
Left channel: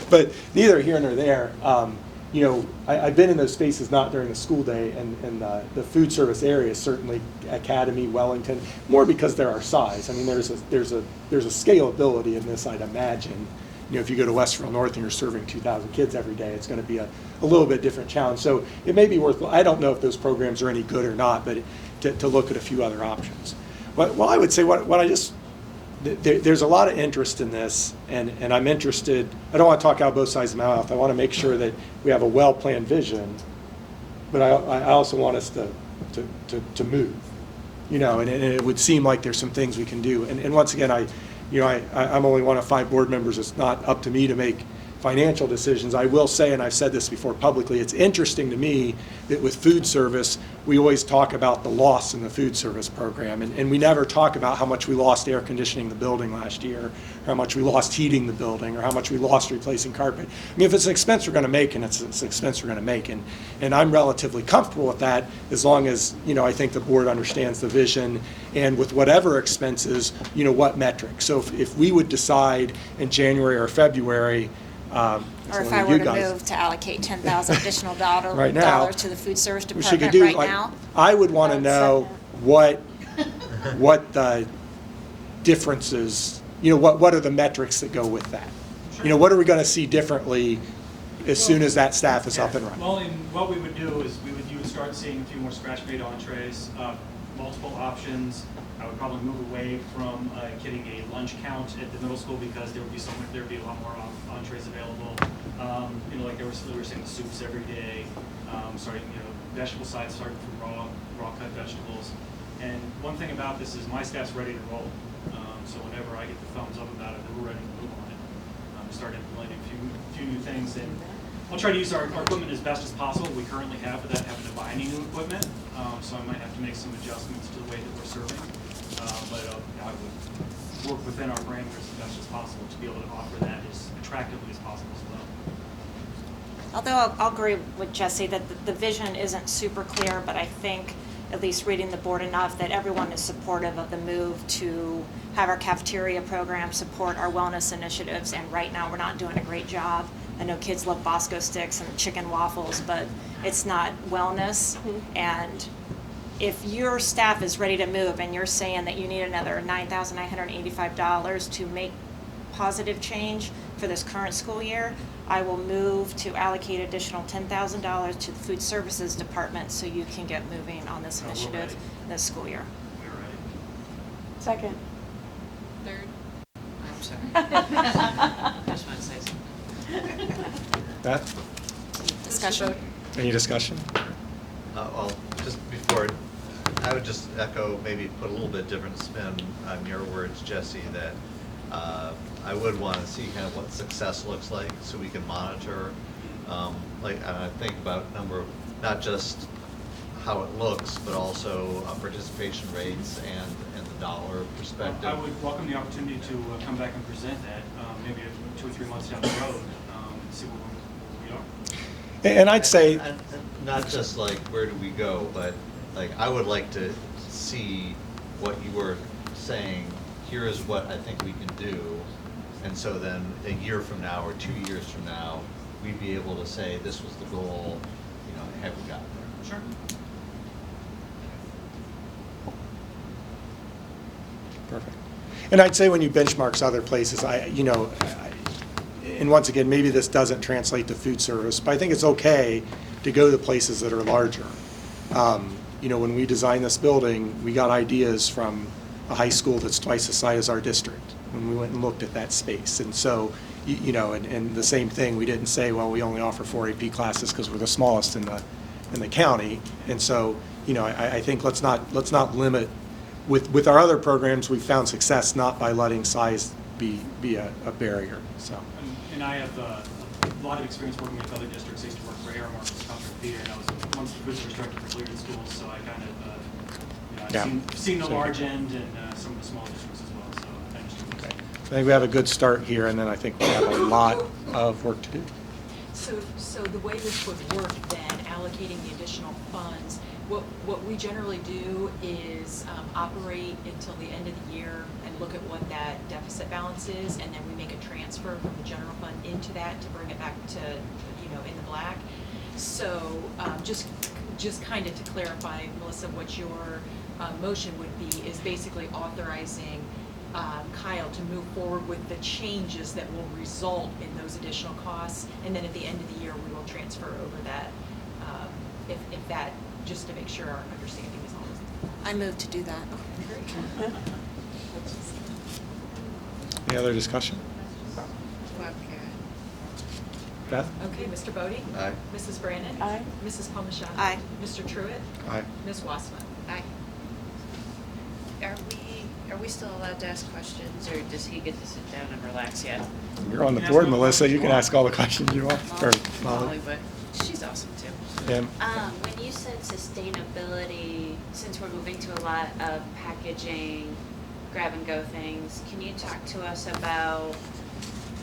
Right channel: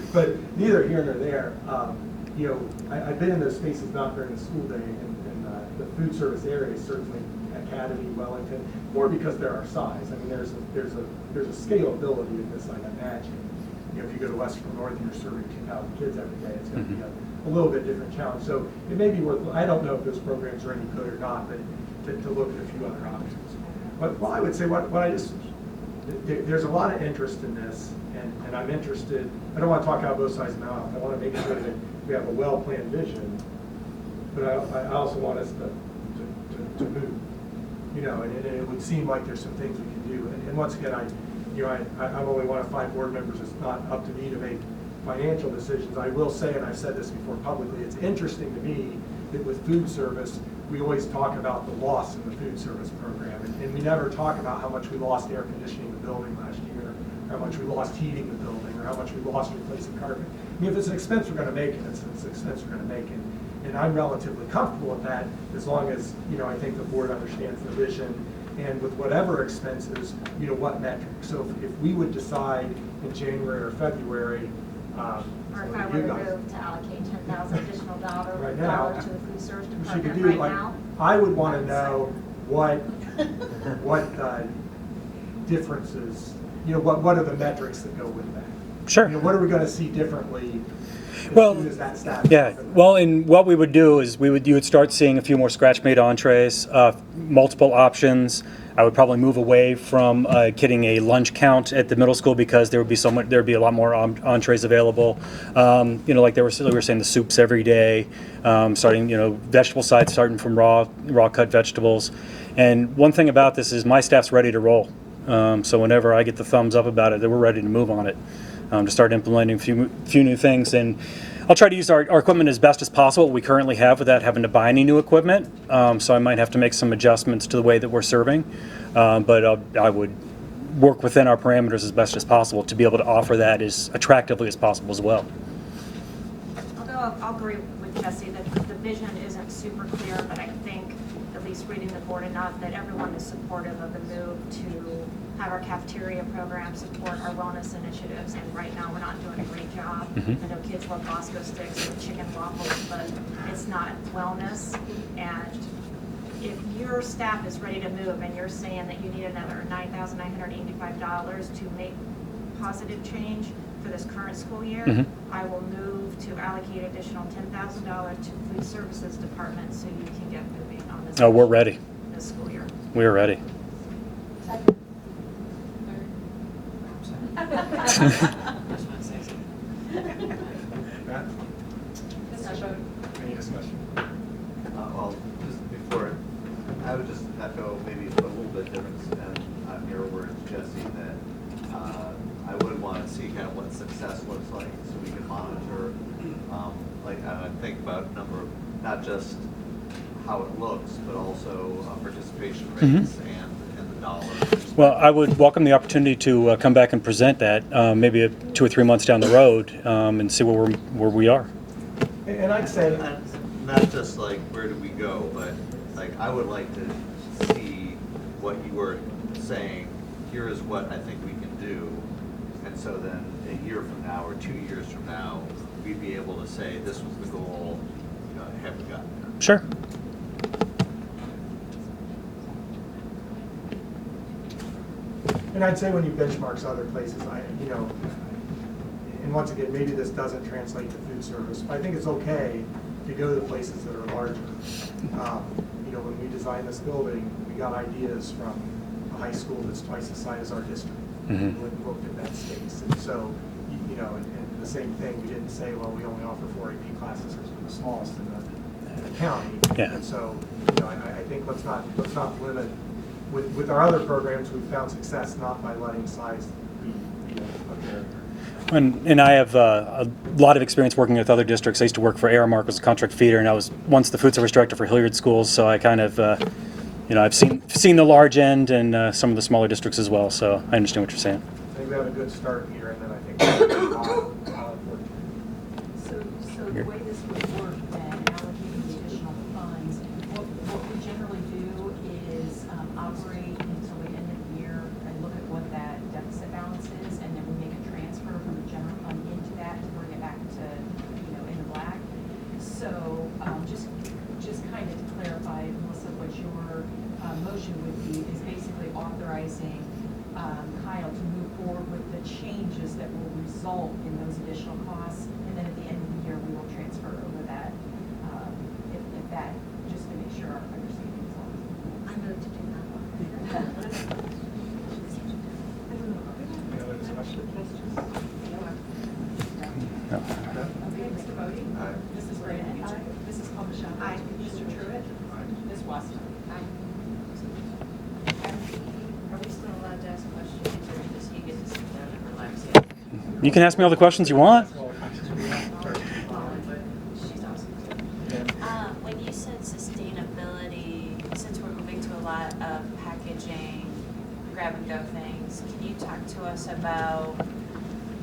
But neither here nor there. I've been in those spaces not during the school day, and the food service area is certainly Academy, Wellington, more because they're our size. I mean, there's a scalability in this, I'd imagine. If you go to Westerville North and you're serving 2,000 kids every day, it's going to be a little bit different challenge. So it may be worth, I don't know if those programs are any good or not, but to look at a few other options. Well, I would say there's a lot of interest in this, and I'm interested. I don't want to talk out both sides of my mouth. I want to make sure that we have a well-planned vision, but I also want us to move. And it would seem like there's some things we can do. And once again, I'm only one of 5 board members. It's not up to me to make financial decisions. I will say, and I've said this before publicly, it's interesting to me that with food service, we always talk about the loss in the food service program, and we never talk about how much we lost air conditioning the building last year, or how much we lost heating the building, or how much we lost replacing carpet. I mean, if it's an expense we're going to make, and it's an expense we're going to make, and I'm relatively comfortable with that as long as, I think the board understands the vision, and with whatever expenses, what metrics. So if we would decide in January or February, or if I were to move to allocate $10,000 additional right now, dollars to the food service we department do, right now. I would want to know what the differences, what are the metrics that go with that? Sure. What are we going to see differently as Well, soon as that staff is Yeah, up and running. well, and what we would do is you would start seeing a few more scratch-made entrees, multiple options. I would probably move away from getting a lunch count at the middle school because there would be a lot more entrees available. Like we were saying, the soups every day, starting, vegetable side starting from raw cut vegetables. And one thing about this is my staff's ready to roll. So whenever I get the thumbs up about it, then we're ready to move on it, to start implementing a few new things. And I'll try to use our equipment as best as possible, what we currently have, without having to buy any new equipment. So I might have to make some adjustments to the way that we're serving. But I would work within our parameters as best as possible to be able to offer that as attractively as possible as well. Although I'll agree with Jesse that the vision isn't super clear, but I think, at least reading the board enough, that everyone is supportive of the move to have our cafeteria program support our wellness initiatives, and right now we're not doing a great job. I know kids love Bosco sticks and chicken waffles, but it's not wellness. And if your staff is ready to move and you're saying that you need another $9,985 to make positive change for this current school year, I will move to allocate additional $10,000 to the food services department so you can get moving on this. Oh, we're initiative ready. This school year. We are ready. Second. Third. I'm sorry. Just want to say something. Beth, Discussion. any discussion? Well, just before, I would just echo, maybe put a little bit different spin on your words, Jesse, that I would want to see kind of what success looks like so we can monitor, and I think about not just how it looks, but also participation rates and the dollars. Well, I would welcome the opportunity to come back and present that, maybe 2 or 3 months down the road, and see where we are. And I'd say, And not just like where do we go, but I would like to see what you were saying. Here is what I think we can do, and so then a year from now or 2 years from now, we'd be able to say this was the goal. Have we gotten there? Sure. and I'd say when you benchmarks other places, and once again, maybe this doesn't translate to food service, but I think it's okay to go to places that are larger. When we designed this building, we got ideas from a high school that's twice the size as our district. We went and looked at that space. And so, and the same thing, we didn't say, well, we only offer 4 AP classes because we're the smallest in the county. Yeah. And so, I think let's not limit. With our other programs, we've found success not by letting size be a barrier. So. And I have a lot of experience working with other districts. I used to work for Aramark as a contract feeder, and I was once the food service director for Hilliard Schools, so I kind of, I've seen the large end and some of the smaller districts as well, so I understand what you're saying. I think we have a good start here, and then I think we have a lot of work to do. So the way this would work then, allocating the additional funds, what we generally do is operate until the end of the year and look at what that deficit balance is, and then we make a transfer from the general fund into that to bring it back to, in the black. So just kind of to clarify, Melissa, what your motion would be is basically authorizing Kyle to move forward with the changes that will result in those additional costs, and then at the end of the year, we will transfer over that, if that, just to make sure our understanding is all. I move to do that. Any other discussion? Beth? Okay, Mr. Bodie? Aye. Mrs. Brandon? Aye. Mrs. Palmigano? Aye. Mr. Truitt? Aye. Ms. Wassman? Aye. Are we still allowed to ask questions, or does he get to sit down and relax yet? You're You on can ask me all the board, Melissa. questions you can want. ask all the questions you want. Or, Molly, but she's awesome too. yeah. When you said sustainability, since we're moving to a lot of packaging, grab-and-go things, can you talk to us about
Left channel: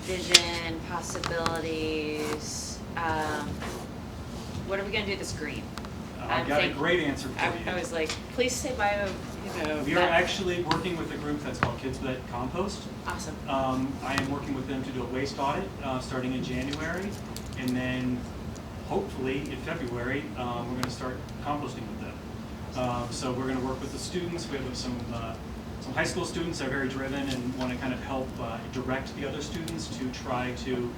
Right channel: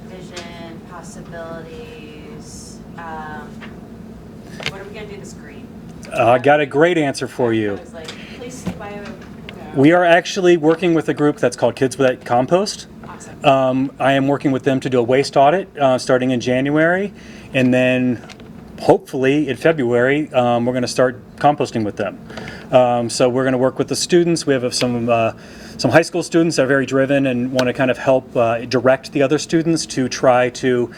vision, possibilities? What are we going to do this green? I got a great answer for you. I was like, please say bio. We are actually working with a group that's called Kids Without Compost. Awesome. I am working with them to do a waste audit starting in January, and then hopefully in February we're going to start composting with them. So we're going to work with the students. We have some high school students that are very driven and want to kind of help direct the other students to try to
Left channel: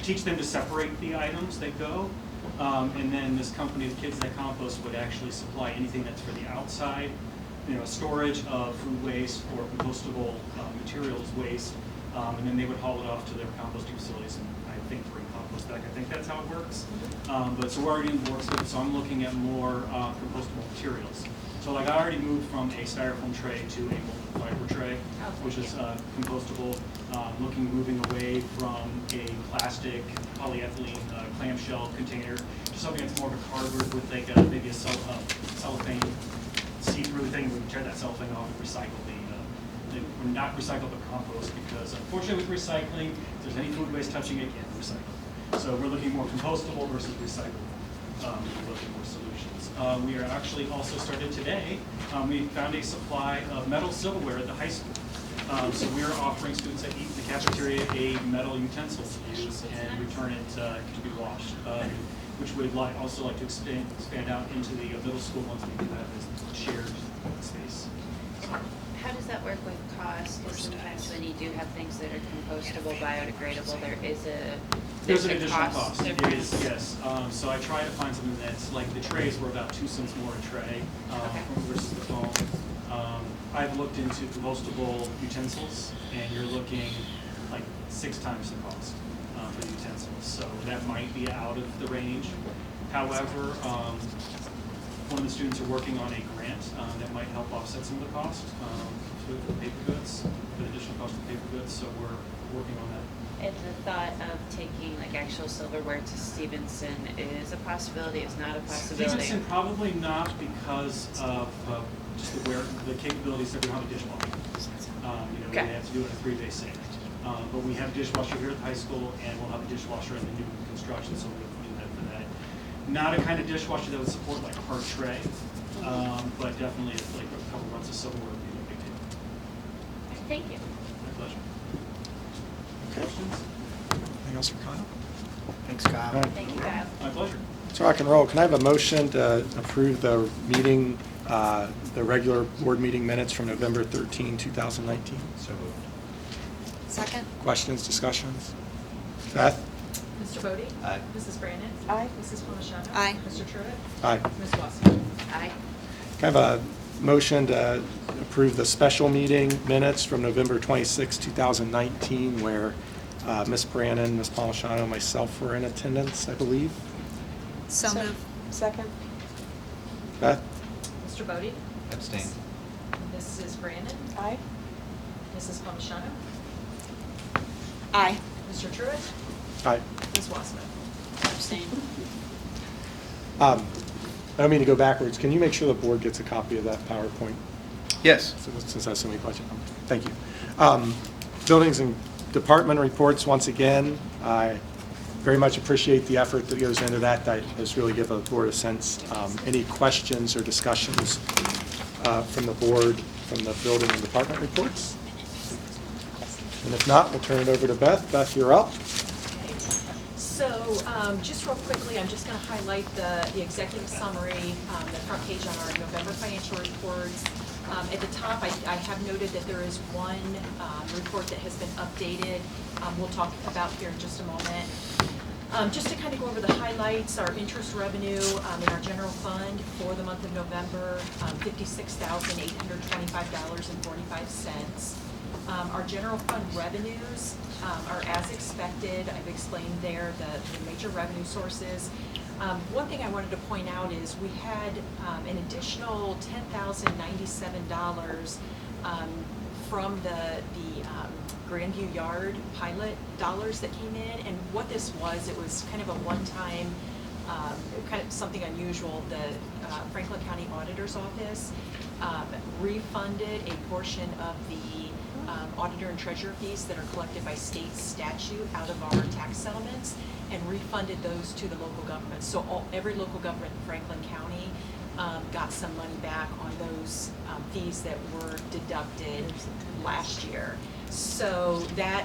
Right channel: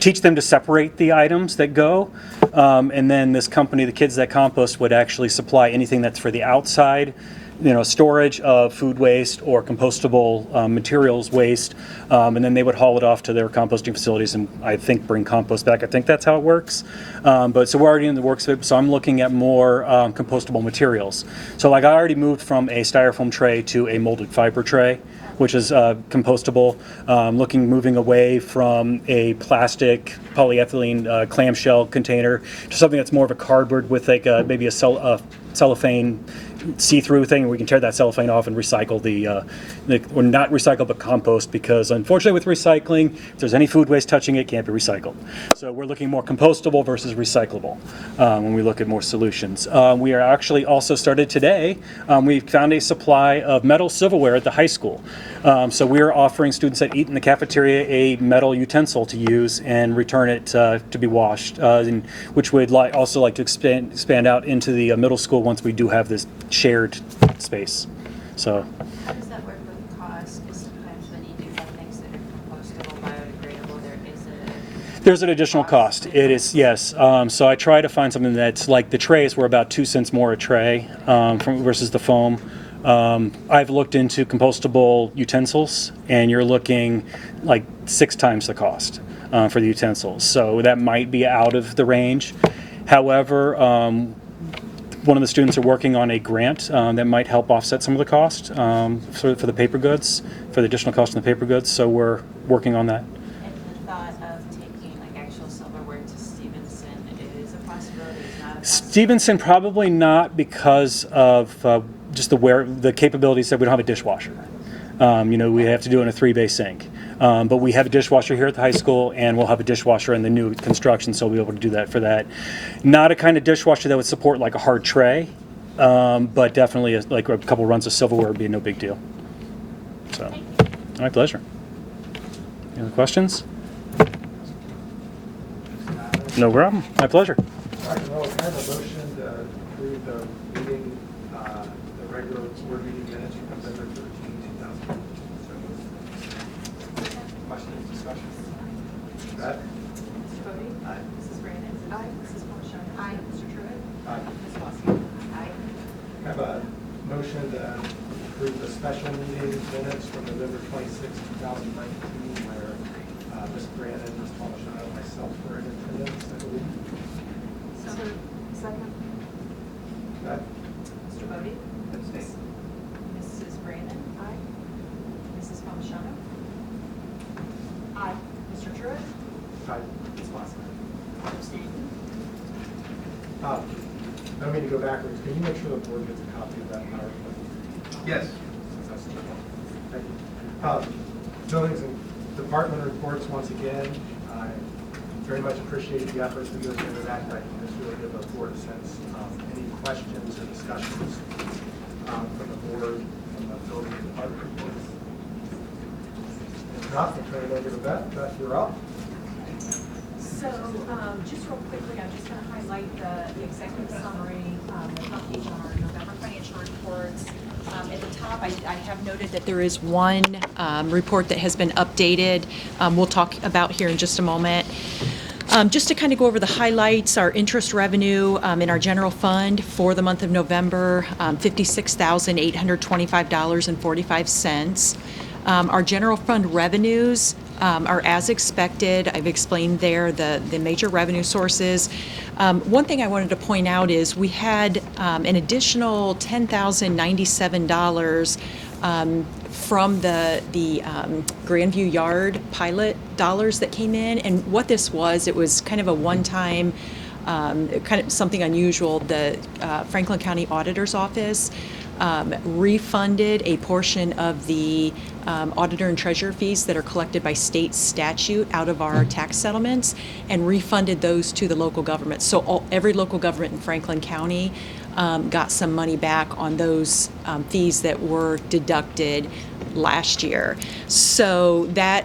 teach them to separate the items that go. And then this company, the Kids That Compost, would actually supply anything that's for the outside, storage of food waste or compostable materials waste. And then they would haul it off to their composting facilities and I think bring compost back. I think that's how it works. But so we're already in the works of it, so I'm looking at more compostable materials. So like I already moved from a styrofoam tray to a molded fiber tray, which is compostable. Moving away from a plastic polyethylene clamshell container to something that's more of a cardboard with like maybe a cellophane see-through thing. We can tear that cellophane off and recycle or not recycle but compost, because unfortunately with recycling, if there's any food waste touching it, can't be recycled. So we're looking more compostable versus recyclable when we look at more solutions. We are actually also started today, we found a supply of metal silverware at the high school. So we are offering students that eat in the cafeteria a metal utensil to use and return it to be washed, which we'd also like to expand out into the middle school once we do have this shared space. So. How does that work with cost? Because sometimes when you do have things that are compostable, biodegradable, There's an additional cost. It is, yes. So I try to find something that's like the trays were about 2 cents more a tray versus the foam. I've looked into compostable utensils, and you're looking like 6 times the cost for the utensils. So that might be out of the range. However, one of the students are working on a grant that might help offset some of the cost for the paper goods, for the additional cost on the paper goods. So we're working on that. and the thought of taking like actual silverware to Stevenson is a possibility, is not a possibility? Stevenson probably not, because of just the capabilities that we don't have a dishwasher. We have to do it in a 3-bay sink. But we have a dishwasher here at the high school, and we'll have a dishwasher in the new construction, so we'll be able to do that for that. Not a kind of dishwasher that would support like a hard tray, but definitely like a couple runs of silverware would be no big deal. So, Thank you. my pleasure. Any other questions? Anything else for Kyle? Thanks, Kyle. No problem. My pleasure. So rock and roll. Can I have a motion to approve the meeting, the regular board meeting minutes from November 13, 2019? So moved. Second? Questions, discussions? Beth? Mr. Bodie? Aye. Mrs. Brandon? Aye. Mrs. Palmigano? Aye. Mr. Truitt? Aye. Ms. Wassman? Aye. Can I have a motion to approve the special meeting minutes from November 26, 2019, where Ms. Brandon, Ms. Palmigano, myself were in attendance, I believe? So moved. Second. Beth? Mr. Bodie? Abstain. Mrs. Brandon? Aye. Mrs. Palmigano? Aye. Mr. Truitt? Aye. Ms. Wassman? Abstain. I don't mean to go backwards. Can you make sure the board gets a copy of that PowerPoint? Yes. Since I have so many questions. Thank you. Buildings and department reports, once again, I very much appreciate the effort that goes into that. That just really give the board a sense. Any questions or discussions from the board from the building and department reports? And if not, we'll turn it over to Beth. Beth, you're up. So, just real quickly, I'm just going to highlight the executive summary, the front page on our November financial reports. At the top, I have noted that there is one report that has been updated. We'll talk about here in just a moment. Just to kind of go over the highlights, our interest revenue in our general fund for the month of November, $56,825.45. Our general fund revenues are as expected. I've explained there the major revenue sources. One thing I wanted to point out is we had an additional $10,097 from the Grandview Yard pilot dollars that came in. And what this was, it was kind of a one-time, kind of something unusual. The Franklin County Auditor's Office refunded a portion of the auditor and treasurer fees that are collected by state statute out of our tax settlements and refunded those to the local government. So every local government in Franklin County got some money back on those fees that were deducted last year. So that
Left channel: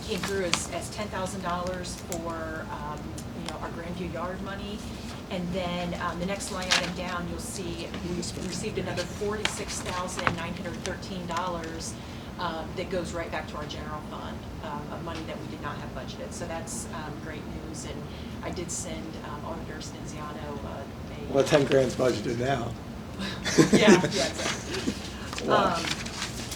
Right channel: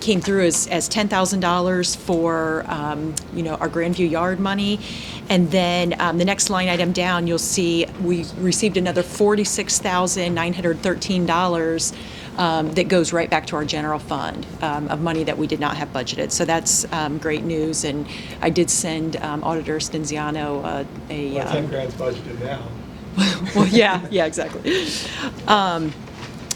came through as $10,000 for our Grandview Yard money. And then the next line item down, you'll see we received another $46,913 that goes right back to our general fund of money that we did not have budgeted. So that's great news. And I did send Auditor Stenziano a. Well, 10 grand's budgeted now. Well, yeah, exactly.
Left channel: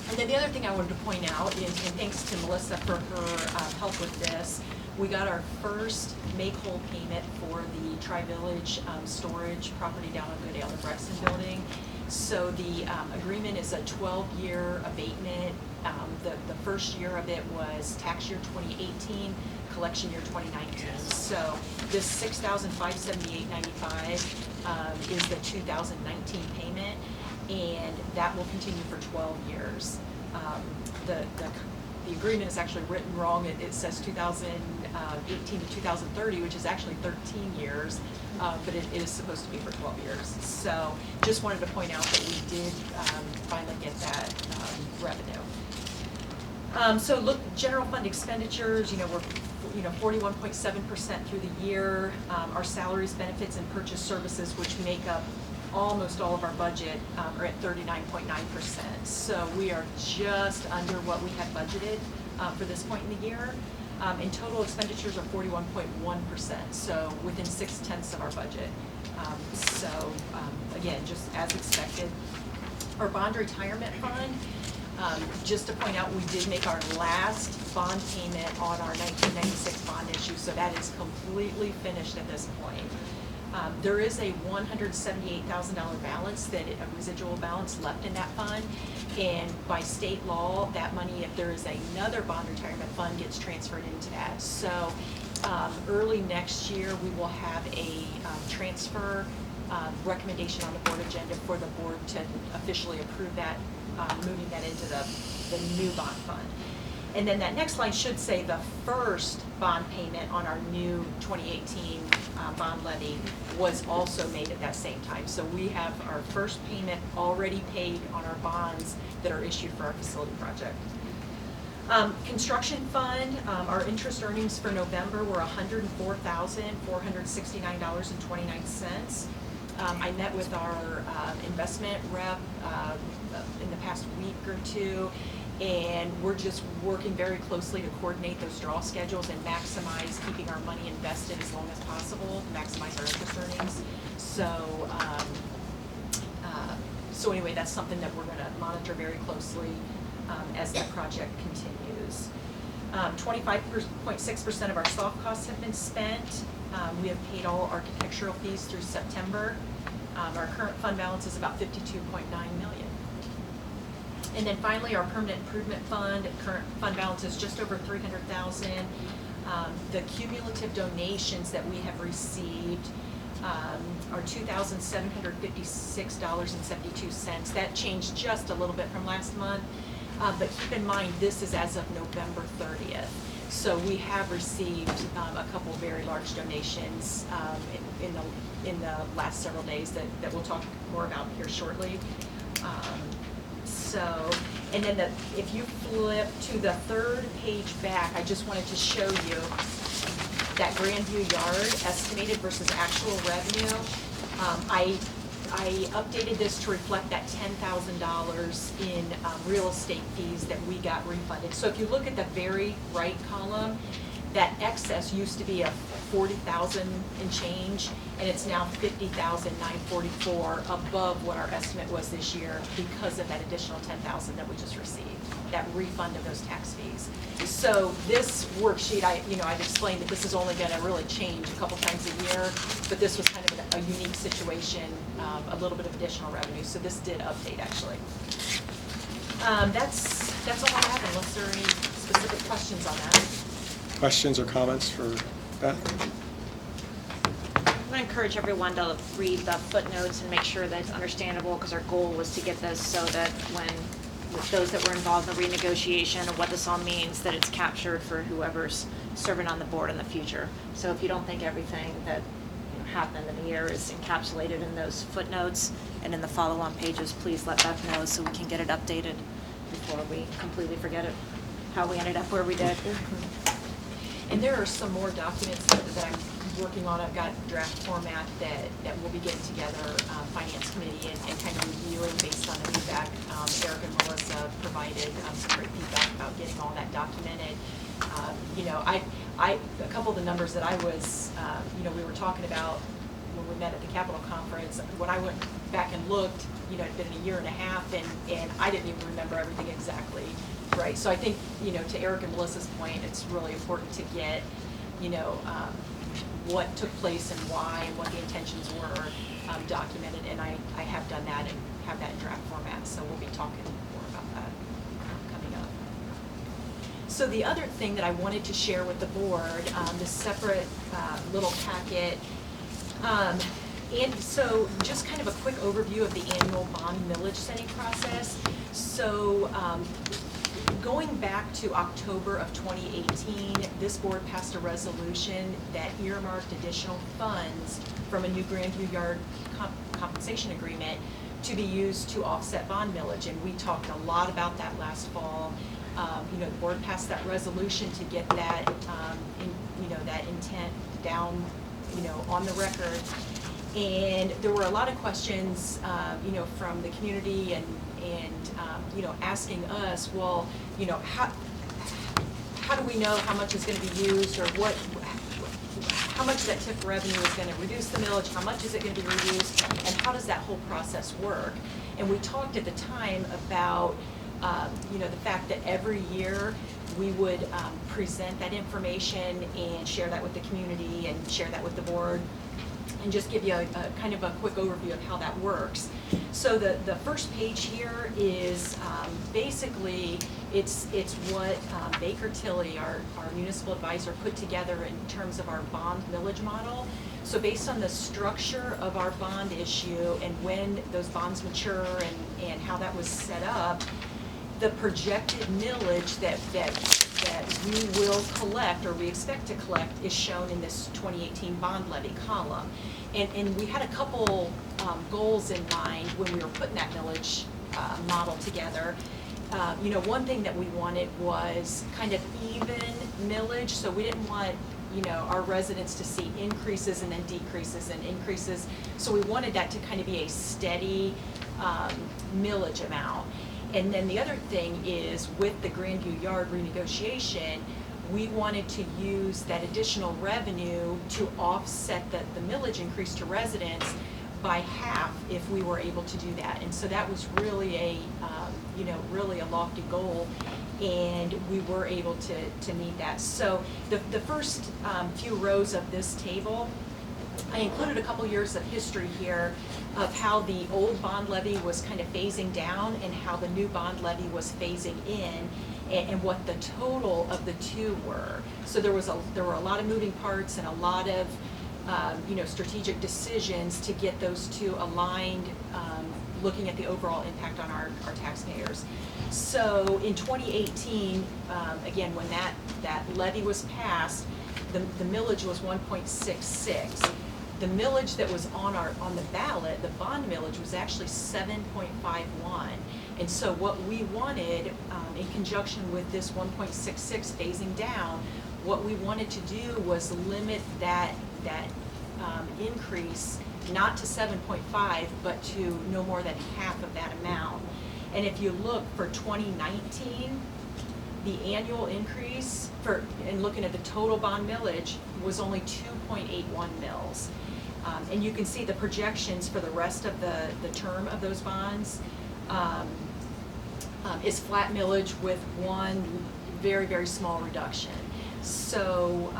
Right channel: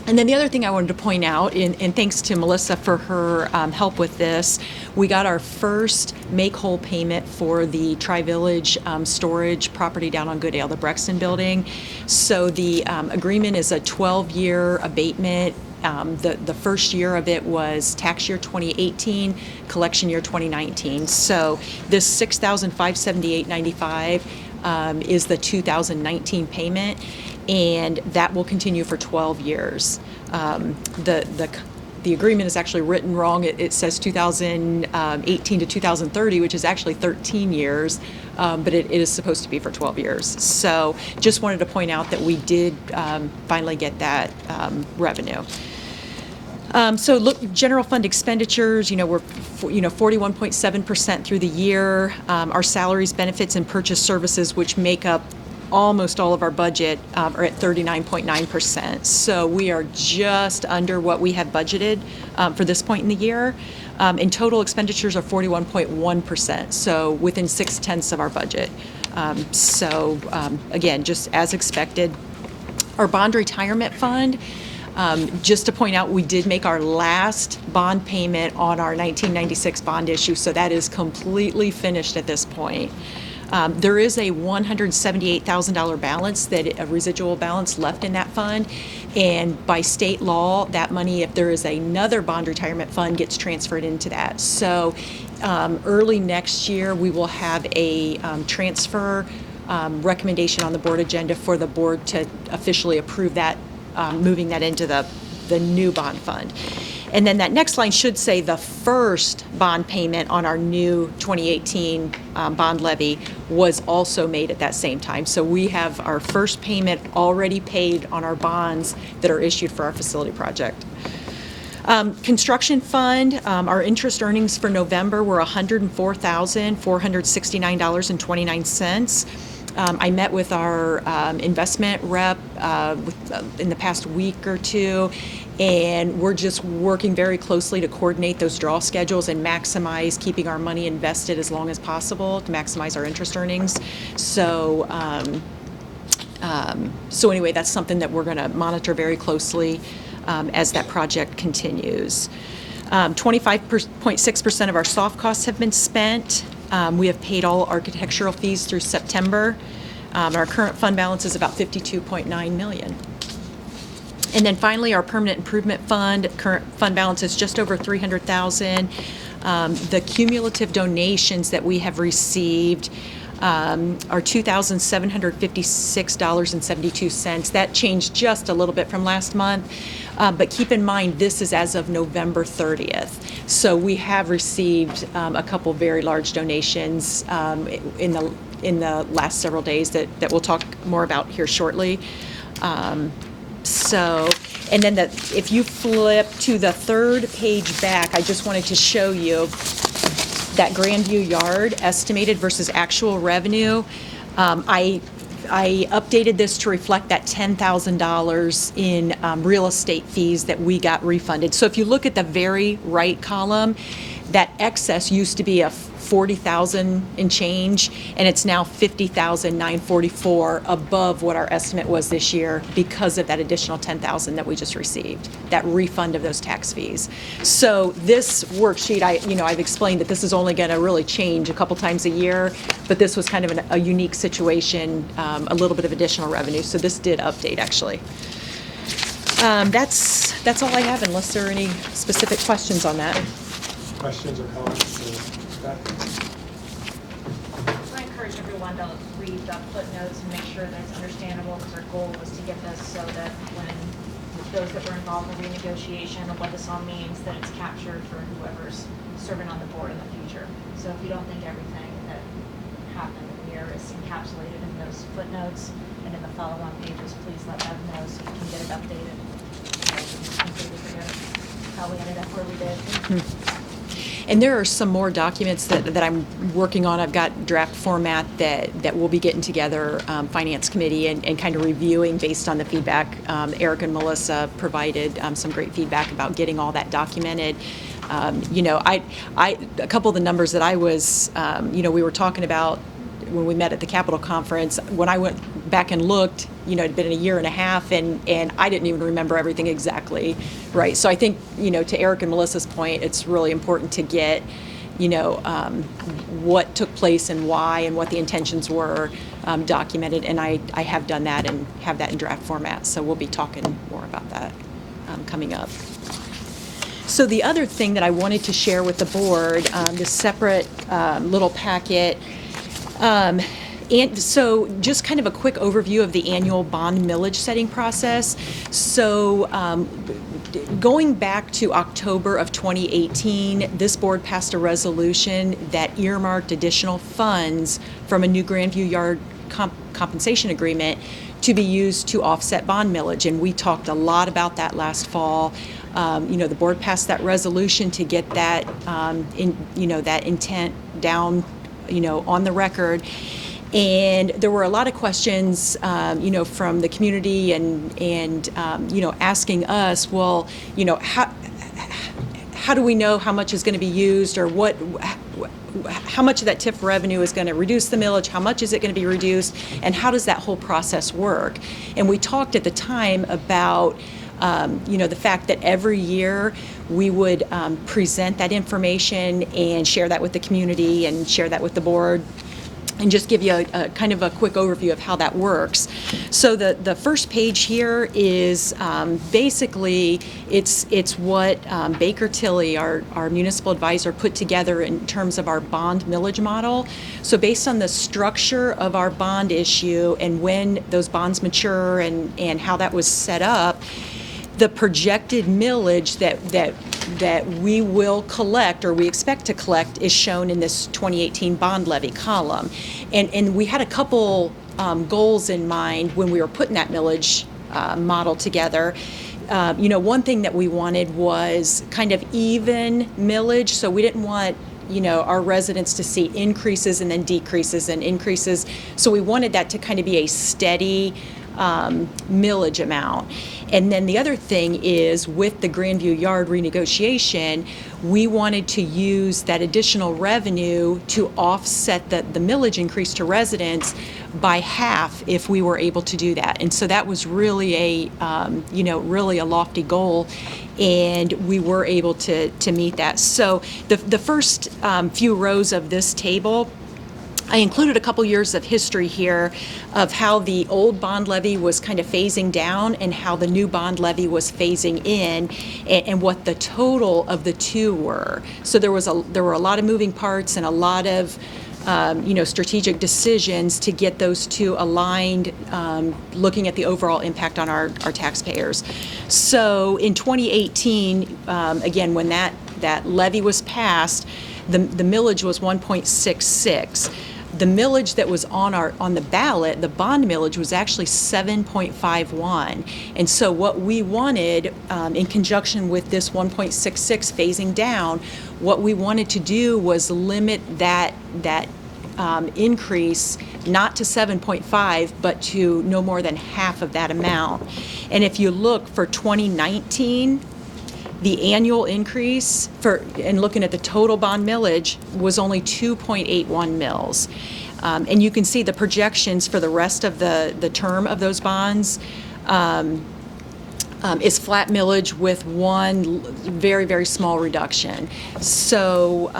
And then the other thing I wanted to point out, and thanks to Melissa for her help with this, we got our first make-whole payment for the Tri-Village storage property down on Goodale, the Brexton building. So the agreement is a 12-year abatement. The first year of it was tax year 2018, collection year 2019. So this $6,578.95 is the 2019 payment, and that will continue for 12 years. The agreement is actually written wrong. It says 2018 to 2030, which is actually 13 years, but it is supposed to be for 12 years. So just wanted to point out that we did finally get that revenue. So look, general fund expenditures, we're 41.7% through the year. Our salaries, benefits, and purchase services, which make up almost all of our budget, are at 39.9%. So we are just under what we have budgeted for this point in the year. And total expenditures are 41.1%, so within 0.6 of our budget. Again, just as expected. Our bond retirement fund, just to point out, we did make our last bond payment on our 1996 bond issue, so that is completely finished at this point. There is a $178,000 balance, a residual balance left in that fund, and by state law, that money, if there is another bond retirement fund, gets transferred into that. So early next year, we will have a transfer recommendation on the board agenda for the board to officially approve that, moving that into the new bond fund. And then that next line should say the first bond payment on our new 2018 bond levy was also made at that same time. So we have our first payment already paid on our bonds that are issued for our facility project. Construction fund, our interest earnings for November were $104,469.29. I met with our investment rep in the past week or two, and we're just working very closely to coordinate those draw schedules and maximize keeping our money invested as long as possible to maximize our interest earnings. So anyway, that's something that we're going to monitor very closely as that project continues. 25.6% of our soft costs have been spent. We have paid all architectural fees through September. Our current fund balance is about $52.9 million. And then finally, our permanent improvement fund, current fund balance is just over $300,000. The cumulative donations that we have received are $2,756.72. That changed just a little bit from last month. But keep in mind, this is as of November 30th. So we have received a couple very large donations in the last several days that we'll talk more about here shortly. And then if you flip to the third page back, I just wanted to show you that Grandview yard estimated versus actual revenue. I updated this to reflect that $10,000 in real estate fees that we got refunded. So if you look at the very right column, that excess used to be a $40,000 and change, and it's now $50,944 above what our estimate was this year because of that additional $10,000 that we just received, that refund of those tax fees. So this worksheet, I've explained that this is only going to really change a couple times a year, but this was kind of a unique situation, a little bit of additional revenue. So this did update actually. That's all I have, unless there are any specific questions on that. Questions or comments for Beth? I want to encourage everyone to read the footnotes and make sure that it's understandable, because our goal was to get this so that when with those that were involved in the renegotiation of what this all means, that it's captured for whoever's serving on the board in the future. So if you don't think everything that happened in the year is encapsulated in those footnotes and in the follow-on pages, please let Beth know so we can get it updated before we completely forget it, how we ended up where we did. And there are some more documents that I'm working on. I've got draft format that we'll be getting together, Finance Committee, and kind of reviewing based on the feedback. Eric and Melissa provided some great feedback about getting all that documented. You know, a couple of the numbers that I was, you know, we were talking about when we met at the Capitol Conference, when I went back and looked, you know, it'd been a year and a half, and I didn't even remember everything exactly, right? So I think, you know, to Eric and Melissa's point, it's really important to get, you know, what took place and why and what the intentions were documented, and I have done that and have that in draft format, so we'll be talking more about that coming up. So the other thing that I wanted to share with the board, this separate little packet, and so just kind of a quick overview of the annual bond millage setting process. So going back to October of 2018, this board passed a resolution that earmarked additional funds from a new Grandview Yard compensation agreement to be used to offset bond millage. And we talked a lot about that last fall. You know, the board passed that resolution to get that, you know, that intent down, you know, on the record. And there were a lot of questions, you know, from the community and you know, asking us, well, you know, how do we know how much is going to be used, or how much of that TIF revenue is going to reduce the millage, how much is it going to be reduced, and how does that whole process work? And we talked at the time about, you know, the fact that every year we would present that information and share that with the community and share that with the board, and just give you a kind of a quick overview of how that works. So the first page here is basically it's what Baker Tilly, our municipal advisor, put together in terms of our bond millage model. So based on the structure of our bond issue and when those bonds mature and how that was set up, the projected millage that we will collect, or we expect to collect, is shown in this 2018 bond levy column. And we had a couple goals in mind when we were putting that millage model together. You know, one thing that we wanted was kind of even millage, so we didn't want, you know, our residents to see increases and then decreases and increases. So we wanted that to kind of be a steady millage amount. And then the other thing is, with the Grandview Yard renegotiation, we wanted to use that additional revenue to offset the millage increase to residents by half if we were able to do that. And so that was really a, you know, really a lofty goal, and we were able to meet that. So the first few rows of this table, I included a couple years of history here of how the old bond levy was kind of phasing down and how the new bond levy was phasing in, and what the total of the two were. So there were a lot of moving parts and a lot of you know, strategic decisions to get those two aligned, looking at the overall impact on our taxpayers. So in 2018, again, when that levy was passed, the millage was 1.66. The millage that was on the ballot, the bond millage, was actually 7.51. And so what we wanted, in conjunction with this 1.66 phasing down, what we wanted to do was limit that increase not to 7.5, but to no more than half of that amount. And if you look for 2019, the annual increase and looking at the total bond millage was only 2.81 mils. And you can see the projections for the rest of the term of those bonds is flat millage with one very, very small reduction. So,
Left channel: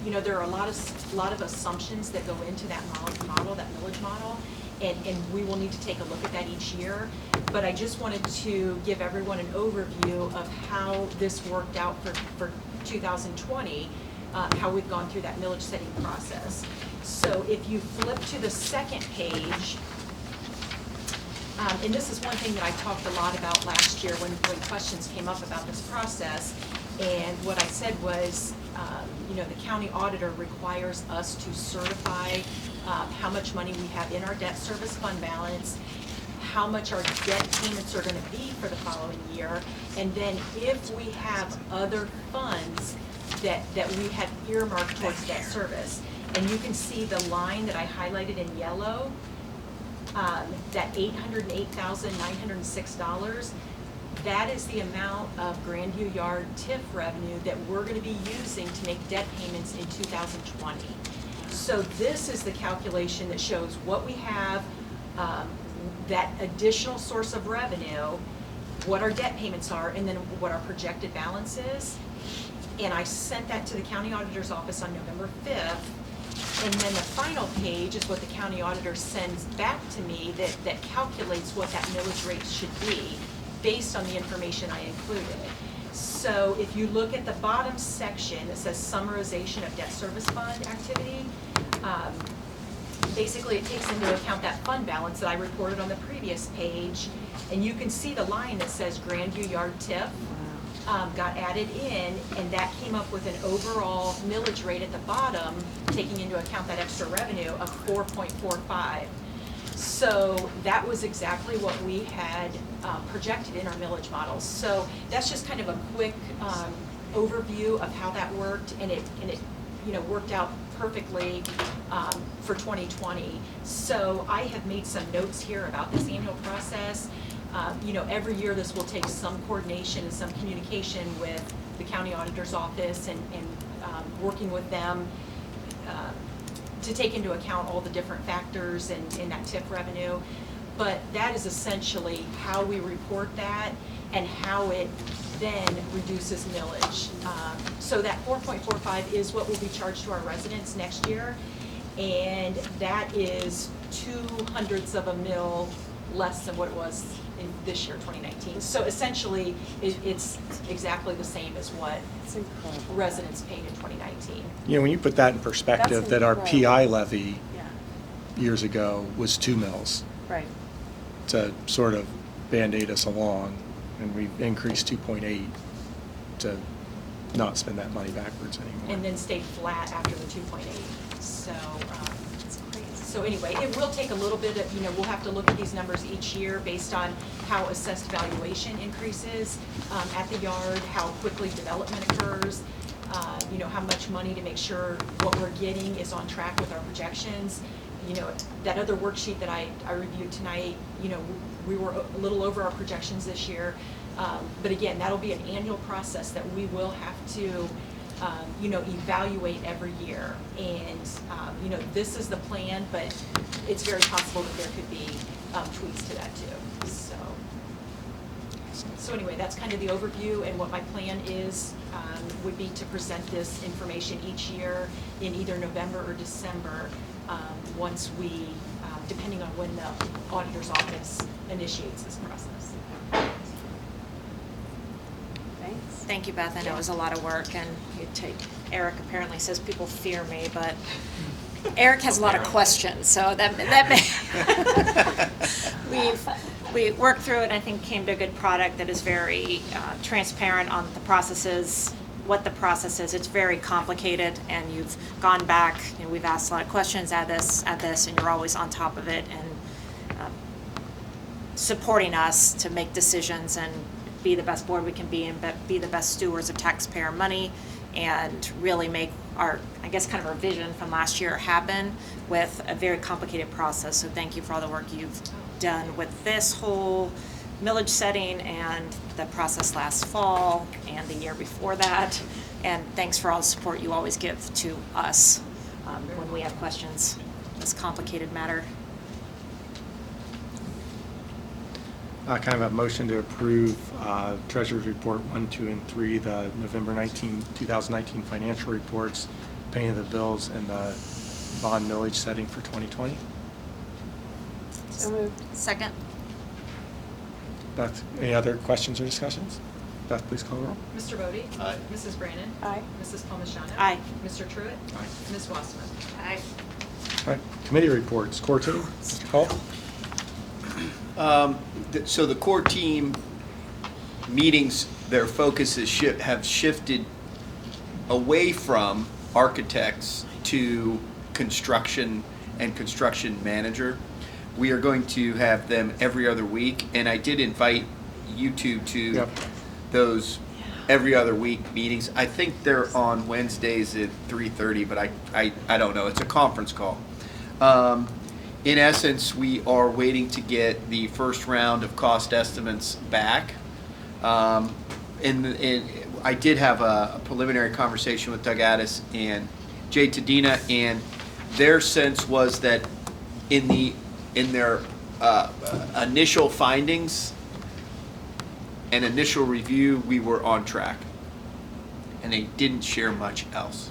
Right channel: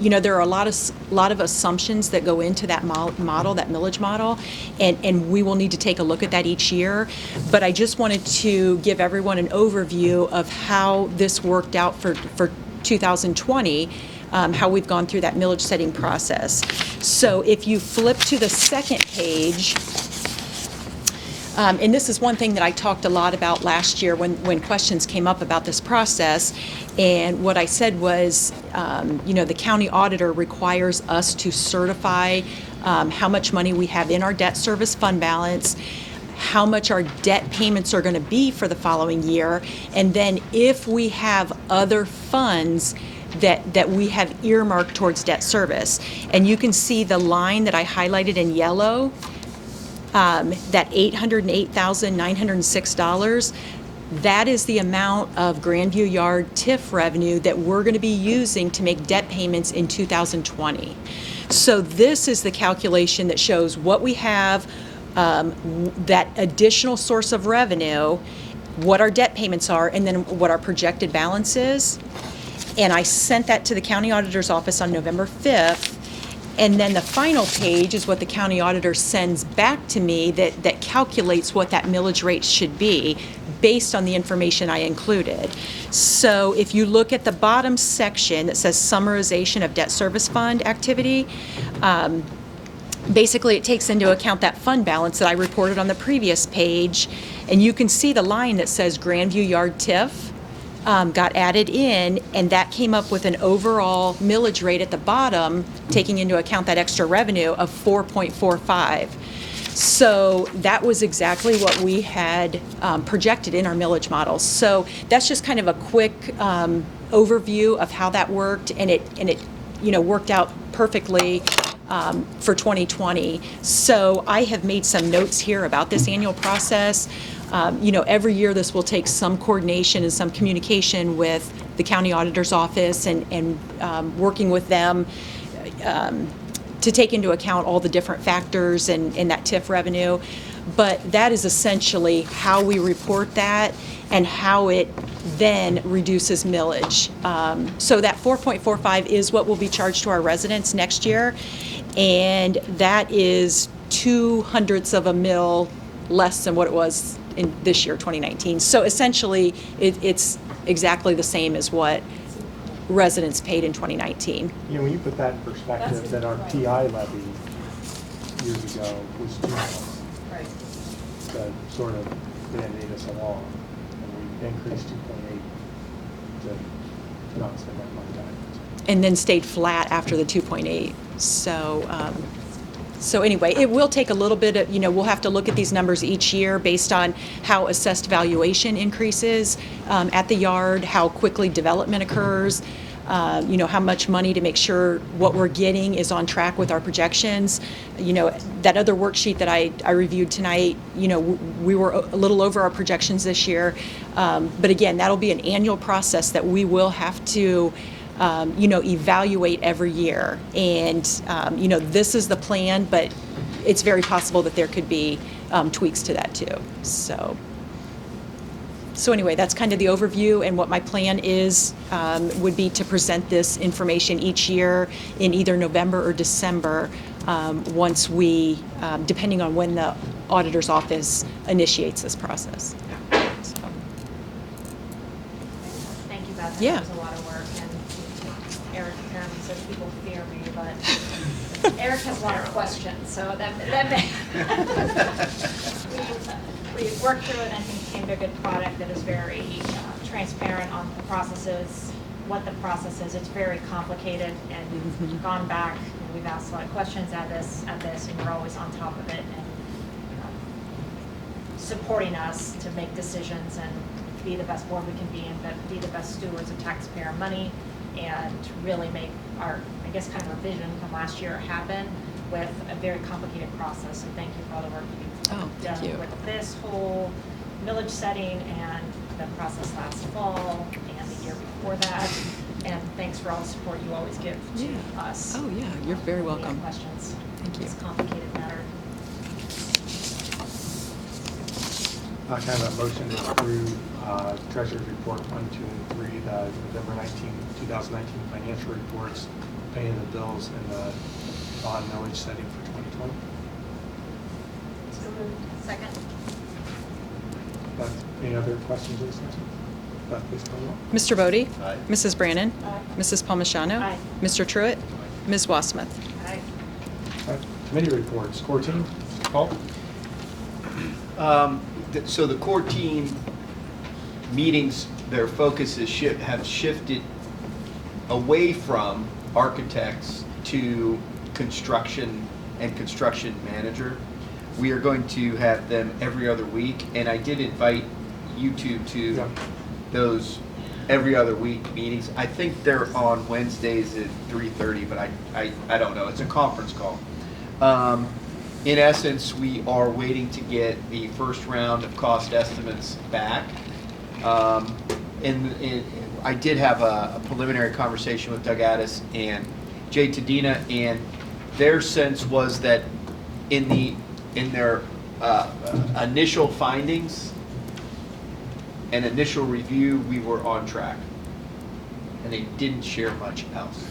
you know, there are a lot of assumptions that go into that model, that millage model, and we will need to take a look at that each year. But I just wanted to give everyone an overview of how this worked out for 2020, how we've gone through that millage setting process. So if you flip to the second page, and this is one thing that I talked a lot about last year when questions came up about this process. And what I said was, you know, the county auditor requires us to certify how much money we have in our debt service fund balance, how much our debt payments are going to be for the following year, and then if we have other funds that we have earmarked towards debt service. And you can see the line that I highlighted in yellow, that $808,906, that is the amount of Grandview Yard TIF revenue that we're going to be using to make debt payments in 2020. So this is the calculation that shows what we have, that additional source of revenue, what our debt payments are, and then what our projected balance is. And I sent that to the county auditor's office on November 5th. And then the final page is what the county auditor sends back to me that calculates what that millage rate should be based on the information I included. So if you look at the bottom section that says summarization of debt service fund activity, basically it takes into account that fund balance that I reported on the previous page. And you can see the line that says Grandview Yard TIF got added in, and that came up with an overall millage rate at the bottom, taking into account that extra revenue of 4.45. So that was exactly what we had projected in our millage models. So that's just kind of a quick overview of how that worked, and it worked out perfectly for 2020. So I have made some notes here about this annual process. Every year this will take some coordination and some communication with the county auditor's office and working with them to take into account all the different factors in that TIF revenue. But that is essentially how we report that and how it then reduces millage. So that 4.45 is what will be charged to our residents next year, and that is 0.02 of a mil less than what it was in this year, 2019. So essentially, it's exactly the same as what residents paid in 2019. When you put that in perspective, that our PI levy years ago was 2 mils. Right. To sort of Band-Aid us along, and we increased 2.8 to not spend that money backwards. And then stayed flat after the 2.8. So anyway, it will take a little bit of, we'll have to look at these numbers each year based on how assessed valuation increases at the yard, how quickly development occurs, how much money to make sure what we're getting is on track with our projections. That other worksheet that I reviewed tonight, we were a little over our projections this year. But again, that'll be an annual process that we will have to evaluate every year. And, this is the plan, but it's very possible that there could be tweaks to that too. So anyway, that's kind of the overview, and what my plan is would be to present this information each year in either November or December once we, depending on when the auditor's office initiates this process. Thank you, Beth. I know Yeah. it was a lot of work, and Eric apparently says people fear me, but Eric has a lot of questions, so that we've worked through it, and I think came to a good product that is very transparent on the processes, what the process is. It's very complicated, and you've gone back, we've asked a lot of questions at this, and you're always on top of it and supporting us to make decisions and be the best board we can be and be the best stewards of taxpayer money, and really make our, I guess, kind of our vision from last year happen with a very complicated process. So thank you for all the work you've done with this whole millage setting and the process last fall and the year before that. And thanks for all the support you always give to us. Oh, yeah, you're very when we welcome. have questions. This complicated matter. Kind of a motion to approve Treasurer's Report 1, 2, and 3, the November 2019 financial reports, paying the bills, and the bond millage setting for 2020. Second. Beth, any other questions or discussions? Beth, please call roll. Mr. Bodie? Aye. Mrs. Brannon? Aye. Mrs. Palmigano? Aye. Mr. Truitt? Aye. Ms. Wassmuth? Aye. All right, committee reports. Core team, Paul? So the core team meetings, their focus have shifted away from architects to construction and construction manager. We are going to have them every other week, and I did invite you two to those every other week meetings. I think they're on Wednesdays at 3:30, but I don't know. It's a conference call. In essence, we are waiting to get the first round of cost estimates back. I did have a preliminary conversation with Doug Addis and Jay Tadina, and their sense was that in their initial findings and initial review, we were on track, and they didn't share much else.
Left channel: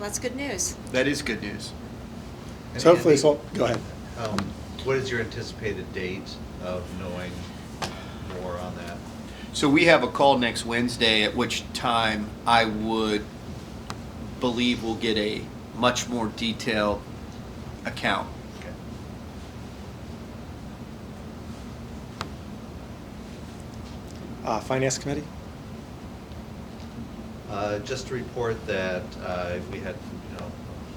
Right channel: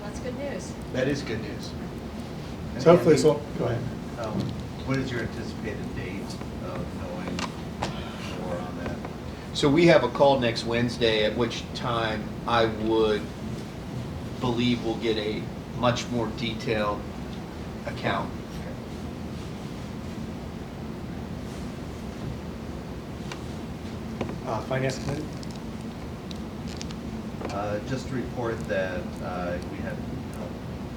That's good news. That is good news. So hopefully it's all, go ahead. What is your anticipated date of knowing more on that? So we have a call next Wednesday, at which time I would believe we'll get a much more detailed account. Finance Committee? Just to report that we had a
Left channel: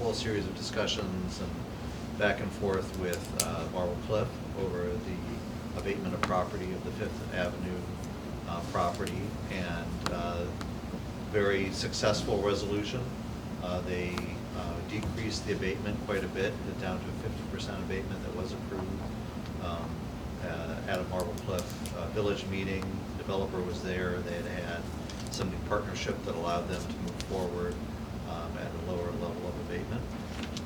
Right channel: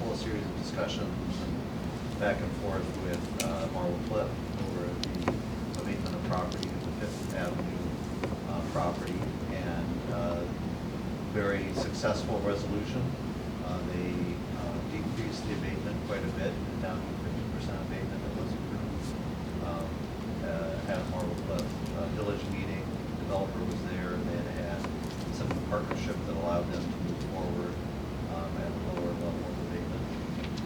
whole series of discussions and back and forth with Marble Cliff over the abatement of property of the Fifth Avenue property, and very successful resolution. They decreased the abatement quite a bit, down to 50% abatement that was approved. At a Marble Cliff Village meeting, the developer was there, and they had some new partnership that allowed them to move forward at a lower level of abatement.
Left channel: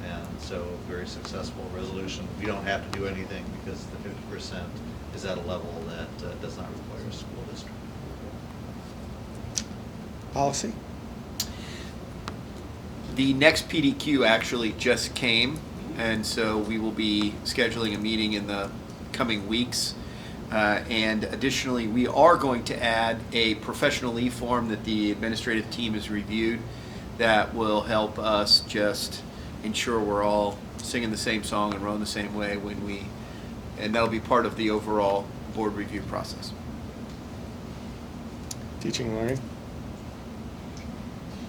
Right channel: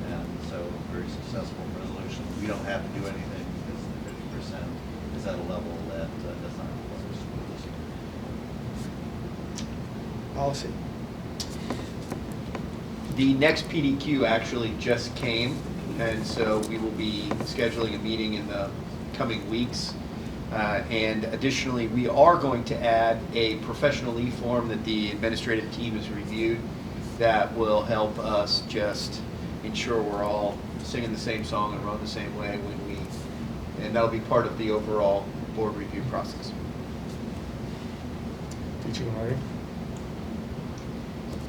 And so, very successful resolution. We don't have to do anything because the 50% is at a level that does not require a school district. Policy? The next PDQ actually just came, and so we will be scheduling a meeting in the coming weeks. And additionally, we are going to add a professional leave form that the administrative team has reviewed that will help us just ensure we're all singing the same song and rowing the same way and that'll be part of the overall board review process. Teaching and learning?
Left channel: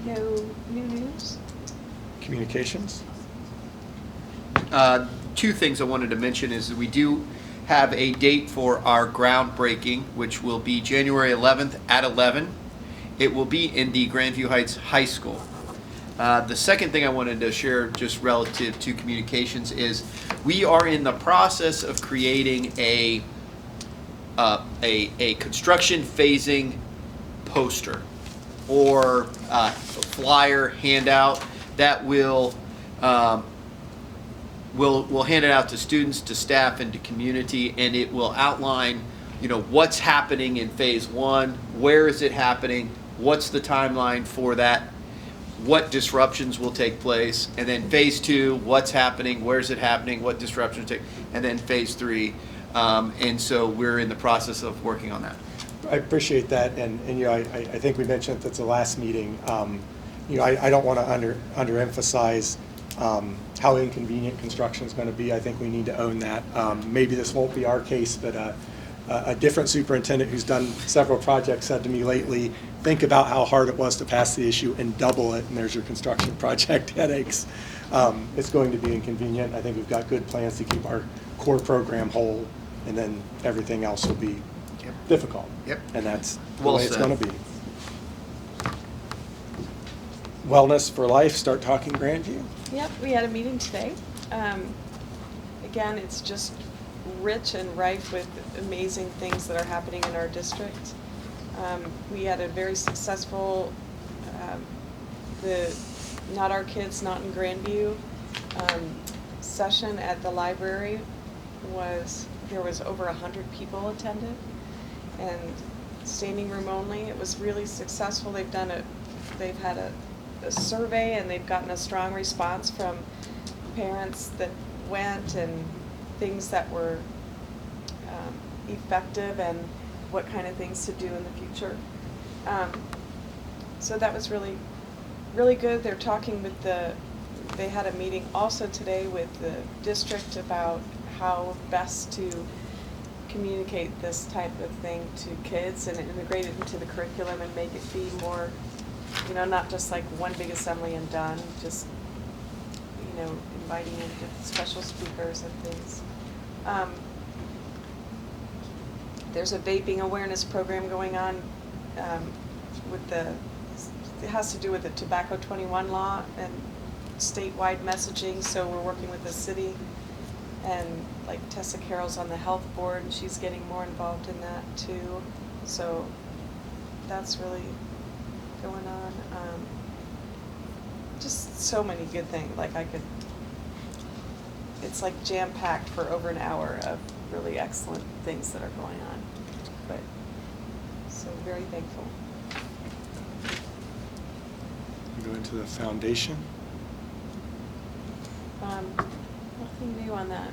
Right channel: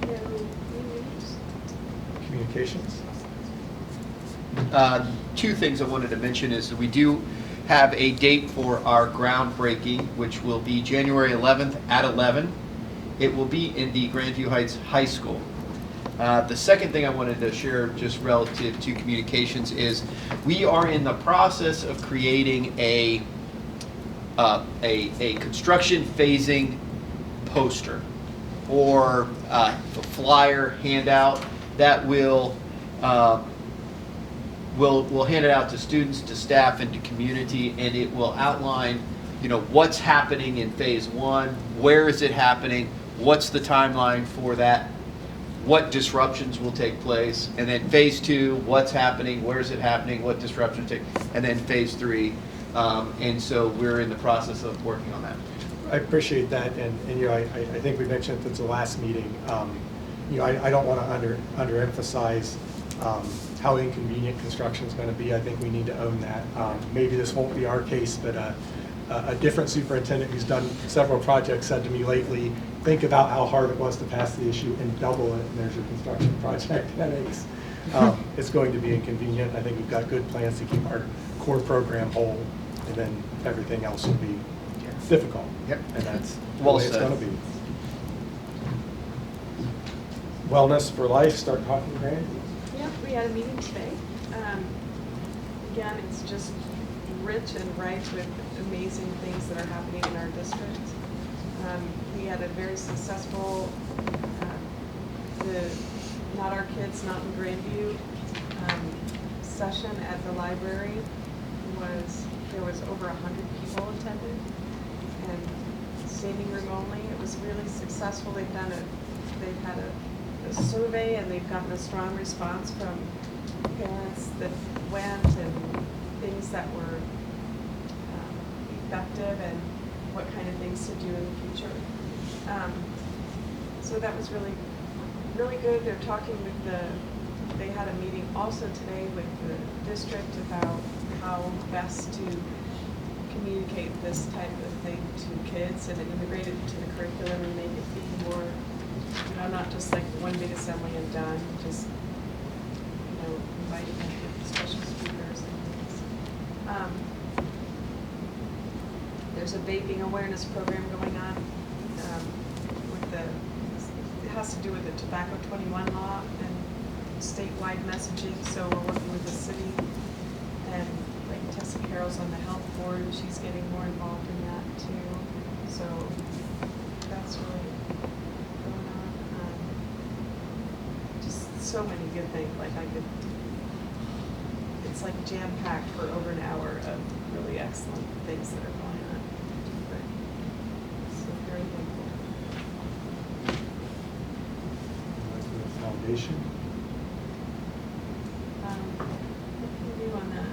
No news? Communications? Two things I wanted to mention is that we do have a date for our groundbreaking, which will be January 11th at 11. It will be in the Grandview Heights High School. The second thing I wanted to share just relative to communications is we are in the process of creating a construction phasing poster or flyer handout that will we'll hand it out to students, to staff, and to community, and it will outline, what's happening in phase one, where is it happening, what's the timeline for that, what disruptions will take place, and then phase two, what's happening, where's it happening, what disruptions take, and then phase three. And so we're in the process of working on that. I appreciate that, and I think we mentioned at the last meeting, I don't want to underemphasize how inconvenient construction is going to be. I think we need to own that. Maybe this won't be our case, but a different superintendent who's done several projects said to me lately, think about how hard it was to pass the issue and double it, and there's your construction project headaches. It's going to be inconvenient. I think we've got good plans to keep our core program whole, and then everything else will be difficult. Yep. And that's the Well way it's said. going to be. Wellness for Life, start talking Grandview. Yep, we had a meeting today. Again, it's just rich and rife with amazing things that are happening in our district. We had a very successful, the Not Our Kids, Not in Grandview session at the library. There was over 100 people attended, and standing room only. It was really successful. They've had a survey, and they've gotten a strong response from parents that went, and things that were effective, and what kind of things to do in the future. So that was really, really good. They're talking with they had a meeting also today with the district about how best to communicate this type of thing to kids and integrate it into the curriculum and make it be more, not just like one big assembly and done, just, inviting in special speakers and things. There's a vaping awareness program going on with it has to do with the Tobacco 21 law and statewide messaging, so we're working with the city. And like Tessa Carroll's on the health board, and she's getting more involved in that too. So that's really going on. Just so many good things. Like it's like jam-packed for over an hour of really excellent things that are going on. But so very thankful. Go into the foundation. Nothing new on that.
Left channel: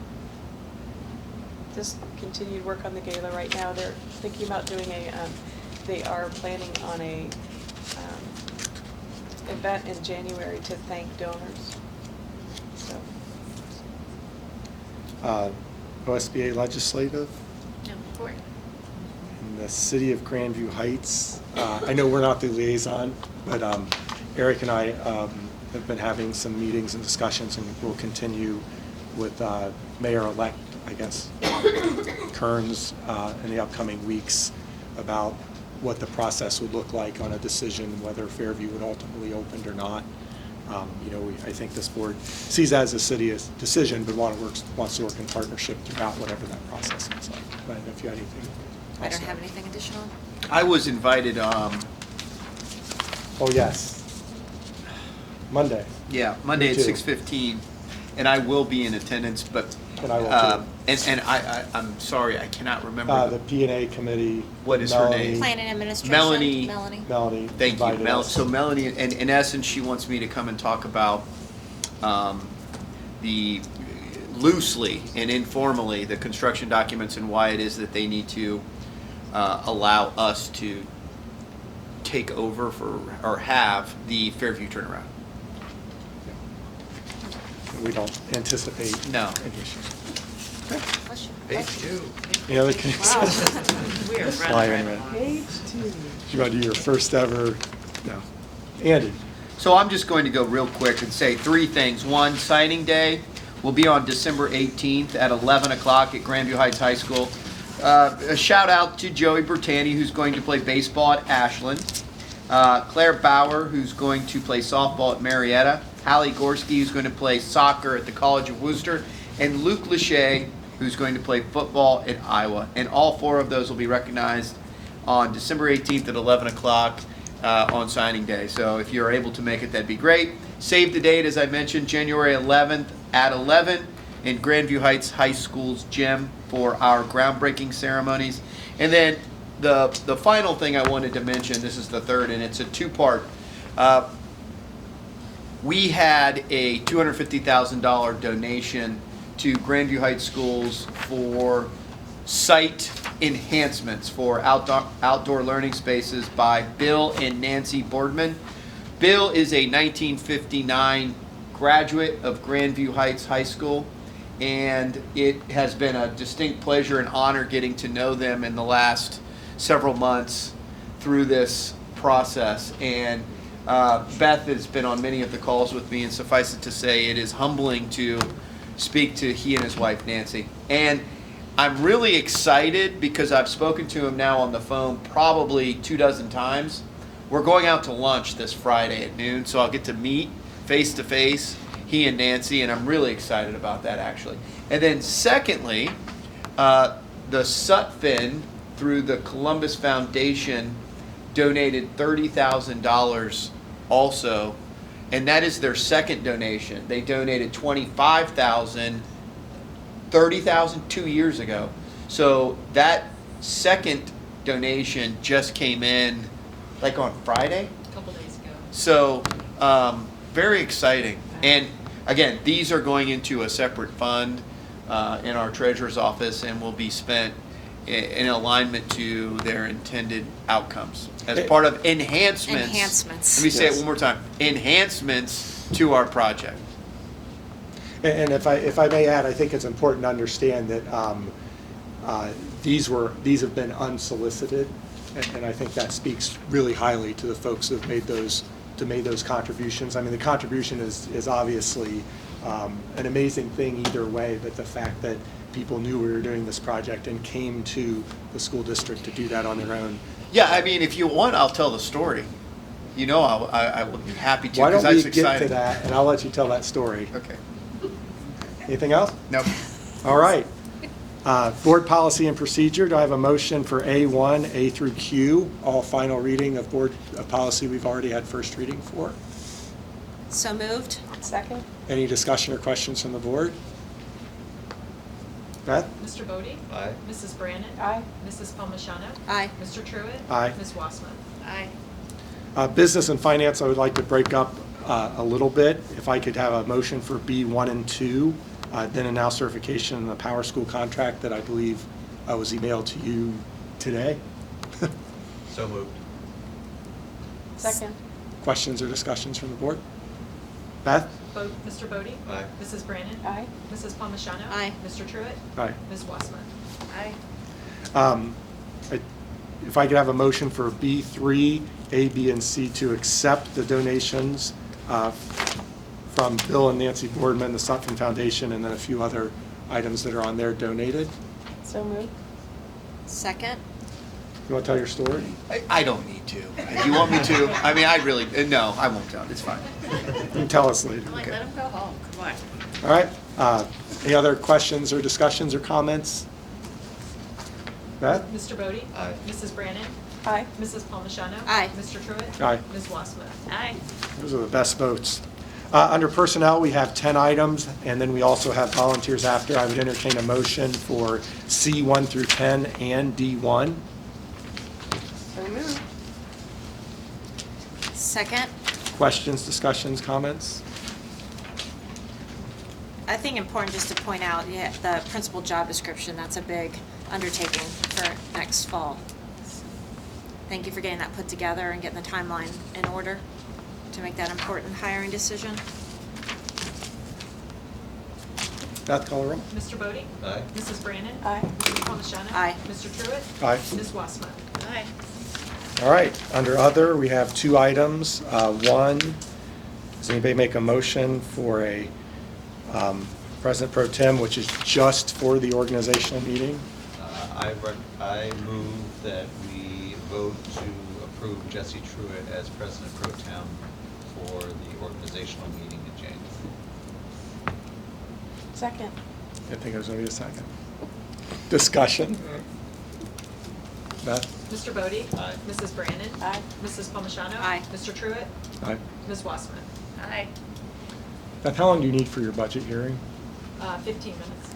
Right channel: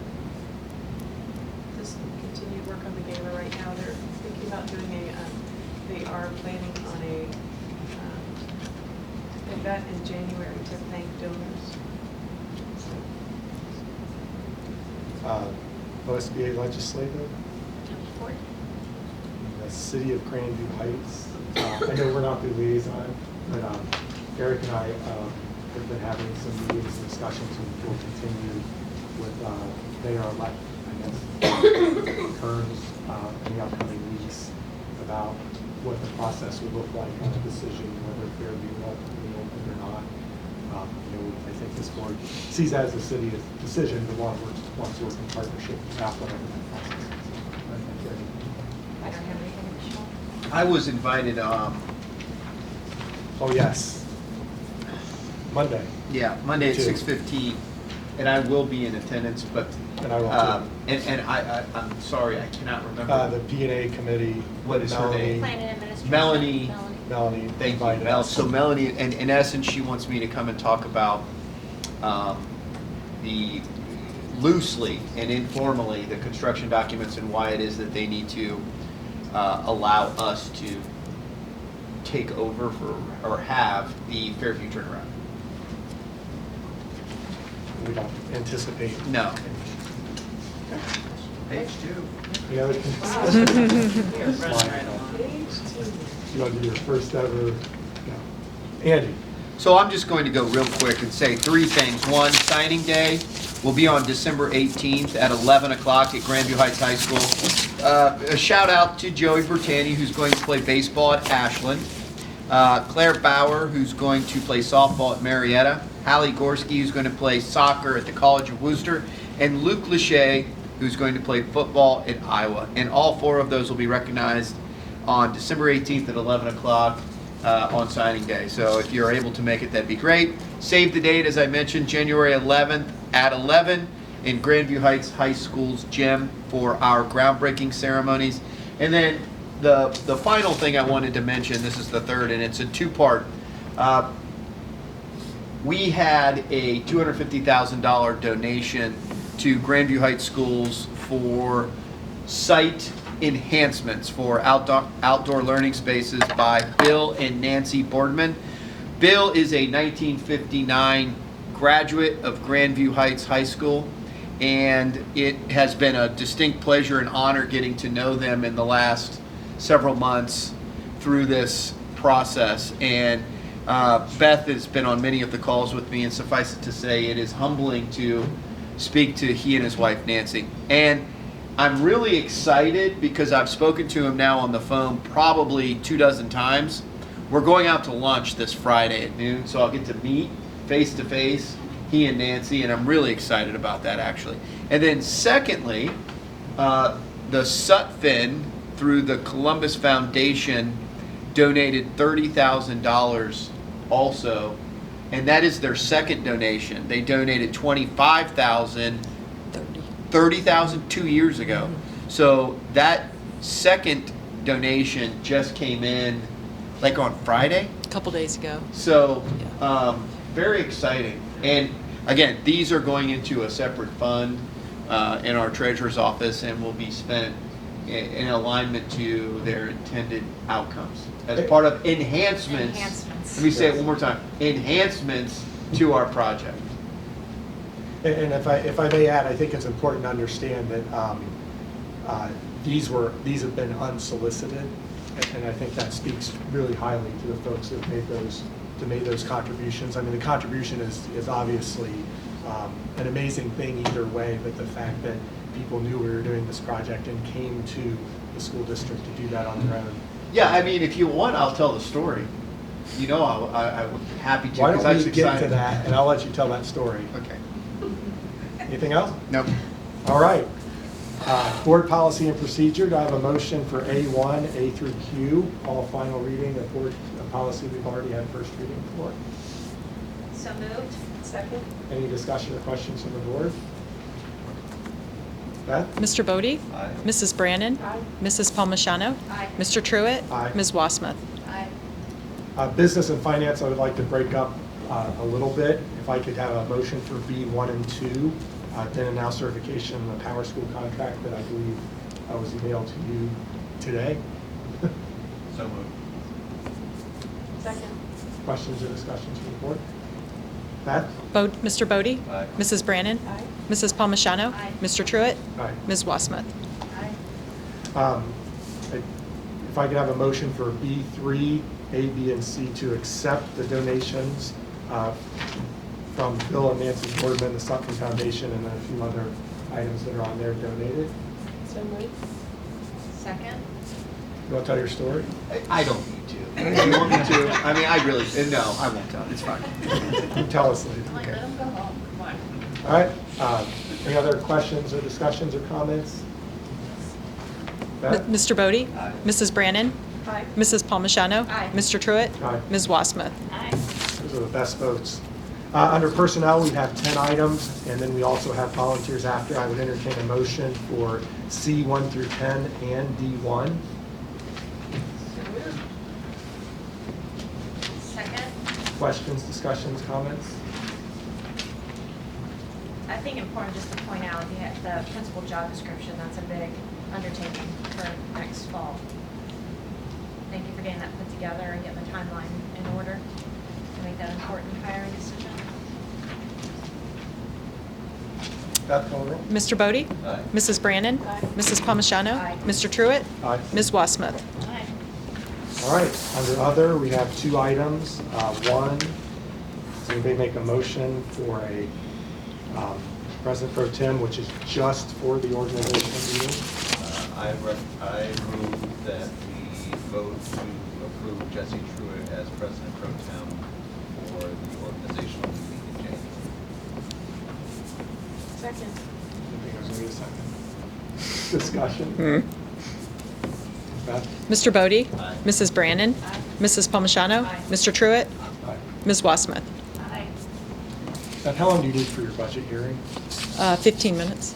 Just continue to work on the gala right now. They're thinking about doing they are planning on a event in January to thank donors. So. OSBA legislative. Report. The city of Grandview Heights. I know we're not the liaison, but Eric and I have been having some meetings and discussions, and we'll continue with Mayor-elect, I guess, Kearns in the upcoming weeks about what the process would look like on a decision whether Fairview would ultimately open or not. I think this board sees that as a city's decision, but wants to work in partnership throughout whatever that process is. But if you have anything. I don't have anything additional. I was invited, Oh, yes. Monday. yeah, Monday at Me too. 6:15, and I will be in attendance, but, And I will too. and I'm sorry, I cannot remember. The P&A committee. What is her name? Plan and administration. Melanie. Melanie. Thank you, invited Mel. us. So Melanie, in essence, she wants me to come and talk about the loosely and informally the construction documents and why it is that they need to allow us to take over or have the Fairview turnaround. We don't anticipate. No. Any issues. Page 2. Any other cases? We are Flying in. Page 2. You want to do your first ever? No. Andy. So I'm just going to go real quick and say 3 things. One, signing day will be on December 18th at 11 o'clock at Grandview Heights High School. A shout out to Joey Bertani, who's going to play baseball at Ashland. Claire Bauer, who's going to play softball at Marietta. Hallie Gorski, who's going to play soccer at the College of Worcester. And Luke Lachey, who's going to play football at Iowa. And all 4 of those will be recognized on December 18th at 11 o'clock on signing day. So if you're able to make it, that'd be great. Save the date, as I mentioned, January 11th at 11 in Grandview Heights High School's gym for our groundbreaking ceremonies. And then the final thing I wanted to mention, this is the third, and it's a 2-part. We had a $250,000 donation to Grandview Heights Schools for site enhancements for outdoor learning spaces by Bill and Nancy Boardman. Bill is a 1959 graduate of Grandview Heights High School, and it has been a distinct pleasure and honor getting to know them in the last several months through this process. And Beth has been on many of the calls with me, and suffice it to say, it is humbling to speak to he and his wife Nancy. And I'm really excited because I've spoken to him now on the phone probably 24 times. We're going out to lunch this Friday at noon, so I'll get to meet face to face he and Nancy, and I'm really excited about that actually. And then secondly, the Sutphin through the Columbus Foundation donated $30,000 also, and that is their second donation. They donated $25,000, $30,000 2 years ago. So that second donation just came in like on Friday? A couple days ago. So very exciting. And again, these are going into a separate fund in our treasurer's office and will be spent in alignment to their intended outcomes as part of enhancements. Enhancements. Let me say it one more time. Enhancements to our project. And if I may add, I think it's important to understand that these have been unsolicited, and I think that speaks really highly to the folks who have made those to make those contributions. I mean, the contribution is obviously an amazing thing either way, but the fact that people knew we were doing this project and came to the school district to do that on their own. Yeah, I mean, if you want, I'll tell the story. You know, I would be happy to. Why don't 'cause I was we get to excited. that, and I'll let you tell that story. Okay. Anything else? No. All right. Board policy and procedure, do I have a motion for A1, A through Q, all final reading of board policy we've already had first reading for? So moved. Second? Any discussion or questions from the board? Beth? Mr. Bodie? Aye. Mrs. Brannon? Aye. Mrs. Palmigano? Aye. Mr. Truitt? Aye. Ms. Wassmuth? Aye. Business and finance, I would like to break up a little bit. If I could have a motion for B1 and 2, then and now certification in the Power School contract that I believe was emailed to you today. So moved. Second? Questions or discussions from the board? Beth? Mr. Bodie? Aye. Mrs. Brannon? Aye. Mrs. Palmigano? Aye. Mr. Truitt? Aye. Ms. Wassmuth? Aye. If I could have a motion for B3, A, B, and C to accept the donations from Bill and Nancy Boardman, the Sutphen Foundation, and then a few other items that are on there donated. So moved. Second. You want to tell your story? I don't need to. If you want me to, I mean, I really, no, I won't tell. It's fine. You can tell us later. Like, let him go home. Come on. All right. Any other questions or discussions or comments? Beth? Mr. Bodie? Aye. Mrs. Brannon? Aye. Mrs. Palmigano? Aye. Mr. Truitt? Aye. Ms. Wassmuth? Aye. Those are the best votes. Under personnel, we have 10 items, and then we also have volunteers after. I would entertain a motion for C1 through 10 and D1. So moved. Second. Questions, discussions, comments? I think important just to point out, yeah, the principal job description, that's a big undertaking for next fall. Thank you for getting that put together and getting the timeline in order to make that important hiring decision. Beth, call the roll. Mr. Bodie? Aye. Mrs. Brannon? Aye. Mrs. Palmigano? Aye. Mr. Truitt? Aye. Ms. Wassmuth? Aye. All right, under other, we have 2 items. One, does anybody make a motion for a President Pro Tem, which is just for the organizational meeting? I move that we vote to approve Jesse Truitt as President Pro Tem for the organizational meeting in January. Second? Didn't think there was going to be a second. Discussion. Beth? Mr. Bodie? Aye. Mrs. Brannon? Aye. Mrs. Palmigano? Aye. Mr. Truitt? Aye. Ms. Wassmuth? Aye. Beth, how long do you need for your budget hearing? 15 minutes.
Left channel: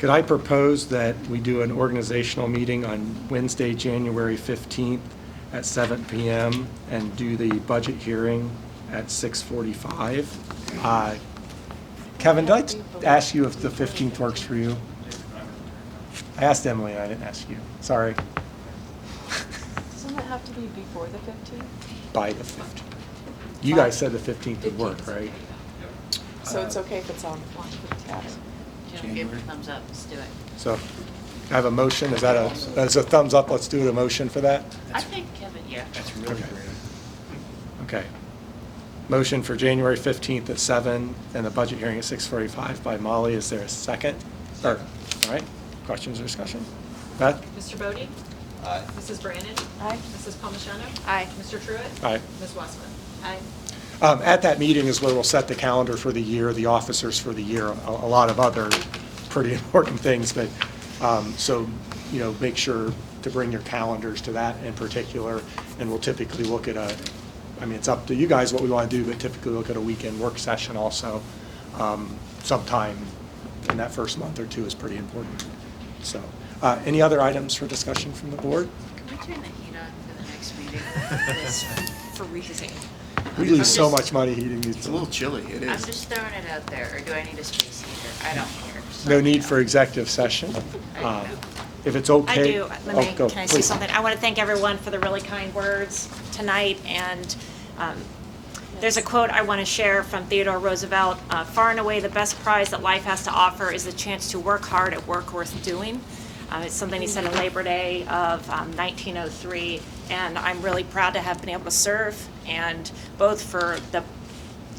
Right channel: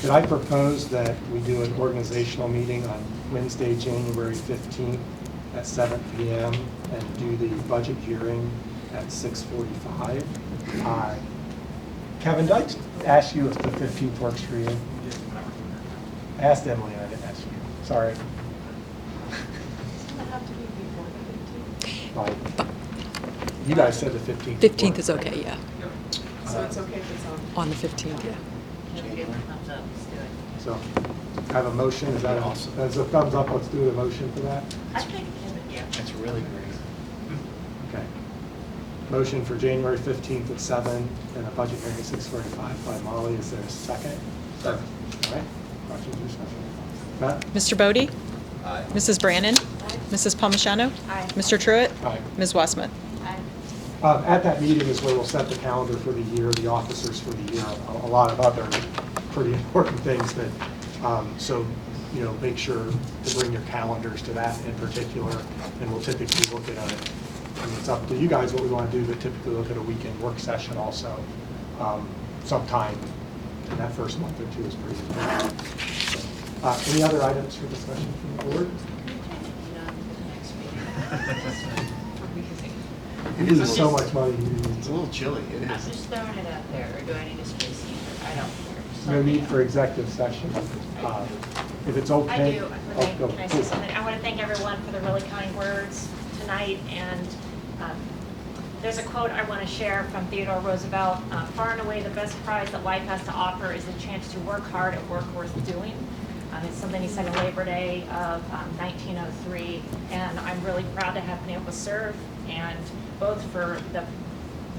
Could I propose that we do an organizational meeting on Wednesday, January 15th at 7 p.m. and do the budget hearing at 6:45? Kevin, did I ask you if the 15th works for you? I asked Emily, I didn't ask you. Sorry. Doesn't that have to be before the 15th? By the 15th. You guys said the 15th would 15th work, is right? okay, yeah. So it's okay if it's on? On the 15th, yeah. Give a thumbs up, let's do it. So I have a motion. Is that as a thumbs up? Let's do it a motion for that. I think Kevin, yeah. That's really good. Okay. Motion for January 15th at 7 and the budget hearing at 6:45 by Molly. Is there a second? All right. Questions or discussion? Beth? Mr. Bodie? Aye. Mrs. Brannon? Aye. Mrs. Palmigano? Aye. Mr. Truitt? Aye. Ms. Wassmuth? Aye. At that meeting is where we'll set the calendar for the year, the officers for the year, a lot of other pretty important things, but, so, you know, make sure to bring your calendars to that in particular, and we'll typically look at I mean, it's up to you guys what we want to do, but typically look at a weekend work session also, sometime in that first month or two is pretty important. So, any other items for discussion from the board? Can we turn the heat on for the next meeting? It's freezing. We lose so much money. It's a little chilly, it I'm is. just throwing it out there, or do I need a space heater? I don't care. Just No let me need know. for executive session. If it's I okay. do. Oh, Let me, go, can I say please. something? I want to thank everyone for the really kind words tonight, and there's a quote I want to share from Theodore Roosevelt. Far and away the best prize that life has to offer is the chance to work hard at work worth doing. It's something he said in Labor Day of 1903, and I'm really proud to have been able to serve and both for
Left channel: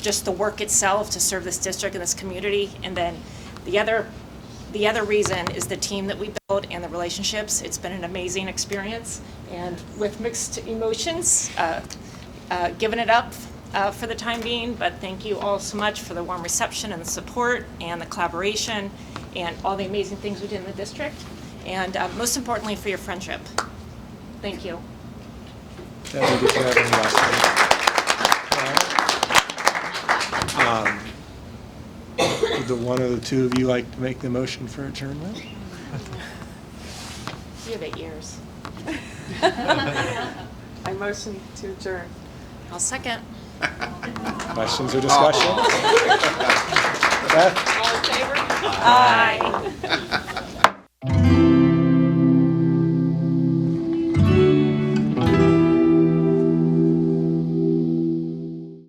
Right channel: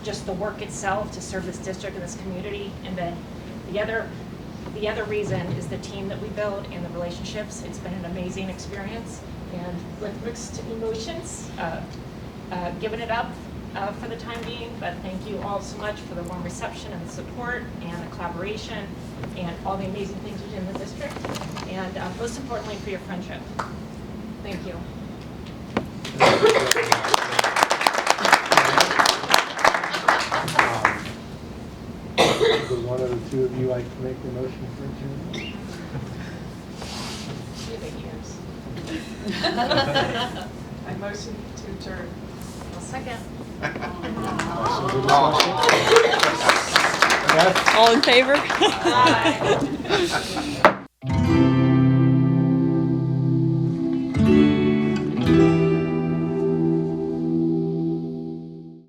just the work itself to serve this district and this community, and then the other reason is the team that we build and the relationships. It's been an amazing experience, and with mixed emotions, giving it up for the time being, but thank you all so much for the warm reception and the support and the collaboration and all the amazing things we did in the district, and most importantly for your friendship. Thank you. Either one of the two of you like to make the motion for adjournment? You have 8 years. I motion to adjourn. I'll second. Questions or discussion? All in favor? Aye.